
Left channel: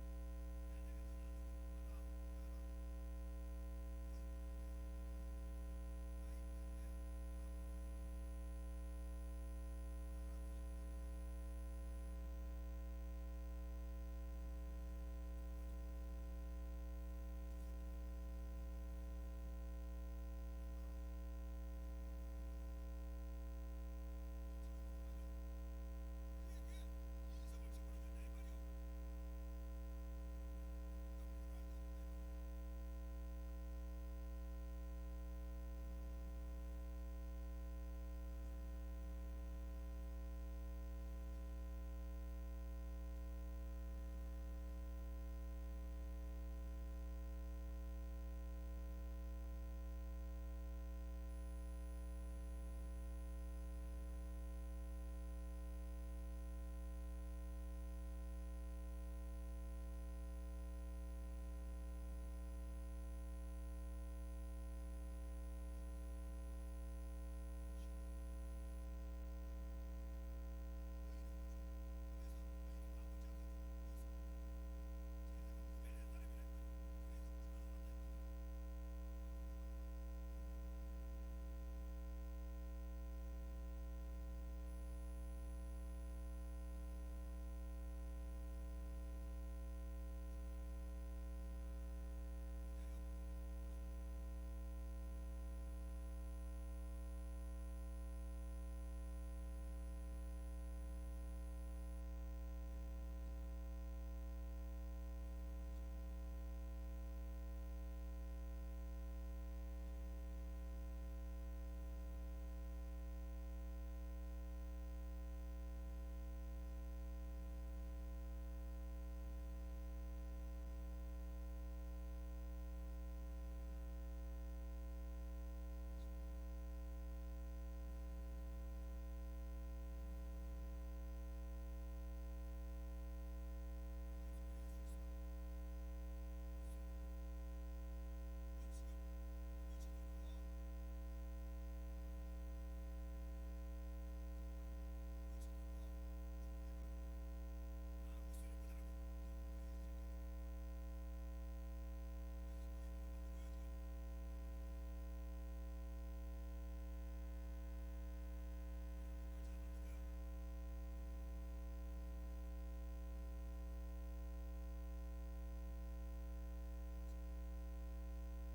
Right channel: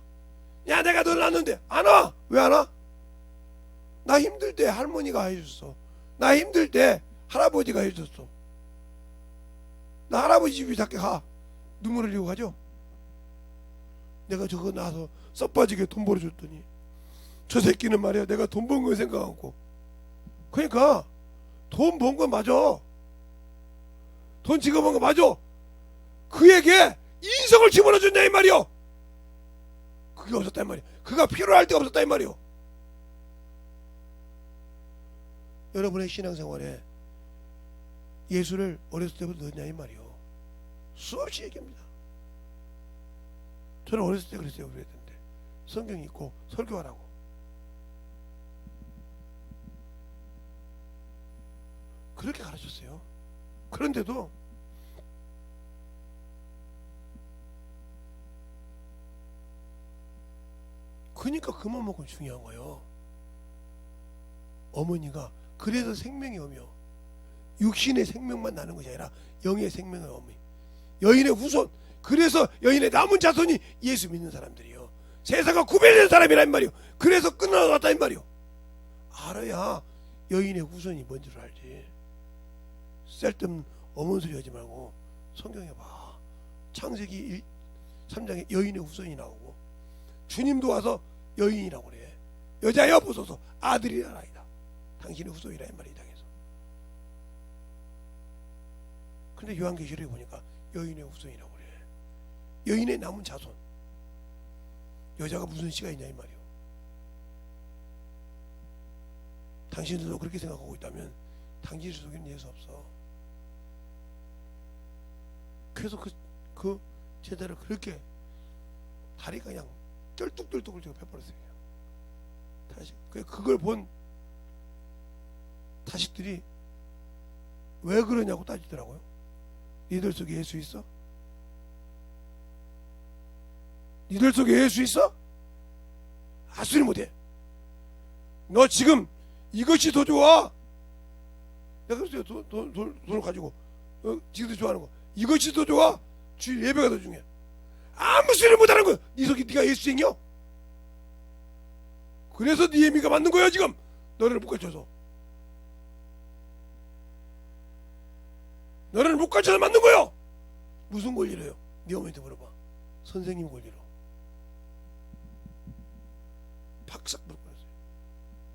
야 내가 널 낳았는데 안 와. 왜 안 와? 나 힘들 때 할머니가 해줬어. 나 힘들 때 할아버지가 해줬어. 나 할아버지 집에 작게 가. 눈물 흘리고 가죠. 내가 저거 낳아서 썩빠지게 돈 벌어줬더니 저 새끼는 말이야 내가 돈 번 거 생각하고. 그러니까 돈 번 거 맞아. 돈 지금 번 거 맞아. 그에게 인성을 집어넣어준다 이 말이요. 그게 없었다 이 말이야. 그가 필요할 때가 없었다 이 말이요. 여러분의 신앙생활에 예수를 어렸을 때부터 넣었냐 이 말이요. 수없이 얘기합니다. 저는 어렸을 때 그랬어요. 그랬는데 성경 읽고 설교하라고. 그렇게 가르쳤어요. 그런데도 그러니까 그만큼 중요한 거예요. 어머니가 그래서 생명이 오며 육신의 생명만 나는 것이 아니라 영의 생명을 오며 여인의 후손. 그래서 여인의 남은 자손이 예수 믿는 사람들이요. 세상과 구별된 사람이란 말이요. 그래서 끝나갔다 이 말이요. 알아야 여인의 후손이 뭔지를 알지. 쓸데없는 어머니 소리 하지 말고 성경에 봐. 창세기 3장에 여인의 후손이 나오고 주님도 와서 여인이라고 그래. 여자여 보소서 아들이라 아이다. 당신의 후손이라 이 말이 당해서. 근데 요한계시록에 보니까 여인의 후손이라고 그래. 여인의 남은 자손. 여자가 무슨 씨가 있냐 이 말이요. 당신들도 그렇게 생각하고 있다면 당신 속에는 예수 없어. 그래서 그 제자를 그렇게 다리가 그냥 쩔뚝쩔뚝을 지고 펴버렸어요. 다시 그걸 본 자식들이 왜 그러냐고 따지더라고요. 니들 속에 예수 있어? 니들 속에 예수 있어? 아수리 못해. 너 지금 이것이 더 좋아. 내가 그랬어요. 돈을 가지고 지금도 좋아하는 거 이것이 더 좋아? 주일 예배가 더 중요해. 아무 소리 못하는 거야. 네 속이 네가 예수쟁이야? 그래서 네 애미가 맞는 거야 지금. 너를 못 가르쳐서. 너를 못 가르쳐서 맞는 거야. 무슨 권리로요? 네 어머니한테 물어봐. 선생님 권리로. 박삭 물어봤어요.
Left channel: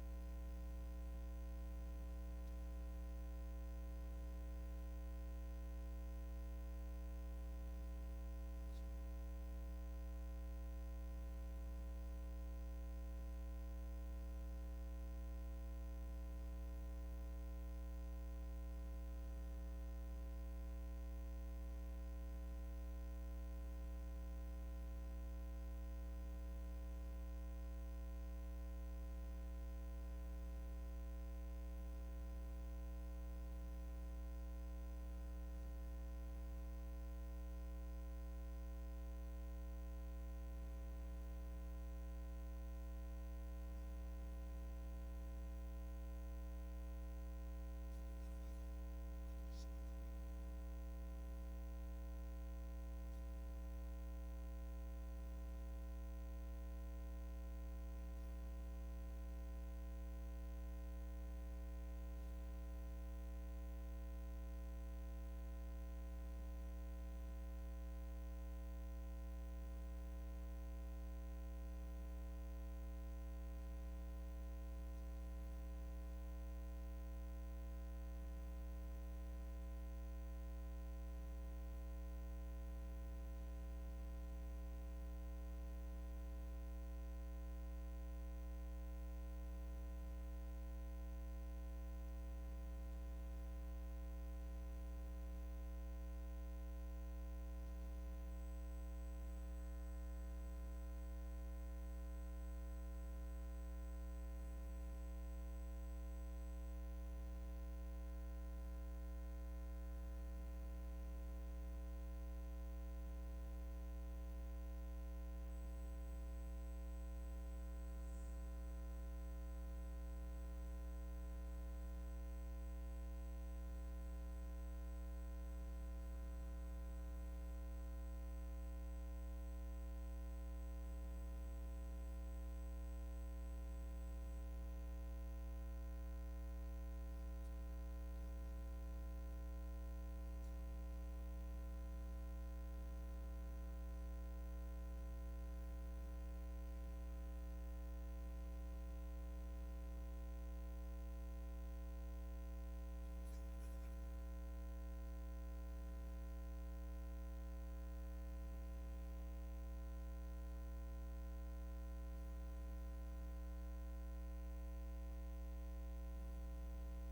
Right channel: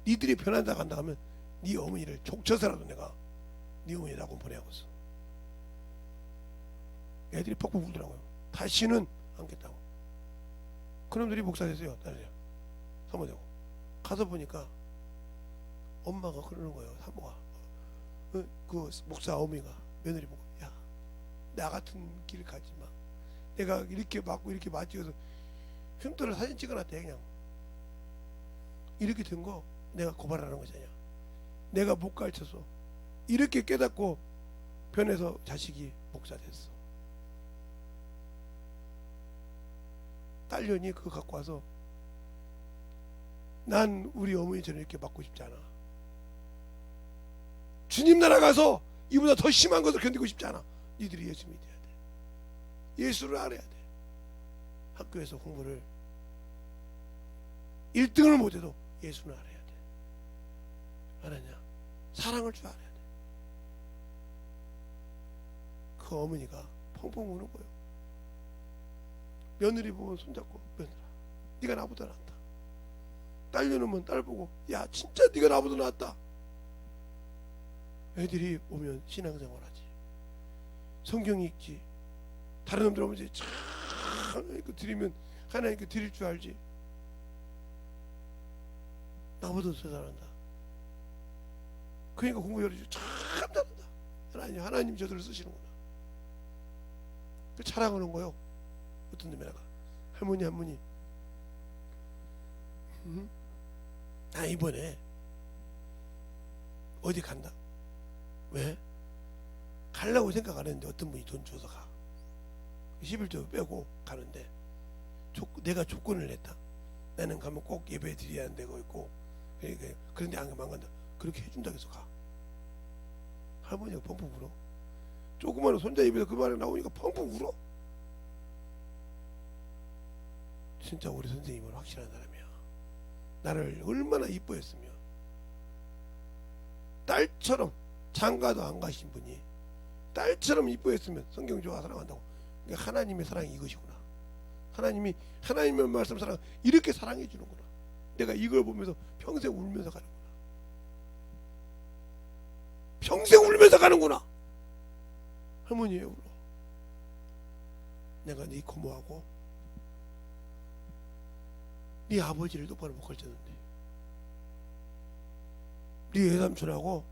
니들이 편한다 간다 하면 네 어머니를 족쳐서라도 내가 네 어머니 낙원 보내야겠어. 애들이 퍽퍽 울더라고요. 다시는 안겠다고. 그놈들이 목사 됐어요. 딸이요. 사모되고. 가서 보니까 엄마가 그러는 거예요. 사모가. 그 목사 어머니가 며느리 보고, 야, 나 같은 길 가지 마. 내가 이렇게 맞고 이렇게 맞지어서 흉터를 사진 찍어놨대. 그냥 이렇게 된 거 내가 고발하는 거잖아. 내가 못 가르쳐서 이렇게 깨닫고 변해서 자식이 목사 됐어. 딸년이 그거 갖고 와서 난 우리 어머니처럼 이렇게 맞고 싶지 않아. 주님 나라 가서 이보다 더 심한 것을 견디고 싶지 않아. 니들이 예수 믿어야 돼. 예수를 알아야 돼. 학교에서 공부를 1등을 못해도 예수는 알아야 돼. 알았냐? 사랑을 줄 알아야 돼. 그 어머니가 펑펑 우는 거예요. 며느리 보면 손잡고, 며느라, 네가 나보다 낫다. 딸려놓으면 딸 보고, 야 진짜 네가 나보다 낫다. 애들이 오면 신앙생활하지, 성경 읽지, 다른 놈들 오면 이제 참 드리면 하나님께 드릴 줄 알지. 나보다 더 잘한다. 그러니까 공부 열어주고 참 잘한다. 하나님 저들을 쓰시는구나. 그 자랑하는 거요. 어떤 놈이 나가 할머니 나 이번에 어디 간다. 왜? 가려고 생각 안 했는데 어떤 분이 돈 줘서 가. 11조 빼고 가는데 내가 조건을 냈다. 나는 가면 꼭 예배 드려야 하는 데가 있고, 그런데 안 가면 안 간다. 그렇게 해준다고 해서 가. 할머니가 펑펑 울어. 조그마한 손자 입에서 그 말이 나오니까 펑펑 울어. 진짜 우리 선생님은 확실한 사람이야. 나를 얼마나 이뻐했으면. 딸처럼, 장가도 안 가신 분이 딸처럼 이뻐했으면 성경 좋아 사랑한다고. 그러니까 하나님의 사랑이 이것이구나. 하나님이 하나님의 말씀 사랑 이렇게 사랑해 주는구나. 내가 이걸 보면서 평생 울면서 가는구나. 평생 울면서 가는구나. 할머니예요. 울어. 내가 네 고모하고 네 아버지를 똑바로 못 가르쳤는데, 네 외삼촌하고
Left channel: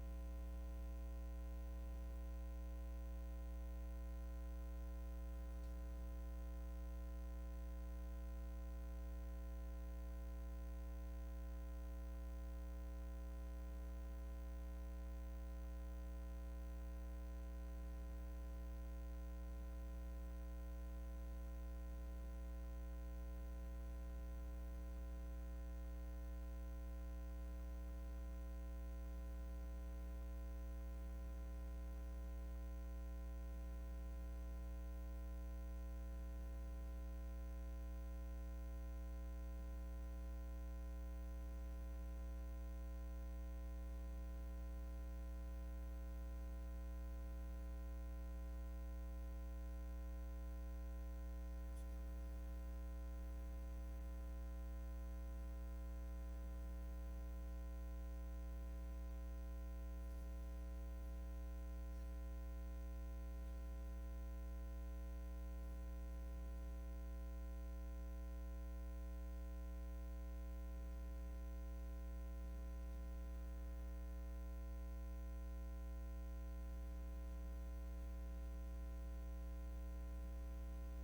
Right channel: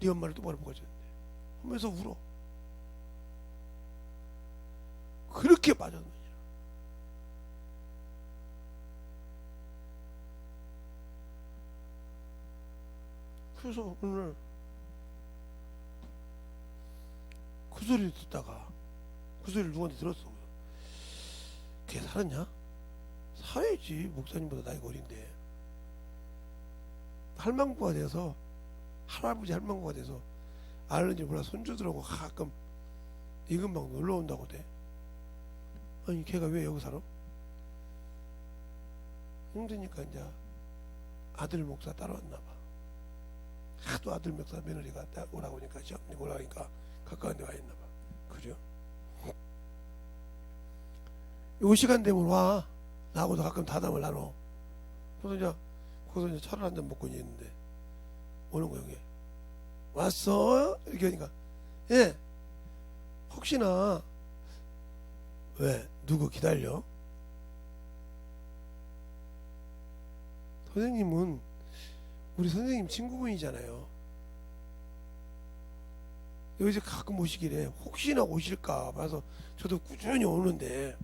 네 엄마를 똑바로 못 가르쳤는데 하면서 울어. 그렇게 맞았느냐. 그래서 오늘 그 소리를 듣다가 그 소리를 누구한테 들었어. 걔 살았냐? 살아야지. 목사님보다 나이가 어린데. 할망구가 돼서, 할아버지 할망구가 돼서 알는지 몰라 손주들하고 가끔 이금방 놀러 온다고 돼. 아니 걔가 왜 여기 살아? 힘드니까 이제 아들 목사 따라왔나 봐. 하도 아들 목사 며느리가 오라고 하니까 시어머니 오라고 하니까 가까운 데 와 있나 봐. 그죠? 요 시간 되면 와. 나하고도 가끔 다담을 나눠. 그래서 이제 차를 한잔 먹고 있는데 오는 거. 여기 왔어? 이렇게 하니까, 예, 혹시나, 왜 누구 기다려? 선생님은 우리 선생님 친구분이잖아요. 여기서 가끔 오시길래 혹시나 오실까 봐서 저도 꾸준히 오는데,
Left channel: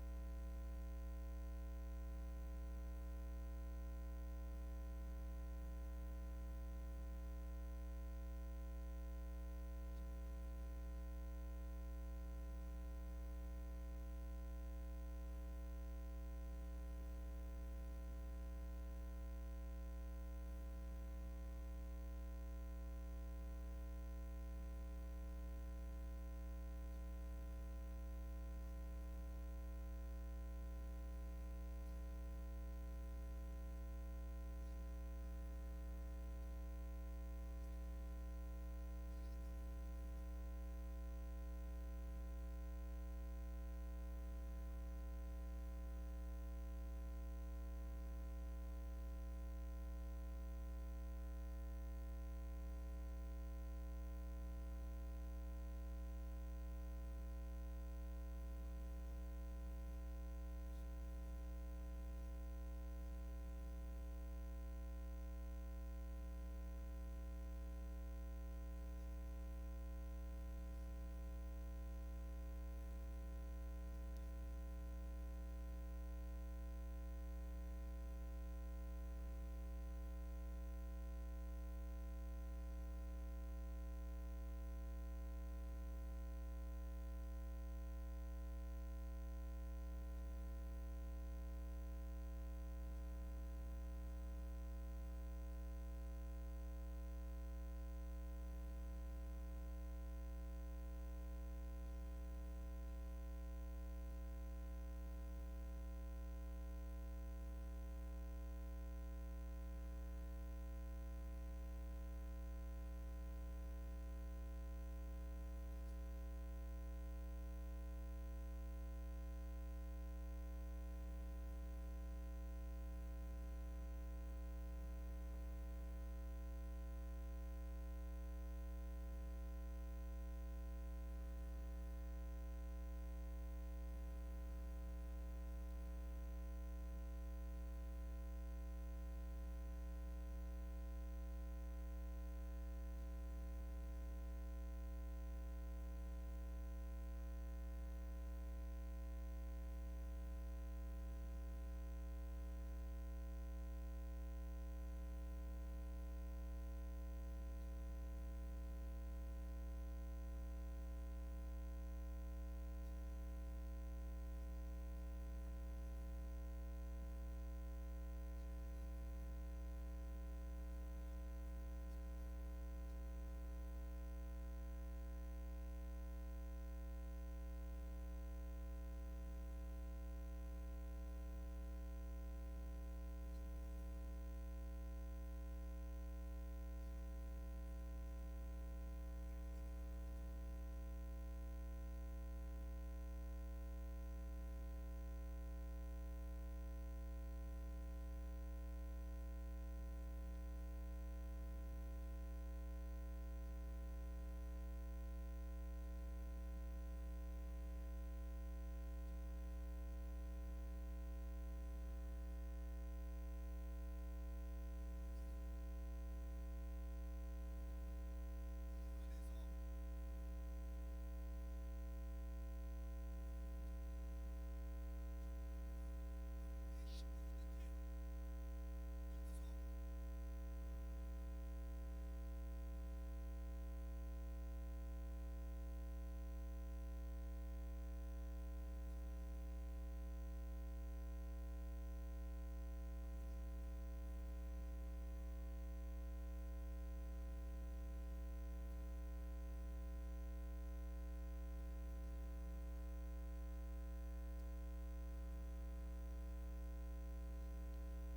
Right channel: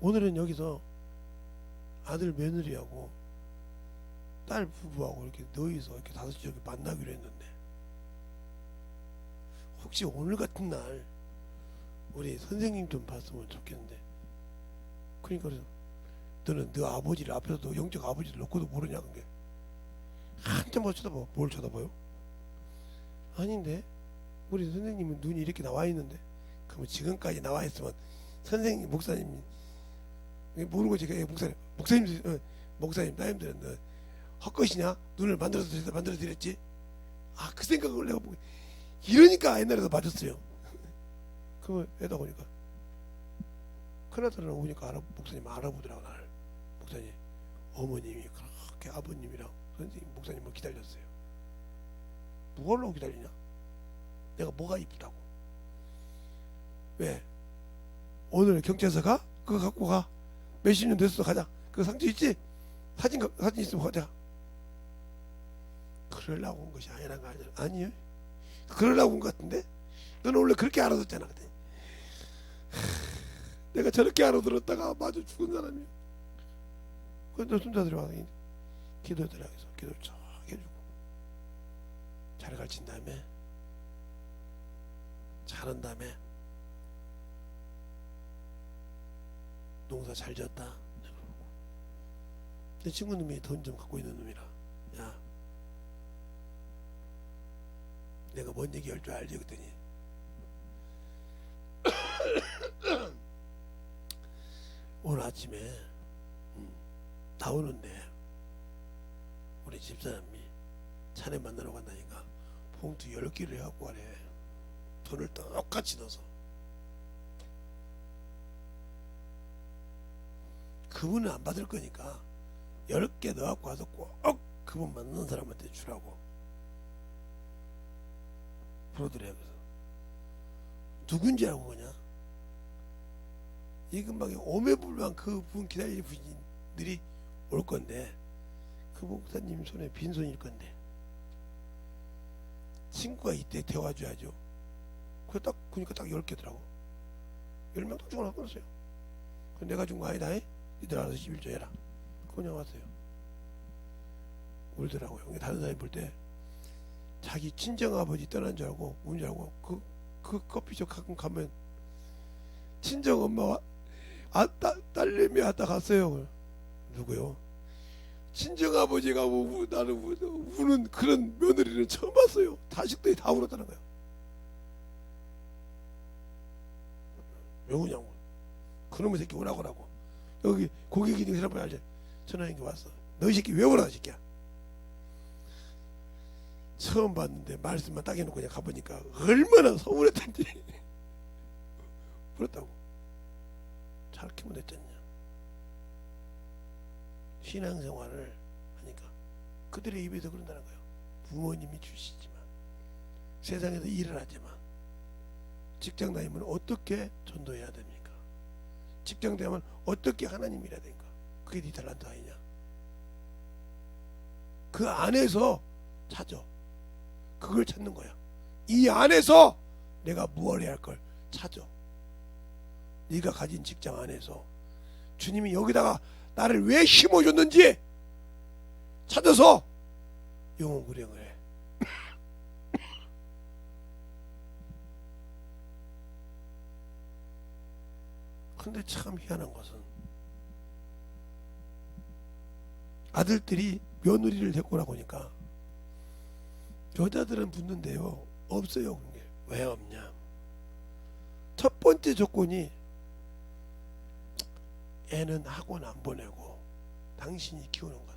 오늘은 여기서 아들 며느리하고 딸 부부하고 이렇게 너희서 이렇게 다섯이 여기 만나기로 했는데, 혹시 오늘 같은 날 우리 선생님 좀 봤으면 좋겠는데. 그러니까 너는 너 아버지를 앞에서 너 영적 아버지를 놓고도 모르냐. 그게 한참 못 쳐다봐. 뭘 쳐다봐요? 아닌데 우리 선생님은 눈이 이렇게 나와 있는데. 그럼 지금까지 나와 있으면 선생님 목사님이 모르고 제가 목사님 나님들은 헛것이냐? 눈을 만들어서 드렸지? 아, 그 생각을 내가 보고 이러니까 옛날에도 맞았어요. 그러면 애다 보니까 큰아들은 오니까 목사님 알아보더라고. 나를 목사님 어머님이 그렇게 아버님이랑 선생님 목사님을 기다렸어요. 뭐하려고 기다리냐? 내가 뭐가 이쁘다고. 왜? 오늘 경찰서 가? 그거 갖고 가. 몇십 년 됐어. 가자. 그 상처 있지? 사진 있으면 가자. 그러려고 온 것이 아니란 거 아니야? 아니요. 그러려고 온 것 같은데? 너는 원래 그렇게 알아듣잖아. 내가 저렇게 알아들었다가 마저 죽은 사람이야. 그래서 손자들이 와서 기도해드라 해서 기도 쫙 해주고 잘 가르친 다음에 잘한 다음에 농사 잘 지었다. 내 친구 놈이 돈 좀 갖고 있는 놈이라, 야, 내가 뭔 얘기 할 줄 알지? 그랬더니 오늘 아침에 나오는데 우리 집사람이 차례 만나러 간다니까 봉투 10개를 해갖고 가래. 돈을 똑같이 넣어서. 그분은 안 받을 거니까 10개 넣어갖고 와서 꼭 그분 만난 사람한테 주라고 부르더래요. 누군지 알고 보냐? 이 근방에 오매불망 그분 기다리는 분들이 올 건데 그 목사님 손에 빈손일 건데 친구가 이때 데워줘야죠. 그래 딱 보니까 딱 10개더라고. 10명 딱 주고 나왔어요. 내가 준 거 아니다. 이들 알아서 11조 해라. 그냥 왔어요. 울더라고요. 다른 사람이 볼 때 자기 친정아버지 떠난 줄 알고 운 줄 알고 그 커피숍 가끔 가면 친정 엄마와 딸내미 왔다 갔어요. 누구요? 친정아버지가 나는 우는 그런 며느리를 처음 봤어요. 자식들이 다 울었다는 거야. 왜 우냐고. 그놈의 새끼 오라고. 여기 고객이 있는 사람을 알지? 전화한 게 왔어. 너 이 새끼 왜 오라, 새끼야? 처음 봤는데 말씀만 딱 해놓고 그냥 가보니까 얼마나 서운했던지. 그렇다고. 잘 키우면 됐잖냐. 신앙생활을 하니까 그들의 입에서 그런다는 거예요. 부모님이 주시지만 세상에서 일을 하지만 직장 다니면 어떻게 전도해야 됩니까? 직장 다니면 어떻게 하나님 일해야 됩니까? 그게 네 탤런트 아니냐? 그 안에서 찾아. 그걸 찾는 거야. 이 안에서 내가 무엇을 해야 할 걸 찾아. 네가 가진 직장 안에서 주님이 여기다가 나를 왜 심어줬는지 찾아서 영혼 구령을 해. 근데 참 희한한 것은 아들들이 며느리를 데리고 오라고 하니까 여자들은 붙는데요 없어요. 그게 왜 없냐? 첫 번째 조건이 애는 학원 안 보내고 당신이 키우는 거다.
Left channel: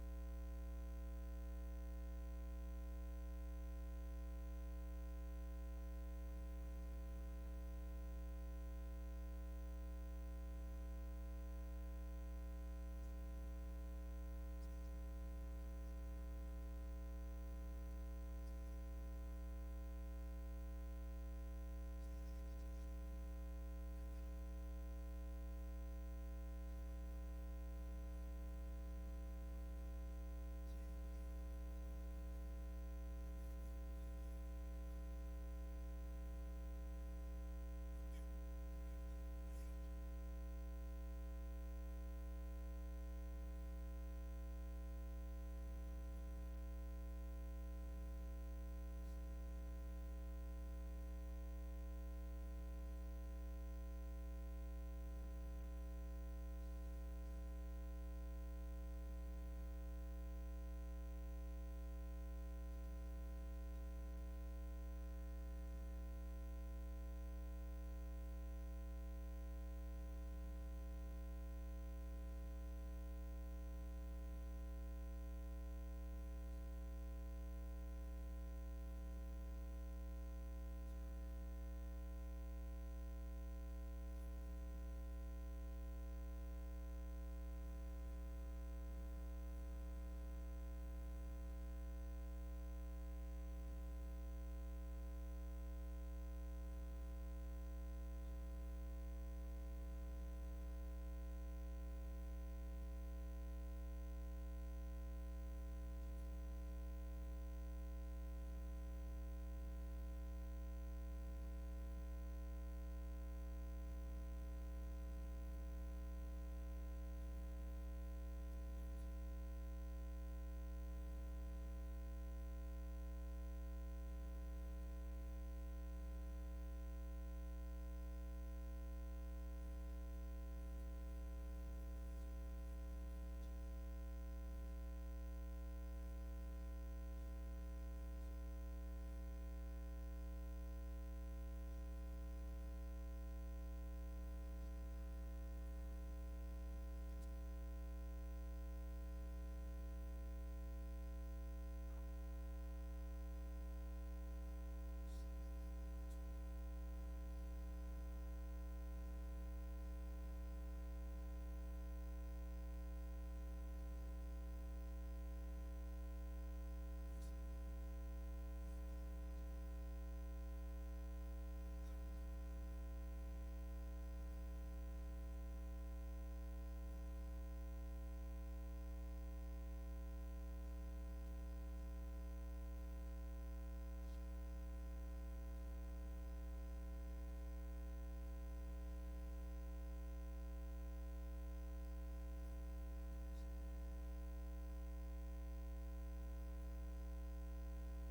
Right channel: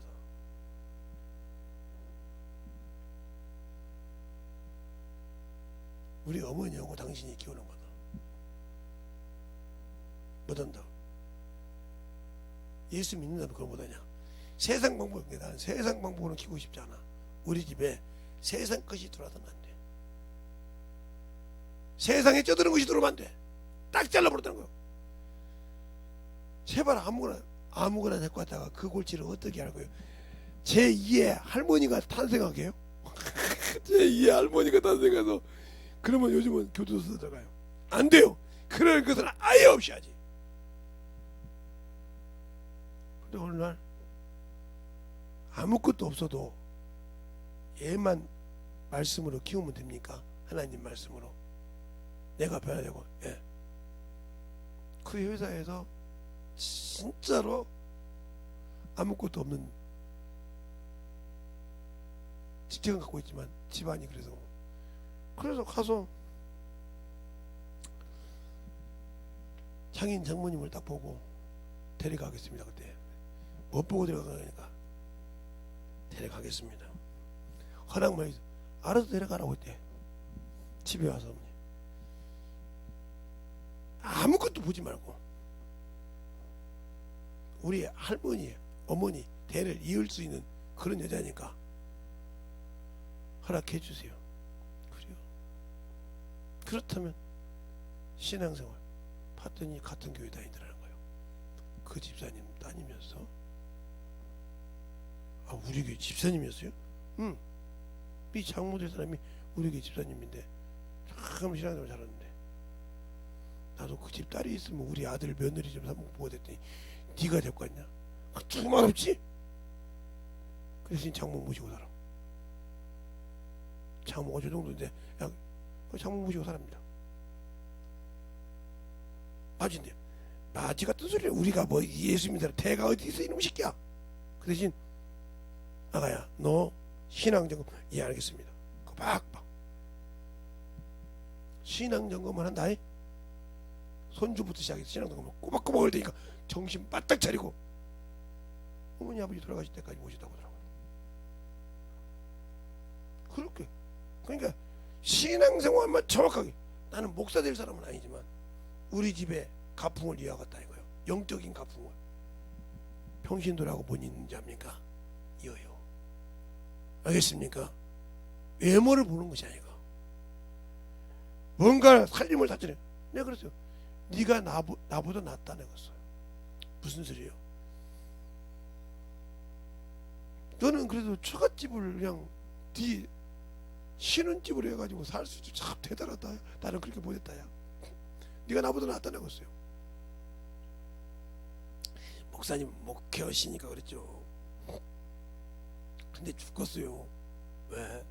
우리 어머니하고 당신이 키우는 거다. 못한다. 예수 믿는다면 그걸 못하냐? 세상 방법인데 나는 세상 방법으로 키우고 싶지 않아. 우리 집에 세상 것이 들어와서는 안 돼. 세상에 쩌드는 것이 들어오면 안 돼. 딱 잘라버렸다는 거야. 제발 아무거나 데리고 왔다가 그 골치를 어떻게 알고요? 제2의 할머니가 탄생하게요? 제2의 할머니가 탄생해서 그러면 요즘은 교도소 들어가요. 안 돼요. 그럴 것은 아예 없이 하지. 근데 오늘날 아무것도 없어도 얘만 말씀으로 키우면 됩니까? 하나님 말씀으로 내가 배워야 되고. 예. 그 회사에서 진짜로 아무것도 없는 직책은 갖고 있지만 집안이 그래서 가서 장인 장모님을 딱 보고 데려가겠습니다. 그때 못 보고 데려가니까 데려가겠습니다. 허락만 알아서 데려가라고 했대. 집에 와서 아무것도 보지 말고 우리 할머니 어머니 대를 이을 수 있는 그런 여자니까 허락해 주세요. 그래요. 그렇다면 신앙생활 봤더니 같은 교회 다니더라는 거예요. 그 집사님 다니면서 우리 교회 집사님이었어요? 응. 이 장모될 사람이 우리 교회 집사님인데 참 신앙생활 잘하는데 나도 그 집 딸이 있으면 우리 아들 며느리 좀 한번 보고 됐더니 네가 데리고 갔냐? 두말 없지? 그 대신 장모 모시고 살아. 장모가 저 정도인데 그냥 장모 모시고 살합니다. 맞은데 마지 같은 소리를 우리가 뭐 예수 믿는 대가 어디 있어 이놈 새끼야. 그 대신 아가야 너 신앙점검 예 알겠습니다. 그 빡빡 신앙점검을 한다. 손주부터 시작해서 신앙점검을 꼬박꼬박 할 테니까 정신 바짝 차리고 어머니 아버지 돌아가실 때까지 모시다고 하더라고요. 그렇게 그러니까 신앙생활만 정확하게 나는 목사 될 사람은 아니지만 우리 집에 가풍을 이어갔다 이거예요. 영적인 가풍을. 평신도라고 못 있는 자입니까? 이어요. 알겠습니까? 외모를 보는 것이 아니고 뭔가 살림을 다지네. 내가 그랬어요. 네가 나보다 낫다 내가 했어요. 무슨 소리예요? 너는 그래도 처갓집을 그냥 네 신혼집으로 해가지고 살 수 있지 참 대단하다. 나는 그렇게 보냈다야. 네가 나보다 낫다는 거였어요. 목사님 목회하시니까 그랬죠. 근데 죽었어요. 왜?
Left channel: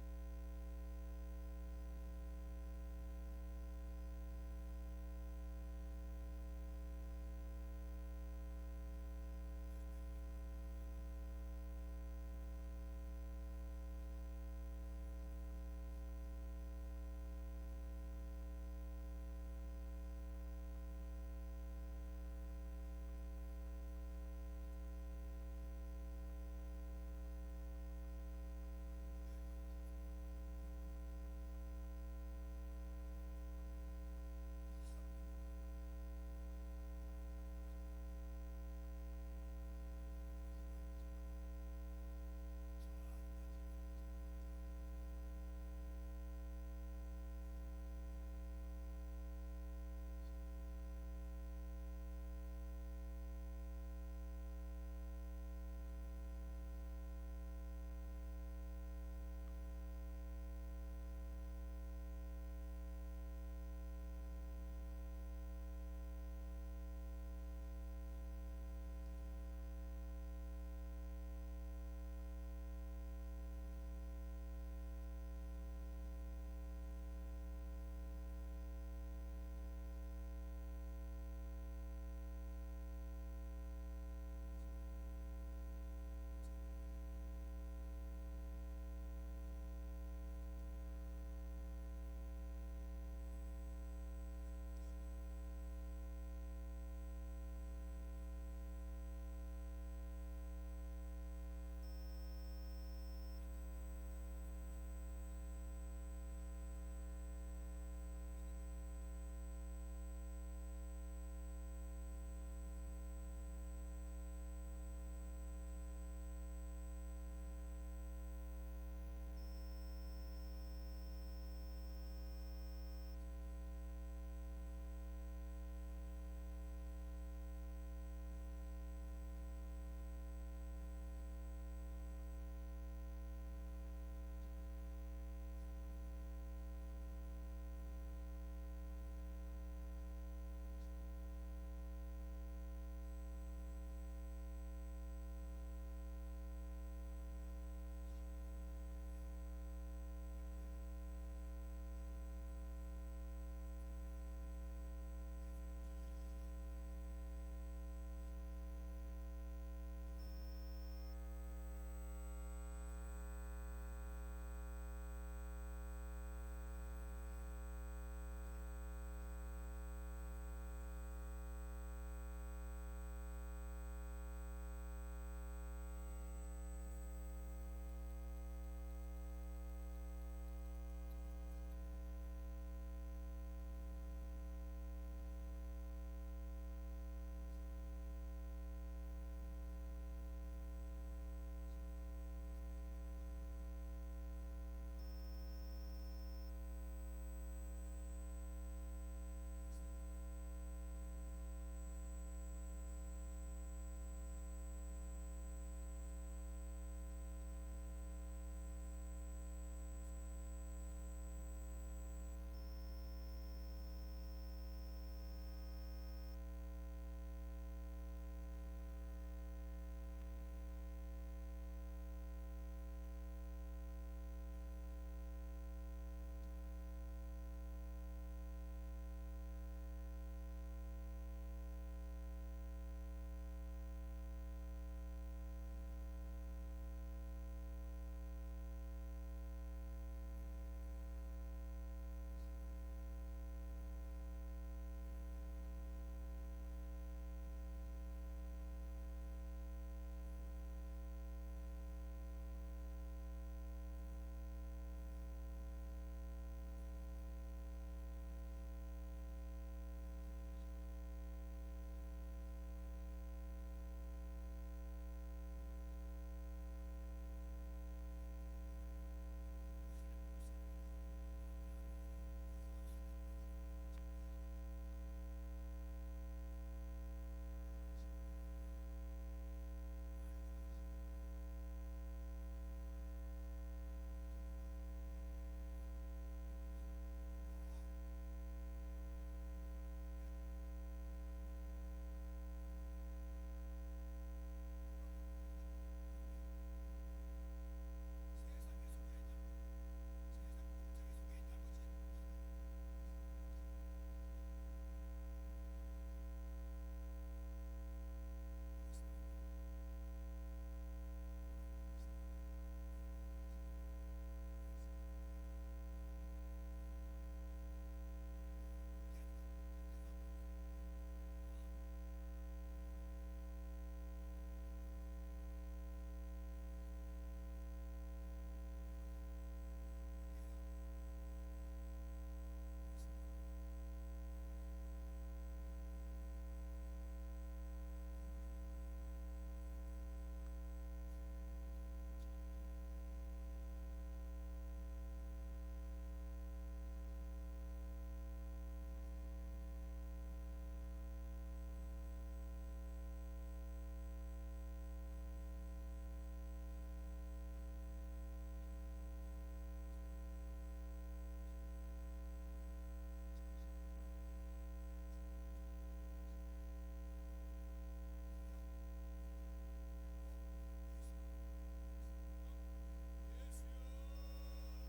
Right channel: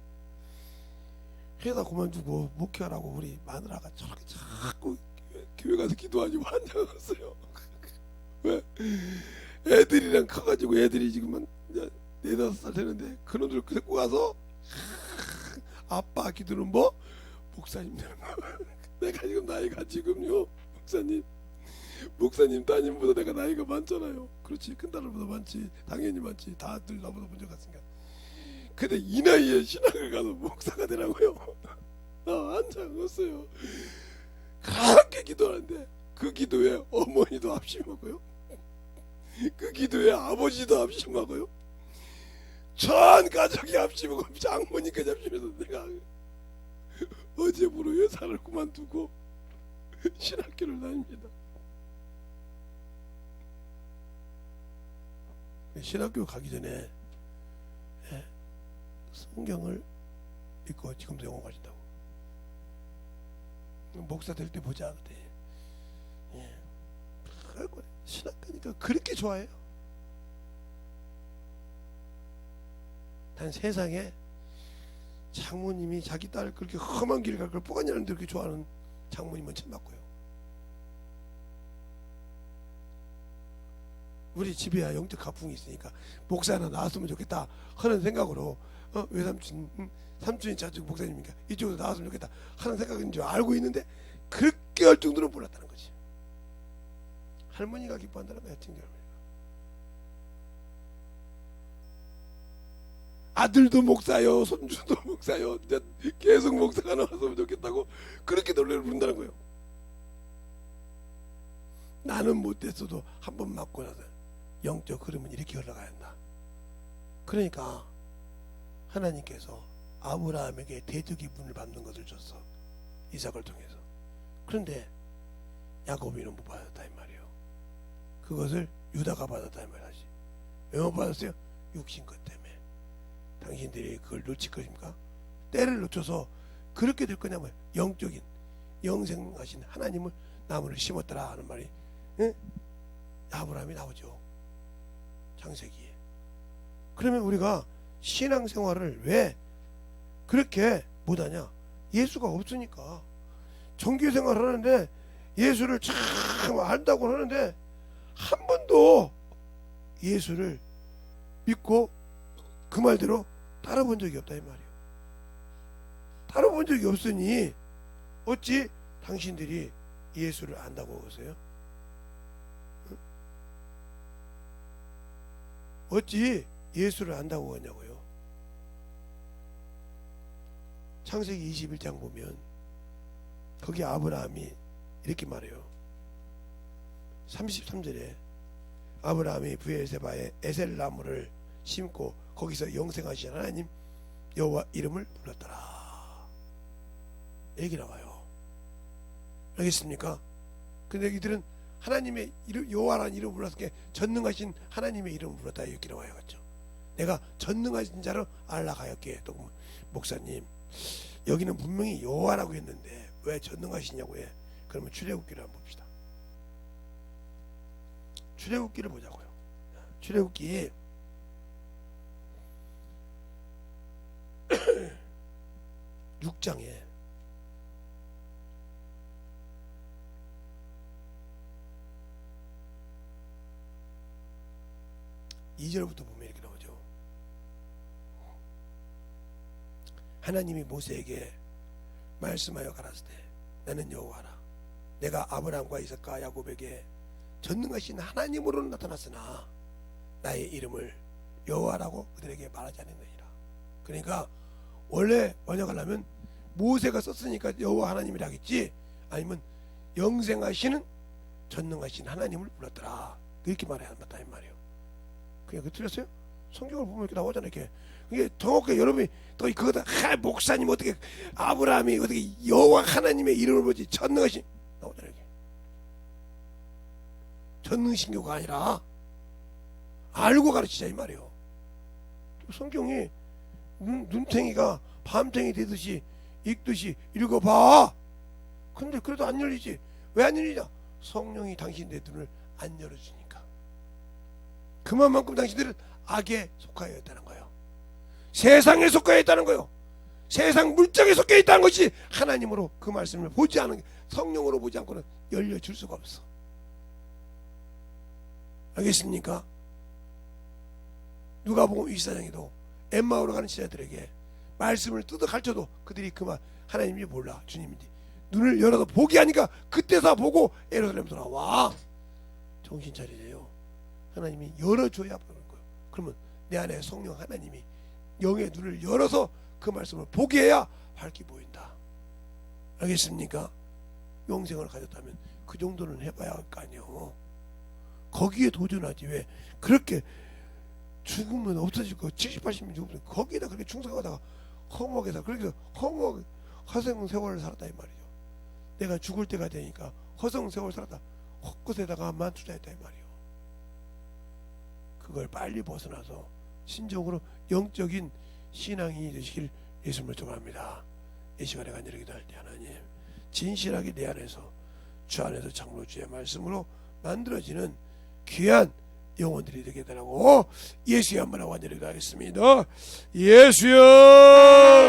회사 그만두고 목회하라고 우리 마누라가 저렇게 자꾸 교회 가서 기도하지고 환장했어요. 왜? 애들이랑 커가지고 애들이 지금 한 4-5살 되는데 그놈들 데리고 가서 아빠 기도는 뭐? 목사님 되는 거. 내가 지금 나이가 지금요 목사님 따님보다 내가 나이가 많잖아요. 그렇지 큰딸보다 많지 당연히 많지 다들 나보다 먼저 갔으니까. 근데 이 나이에 신학을 가서 목사가 되라고요? 한장했어요. 그렇게 기도하는데 그 기도에 어머니도 합심하고요 그 기도에 아버지도 합심하고요 전 가족이 합심하고 장모님까지 합심해서 내가 어제부로 회사를 그만두고 신학교를 다닙니다. 신학교 가기 전에 성경을 읽고 지금도 영어 가진다고. 목사 될 때 보자 그때. 신학교니까 그렇게 좋아해요. 난 세상에 장모님이 자기 딸 그렇게 험한 길 갈 걸 뽀가니라는데 그렇게 좋아하는 장모님은 처음 봤고요. 우리 집에야 영적 가풍이 있으니까 목사 하나 나왔으면 좋겠다 하는 생각으로 외삼촌 삼촌이 자주 목사님이니까 이쪽으로 나왔으면 좋겠다 하는 생각인 줄 알고 있는데 그렇게 할 정도로 몰랐다는 거지. 할머니가 기뻐한다는 거야. 친구 아들도 목사요 손주도 목사요 계속 목사가 나왔으면 좋겠다고 그렇게 노래를 부른다는 거예요. 나는 못됐어도 한 번 맞고 나서 영적 흐름은 이렇게 흘러가야 한다. 그러니까 하나님께서 아브라함에게 대적의 분을 받는 것을 줬어. 이삭을 통해서. 그런데 야곱이는 못 받았다 이 말이에요. 그것을 유다가 받았다 이 말이지. 왜 못 받았어요? 육신 것 때문에. 당신들이 그걸 놓칠 것입니까? 때를 놓쳐서 그렇게 될 거냐면 영적인 영생하신 하나님을 나무를 심었더라 하는 말이 아브라함이 나오죠. 창세기에. 그러면 우리가 신앙생활을 왜 그렇게 못하냐? 예수가 없으니까. 종교생활을 하는데 예수를 참 안다고 하는데 한 번도 예수를 믿고 그 말대로 따라본 적이 없다 이 말이에요. 따라본 적이 없으니 어찌 당신들이 예수를 안다고 하세요? 어찌 예수를 안다고 하냐고요. 창세기 21장 보면 거기 아브라함이 이렇게 말해요. 33절에 아브라함이 브엘세바에 에셀 나무를 심고 거기서 영생하신 하나님 여호와 이름을 불렀더라 얘기 나와요. 알겠습니까? 근데 이들은 하나님의 이름, 여호와라는 이름을 불렀을 때 전능하신 하나님의 이름을 불렀다 이렇게 나와요. 그렇죠? 내가 전능하신 자로 알라가였기에. 또 목사님 여기는 분명히 여호와라고 했는데 왜 전능하시냐고 해. 그러면 출애굽기를 한번 봅시다. 출애굽기를 보자고요. 출애굽기 6장에 2절부터 보면 이렇게 나오죠. 하나님이 모세에게 말씀하여 가라사대 나는 여호와라. 내가 아브라함과 이삭과 야곱에게 전능하신 하나님으로 나타났으나 나의 이름을 여호와라고 그들에게 말하지 않았느니라. 그러니까 원래 번역하려면 모세가 썼으니까 여호와 하나님이라 하겠지, 아니면 영생하시는 전능하신 하나님을 불렀더라 이렇게 말해야 한다 이 말이에요. 그냥 그 틀렸어요? 성경을 보면 이렇게 나오잖아요. 이렇게 이게 정확하게 여러분이 또 그거다 목사님 어떻게 아브라함이 어떻게 여호와 하나님의 이름을 보지 전능하신 나오잖아요. 이렇게 전능신교가 아니라 알고 가르치자 이 말이에요. 성경이 눈탱이가 밤탱이 되듯이 읽듯이 읽어봐. 근데 그래도 안 열리지. 왜 안 열리냐? 성령이 당신의 눈을 안 열어주니까. 그만큼 당신들은 악에 속하여 있다는 거예요. 세상에 속하여 있다는 거예요. 세상 물정에 속해 있다는 것이 하나님으로 그 말씀을 보지 않은, 성령으로 보지 않고는 열려줄 수가 없어. 알겠습니까? 누가복음 24장에도 엠마오로 가는 제자들에게 말씀을 뜯어 가르쳐도 그들이 그만 하나님이 몰라 주님인지 눈을 열어서 보게 하니까 그때서 보고 예루살렘 돌아와. 정신 차리세요. 하나님이 열어줘야 보는 거예요. 그러면 내 안에 성령 하나님이 영의 눈을 열어서 그 말씀을 보게 해야 밝게 보인다. 알겠습니까? 영생을 가졌다면 그 정도는 해봐야 할 거 아니에요. 거기에 도전하지. 왜 그렇게 죽으면 없어질 거 70, 80년 죽으면 거기에다 그렇게 충성하다가 허무하게다 그렇게 허무하게 허송 세월을 살았다 이 말이죠. 내가 죽을 때가 되니까 허송 세월 살았다 헛것에다가 만투자했다 이 말이에요. 그걸 빨리 벗어나서 신적으로 영적인 신앙이 되시길 예수님을 축원합니다. 이 시간에 간절히 기도할 때 하나님 진실하게 내 안에서 주 안에서 참으로 주의 말씀으로 만들어지는 귀한 영혼들이 되게 되라고 예수의 한번 하고 간절히 기도하겠습니다. 예수여.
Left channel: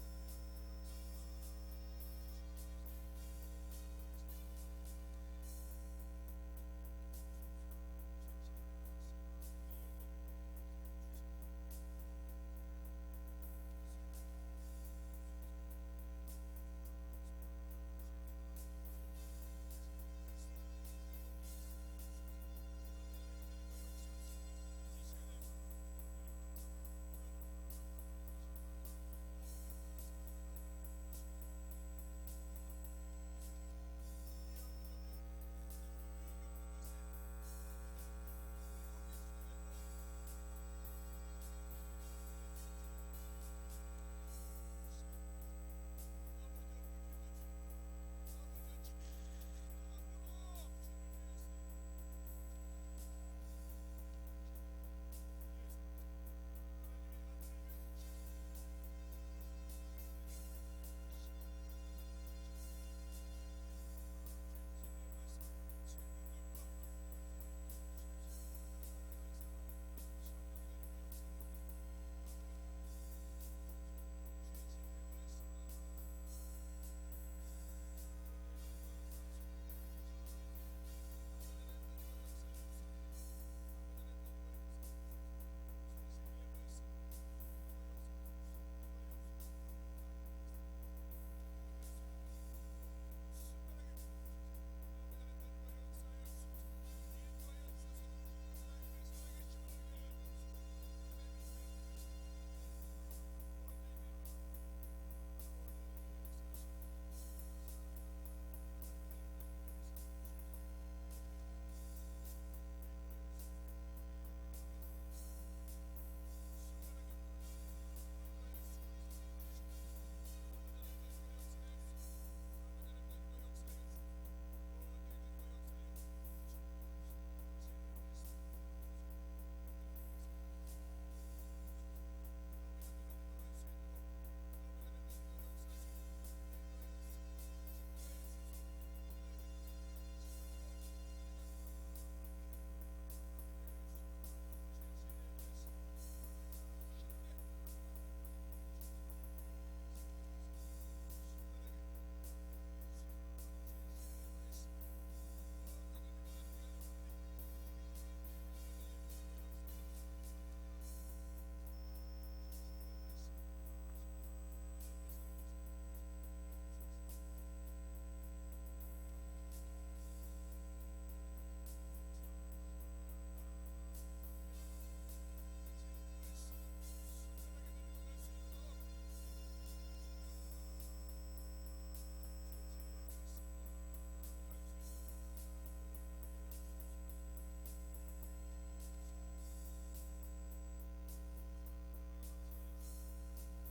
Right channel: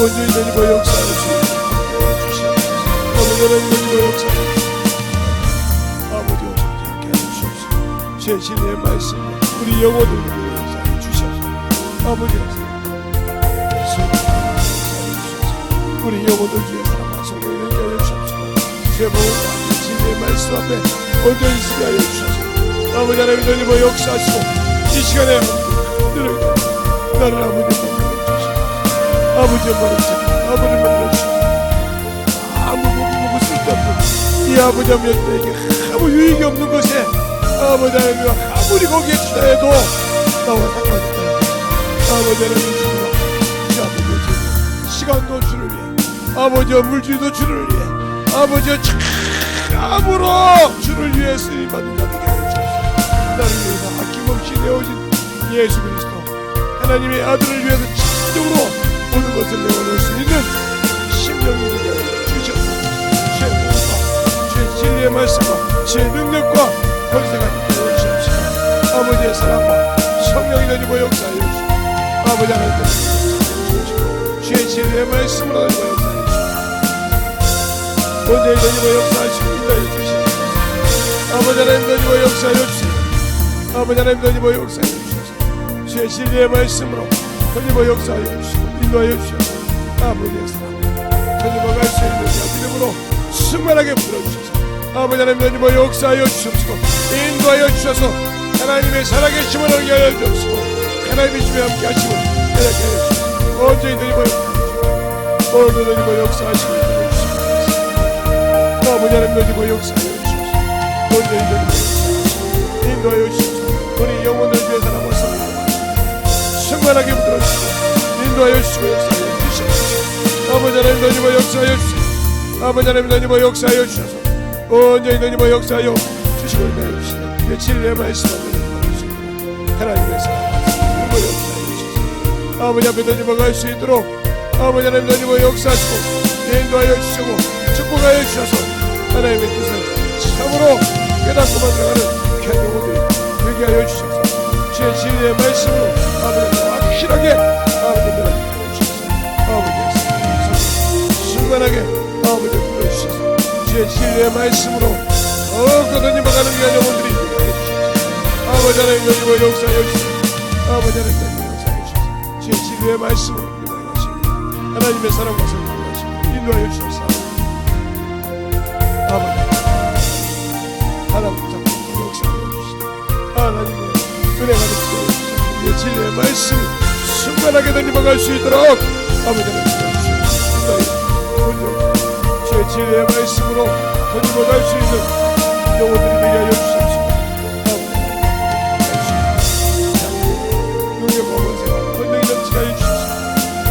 온전히 되고 역사할 수 있게 해주시옵소서. 아버지 하나님 되고 역사할 수 있게 아버지 어떻게 하게 해주시옵소서. 제 진리의 말씀 우리 영혼을 되고 역사해 주시옵소서. 아버지 우리 영혼들 주의 사랑과 성령을 되게 하여 주시옵소서. 제 몸과 진리의 말씀 앞에 온전히 서게 하여 주시옵소서. 아버지 하나님 되고 역사하시고 이 시간에 나를 아버지 아버지의 말씀, 아버지의 말씀, 아무 보고 쓸데없는 이 아버지 하나님에게 아무 유익이 없는 것에 아버지 하나님 아무리 거기에 투자해도 나와 상관없다. 아버지 하나님 주님아, 이 아버지의 시간도 주를 위해, 아버지여 물질도 주를 위해, 아버지여 참으로 주를 위해 쓰임받는 자 되게 하여 주옵소서. 나를 위해서 아낌없이 내어진 예수 그리스도 하나님의 아들을 위해서 진정으로 모든 것을 내어놓을 수 있는 심령이 되게 하여 주시옵소서. 주의 복음과 주의 진리의 말씀과 주의 능력과 권세가 있게 하여 주시옵소서. 아버지의 사랑과 성령이 되고 역사하여 주시옵소서. 아버지 하나님 주의 진리의 말씀으로 되고 역사하여 주시옵소서. 원죄의 되고 역사하시고 인도하여 주시옵소서. 아버지 하나님 되고 역사하여 주시옵소서. 아버지 하나님 되고 역사하여 주시옵소서. 주의 진리의 말씀으로 되고 역사하여 주시고 인도하여 주시옵소서. 아버지의 사랑 되고 갈 수 있는 자 믿음으로 충만하게 불어주셔서 아버지 하나님 되고 역사하여 주시옵소서. 인도하여 주셔서 하나님의 살아계심을 알게 하여 주옵소서. 하나님의 주에 함께 하시고 깨닫게 하여 주옵소서. 언제든지 되고 역사하시고 오늘도 되고 역사하시고 인도하여 주옵소서. 아버지 하나님 되고 역사하여 주옵소서. 언제든지 되고 역사하시고 인도하여 주옵소서. 우리 영혼을 위해 살아보소 충만하게 붙들어주시고 인도하여 주시고 역사하여 주시옵소서. 아버지 하나님 되고 역사하여 주시옵소서. 아버지 하나님 되고 역사하여 주셔서 언제든지 되고 역사하여 주시고 인도하여 주시옵소서. 진리의 말씀을 하나님의 사랑 그리고 역사하여 주셔서 아버지 앞에 던지고 갈 수 있도록 아버지 하나님 던지고 역사하시고 인도하여 주시고 축복하여 주셔서 하나님의 뜻을 참으로 깨닫고 만들어가는 귀한 영혼들이 되게 하여 주셔서 주의 진리의 말씀으로 아버지 확실하게 아버지 변하게 하여 주셔서 아버지의 사랑 순간하게 아버지 불러주셔서 주의 진리의 말씀으로 더욱더 던지고 가는 귀한 영혼들이 되게 하여 주셔서 아버지 하나님 던지고 역사하여 주셔서 아버지 하나님 던지고 역사하여 주셔서 주의 진리의 말씀으로 인도하여 주시고 하나님의 사랑과 성령을 하시고 인도하여 주셔서 아버지 하나님 잡고 역사하여 주시고 하나님의 은혜가 넘치게 주시고 진리의 말씀 순간하게 던지고 갈 수 있도록 아버지 하나님 주시고 인도하여 주의 진리의 말씀으로 던지고 갈 수 있는 영혼들이 되게 하여 주시옵소서.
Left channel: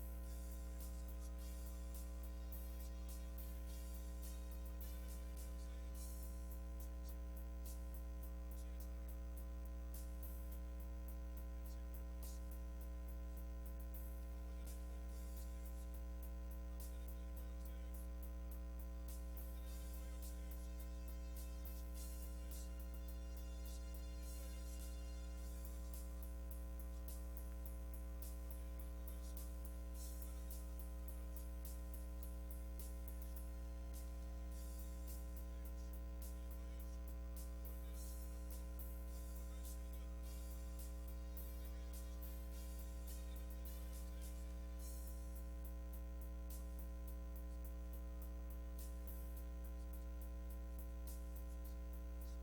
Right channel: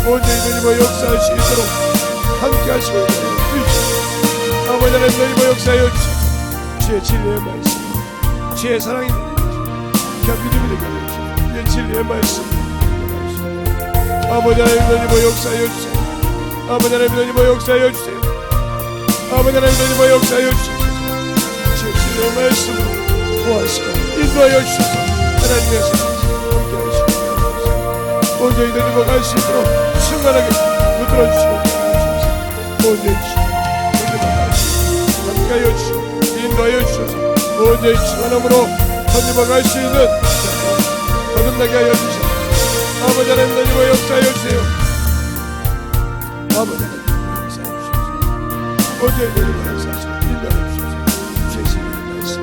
언제든지 역사할 수 있도록 함께 하시고 주시옵소서. 아버지 하나님 너희와 역사하여 주셔서 주의 진리의 말씀 주의 사랑이 귀한 믿음이 되게 하여 주셔서 주의 진리의 말씀 아버지 하나님 너희와 역사하여 주세요. 아버지 하나님 너희와 역사하여 주세요. 아버지 하나님 너희와 역사하여 주셔서 주의 진리의 말씀으로 구하시고 인도하여 주셔서 하나님의 사랑 함께 하시고 언제든지 갈 수 있도록 충만하게 붙들어주시고 언제든지 함께하여 주시고 인도하여 주셔서 언제든지 충만함으로 던지고 갈 수 있는 거듭나게 하여 주셔서 아버지 하나님 던지고 역사하여 주세요. 아버지 하나님 역사하여 주셔서 언제든지 역사하시고 인도하여 주셔서 주의 신의 말씀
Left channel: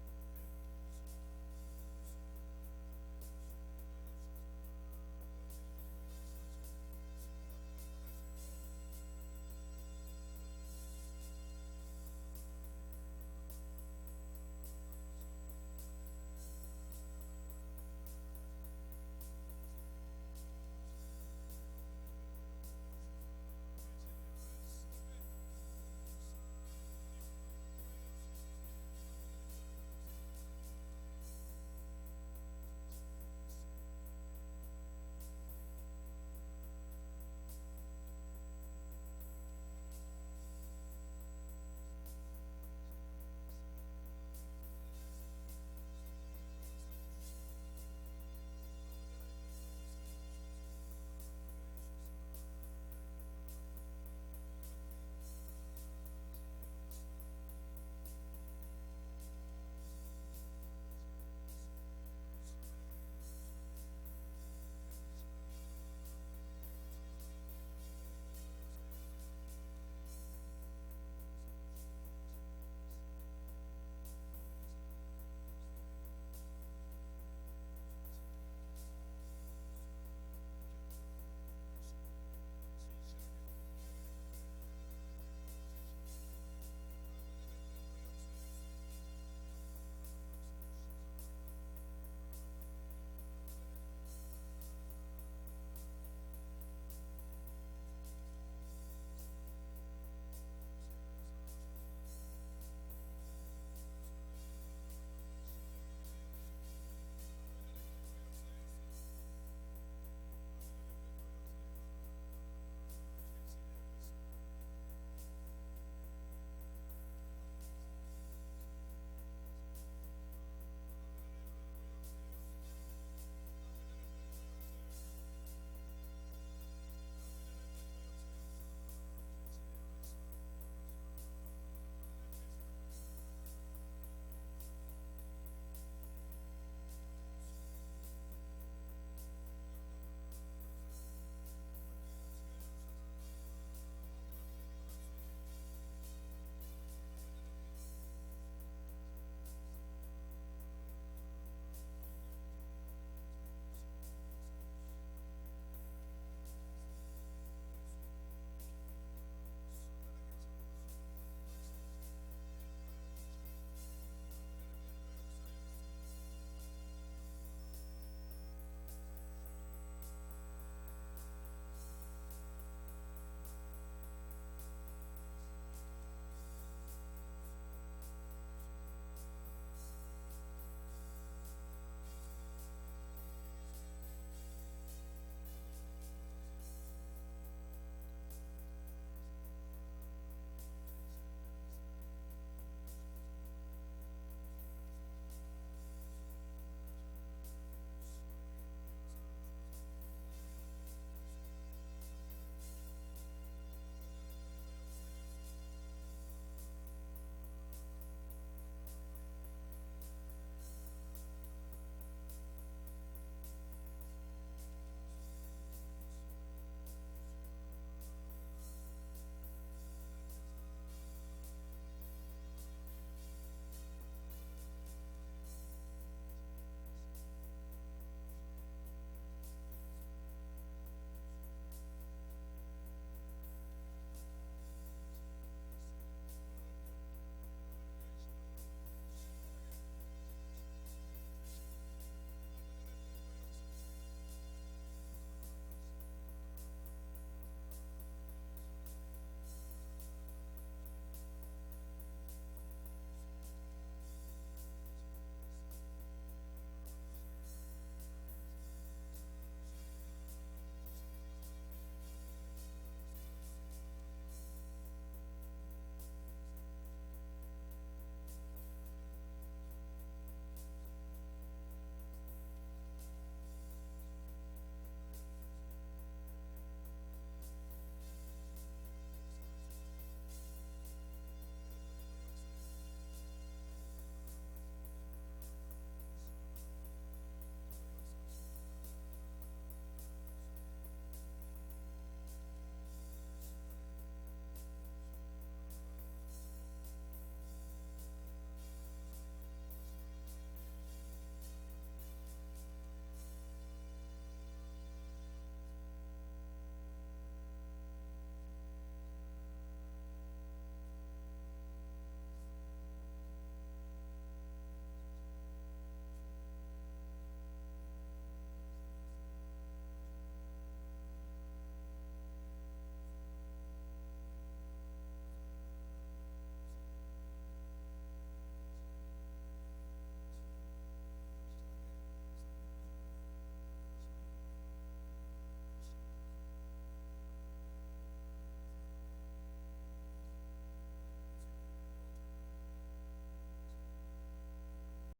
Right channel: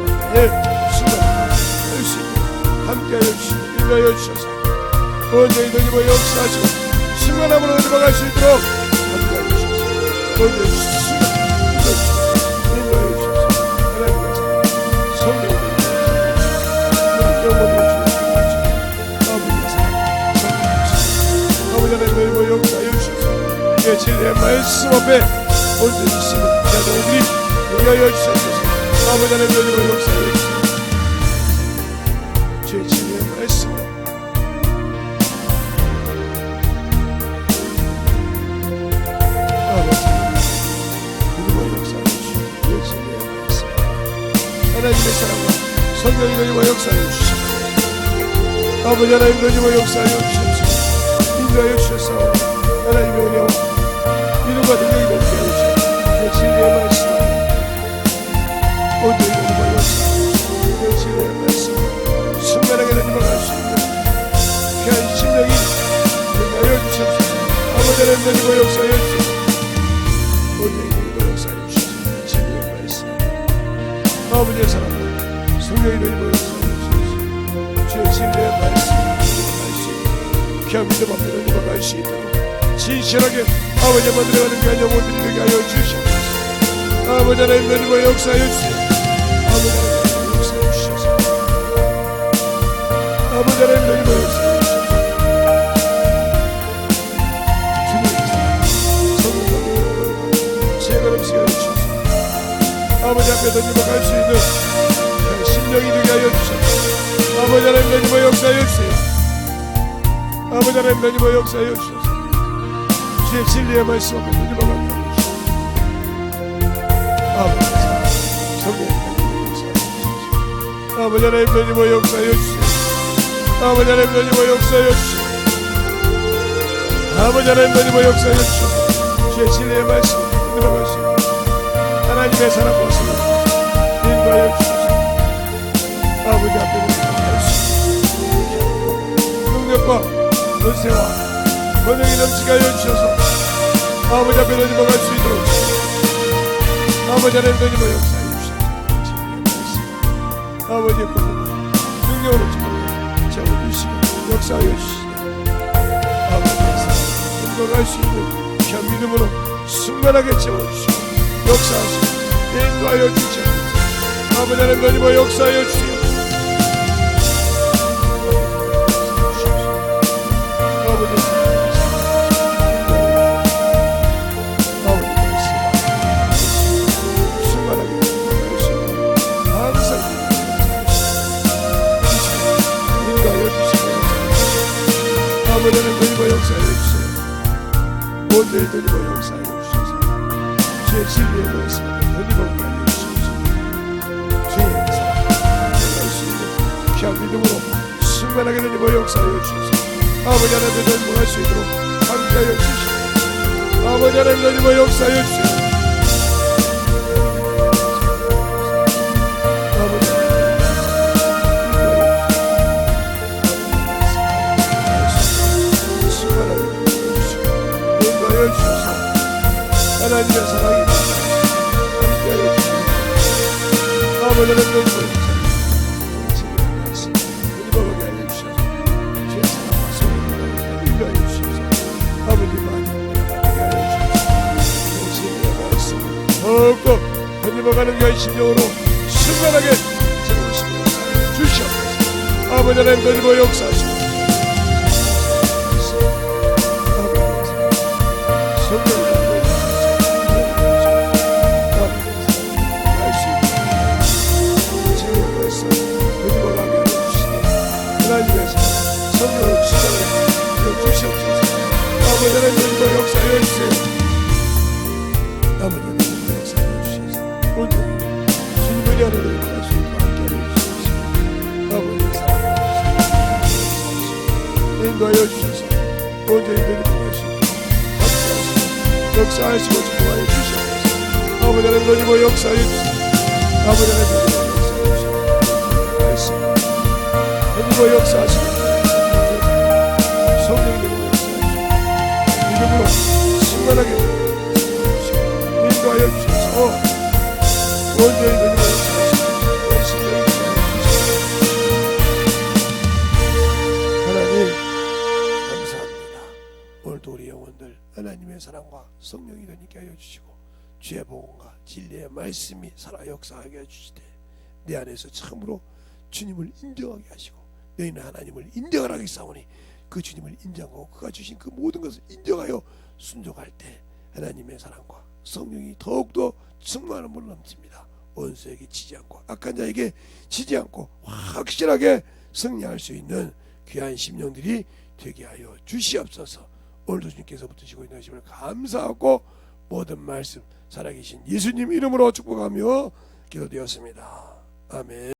충만하게 할 수 있도록 함께하여 주시고 인도하여 주셔서 언제든지 역사하시고 충만함으로 들어갈 수 있도록 함께하여 주셔서 언제든지 인도하여 주셔서 하나님의 성령을 영원히 주셔서 아버지의 사랑 성령 아버지 하나님 역사하여 주셔서 내 진리의 말씀 앞에 언제든지 있으면 자녀들이 위하여 주셔서 아버지 하나님 역사하여 주셔서 주의 진리의 말씀 하나님의 사랑과 성령이 너희와 역사하여 주시옵소서. 아버지 하나님 너희와 역사하여 주시옵소서. 인도하여 주셔서 하나님의 은혜와 믿음과 능력이 넘게 하여 주시옵소서. 내 진리의 말씀 오늘 너희와 역사하여 주시옵소서. 내 진리의 말씀 순간하게 너희와 갈 수 있는 귀한 심령이 되게 하여 주시옵소서. 아버지 하나님 너희와 역사하여 주시옵소서. 오늘 너희와 역사하여 주시옵소서. 내 진리의 말씀 아버지의 사랑과 성령이 너희와 역사하여 주시옵소서. 주의 진리의 말씀 귀한 믿음 앞에 너희와 갈 수 있도록 진실하게 아버지 만들어가는 귀한 영혼들이 되게 하여 주시옵소서. 아버지 하나님 너희와 역사하여 주세요. 아버지 하나님 너희와 역사하여 주셔서 아버지 하나님 너희와 역사하여 주셔서 주님의 사랑 아버지 앞에 던져갈 수 있는 심령이 되게 하여 주셔서 아버지 하나님 던지며 역사하여 주세요. 아버지 하나님 던지며 역사하여 주셔서 주의 진리의 말씀 앞에 던져가게 하여 주셔서 아버지 성령님 던지며 역사하여 주셔서 아버지 하나님 던지며 역사하여 주세요. 아버지 하나님 던지며 역사하여 주셔서 아버지 하나님 던지며 역사하여 주셔서 주의 진리의 말씀 앞에 던져갈 수 있는 하나님의 사랑과 성령 인도하여 주셔서 아버지 앞에 던져갈 수 있는 능력과 권세와 권능이 넘치게 하여 주셔서 아버지 앞에 던져갈 수 있도록 아버지 하나님 던지며 역사하여 주셔서 진리의 말씀 아버지의 권능과 능력으로 채워주시고 역사하여 주시고 아버지의 사랑 인도할 수 있는 귀한 믿음으로 충만하게 채워주시고 역사하시고 인도하여 주시옵소서. 아버지 하나님 던지며 역사하여 주세요. 모두를 던지며 역사하여 주셔서 주의 진리의 말씀을 던지며 가르쳐 주셔서 주의 사랑 할 수 있는 귀한 믿음으로 충만하게 던지며 역사하여 주셔서 아버지 하나님 던지며 할 수 있도록 함께하여 주시고 아버지 하나님 던지며 역사하여 주시고 하나님의 사랑이 함께하여 주시고 아버지 하나님 진리의 말씀 읽어보게 하여 주셔서 주의 사랑과 소원을 인도하여 주셔서 아버지 많이 함께 하여 주셔서 진리의 말씀 더욱더 던져가는 귀한 심령으로 순간하게 채우시며 주시옵소서. 아버지 하나님 던지며 역사하시고 인도하여 주셔서 온전히 드리고 가시고 역사하시고 축복하여 주시옵소서. 아버지 하나님 던지고 역사하여 주시옵소서. 아버지 하나님 던지고 역사하여 주시옵소서. 던지고 역사하시고 성령이 던지고 역사하여 주시옵소서. 믿음으로 충만하게 인도하여 주셔서 온전히 던지고 역사하시고 오늘도 우리 영혼들 하나님의 사랑과 성령이 되게 하여 주시고 주의 복음과 진리의 말씀이 살아 역사하게 해주시되 내 안에서 참으로 주님을 인정하게 하시고 너희는 하나님을 인정하라 하사오니 그 주님을 인정하고 그가 주신 그 모든 것을 인정하여 순종할 때 하나님의 사랑과 성령이 더욱더 충만함으로 넘칩니다. 원수에게 지지 않고 악한 자에게 지지 않고 확실하게 승리할 수 있는 귀한 심령들이 되게 하여 주시옵소서. 오늘도 주님께서 붙으시고 있는 것임을 감사하고 모든 말씀 살아계신 예수님 이름으로 축복하며 기도되었습니다. 아멘.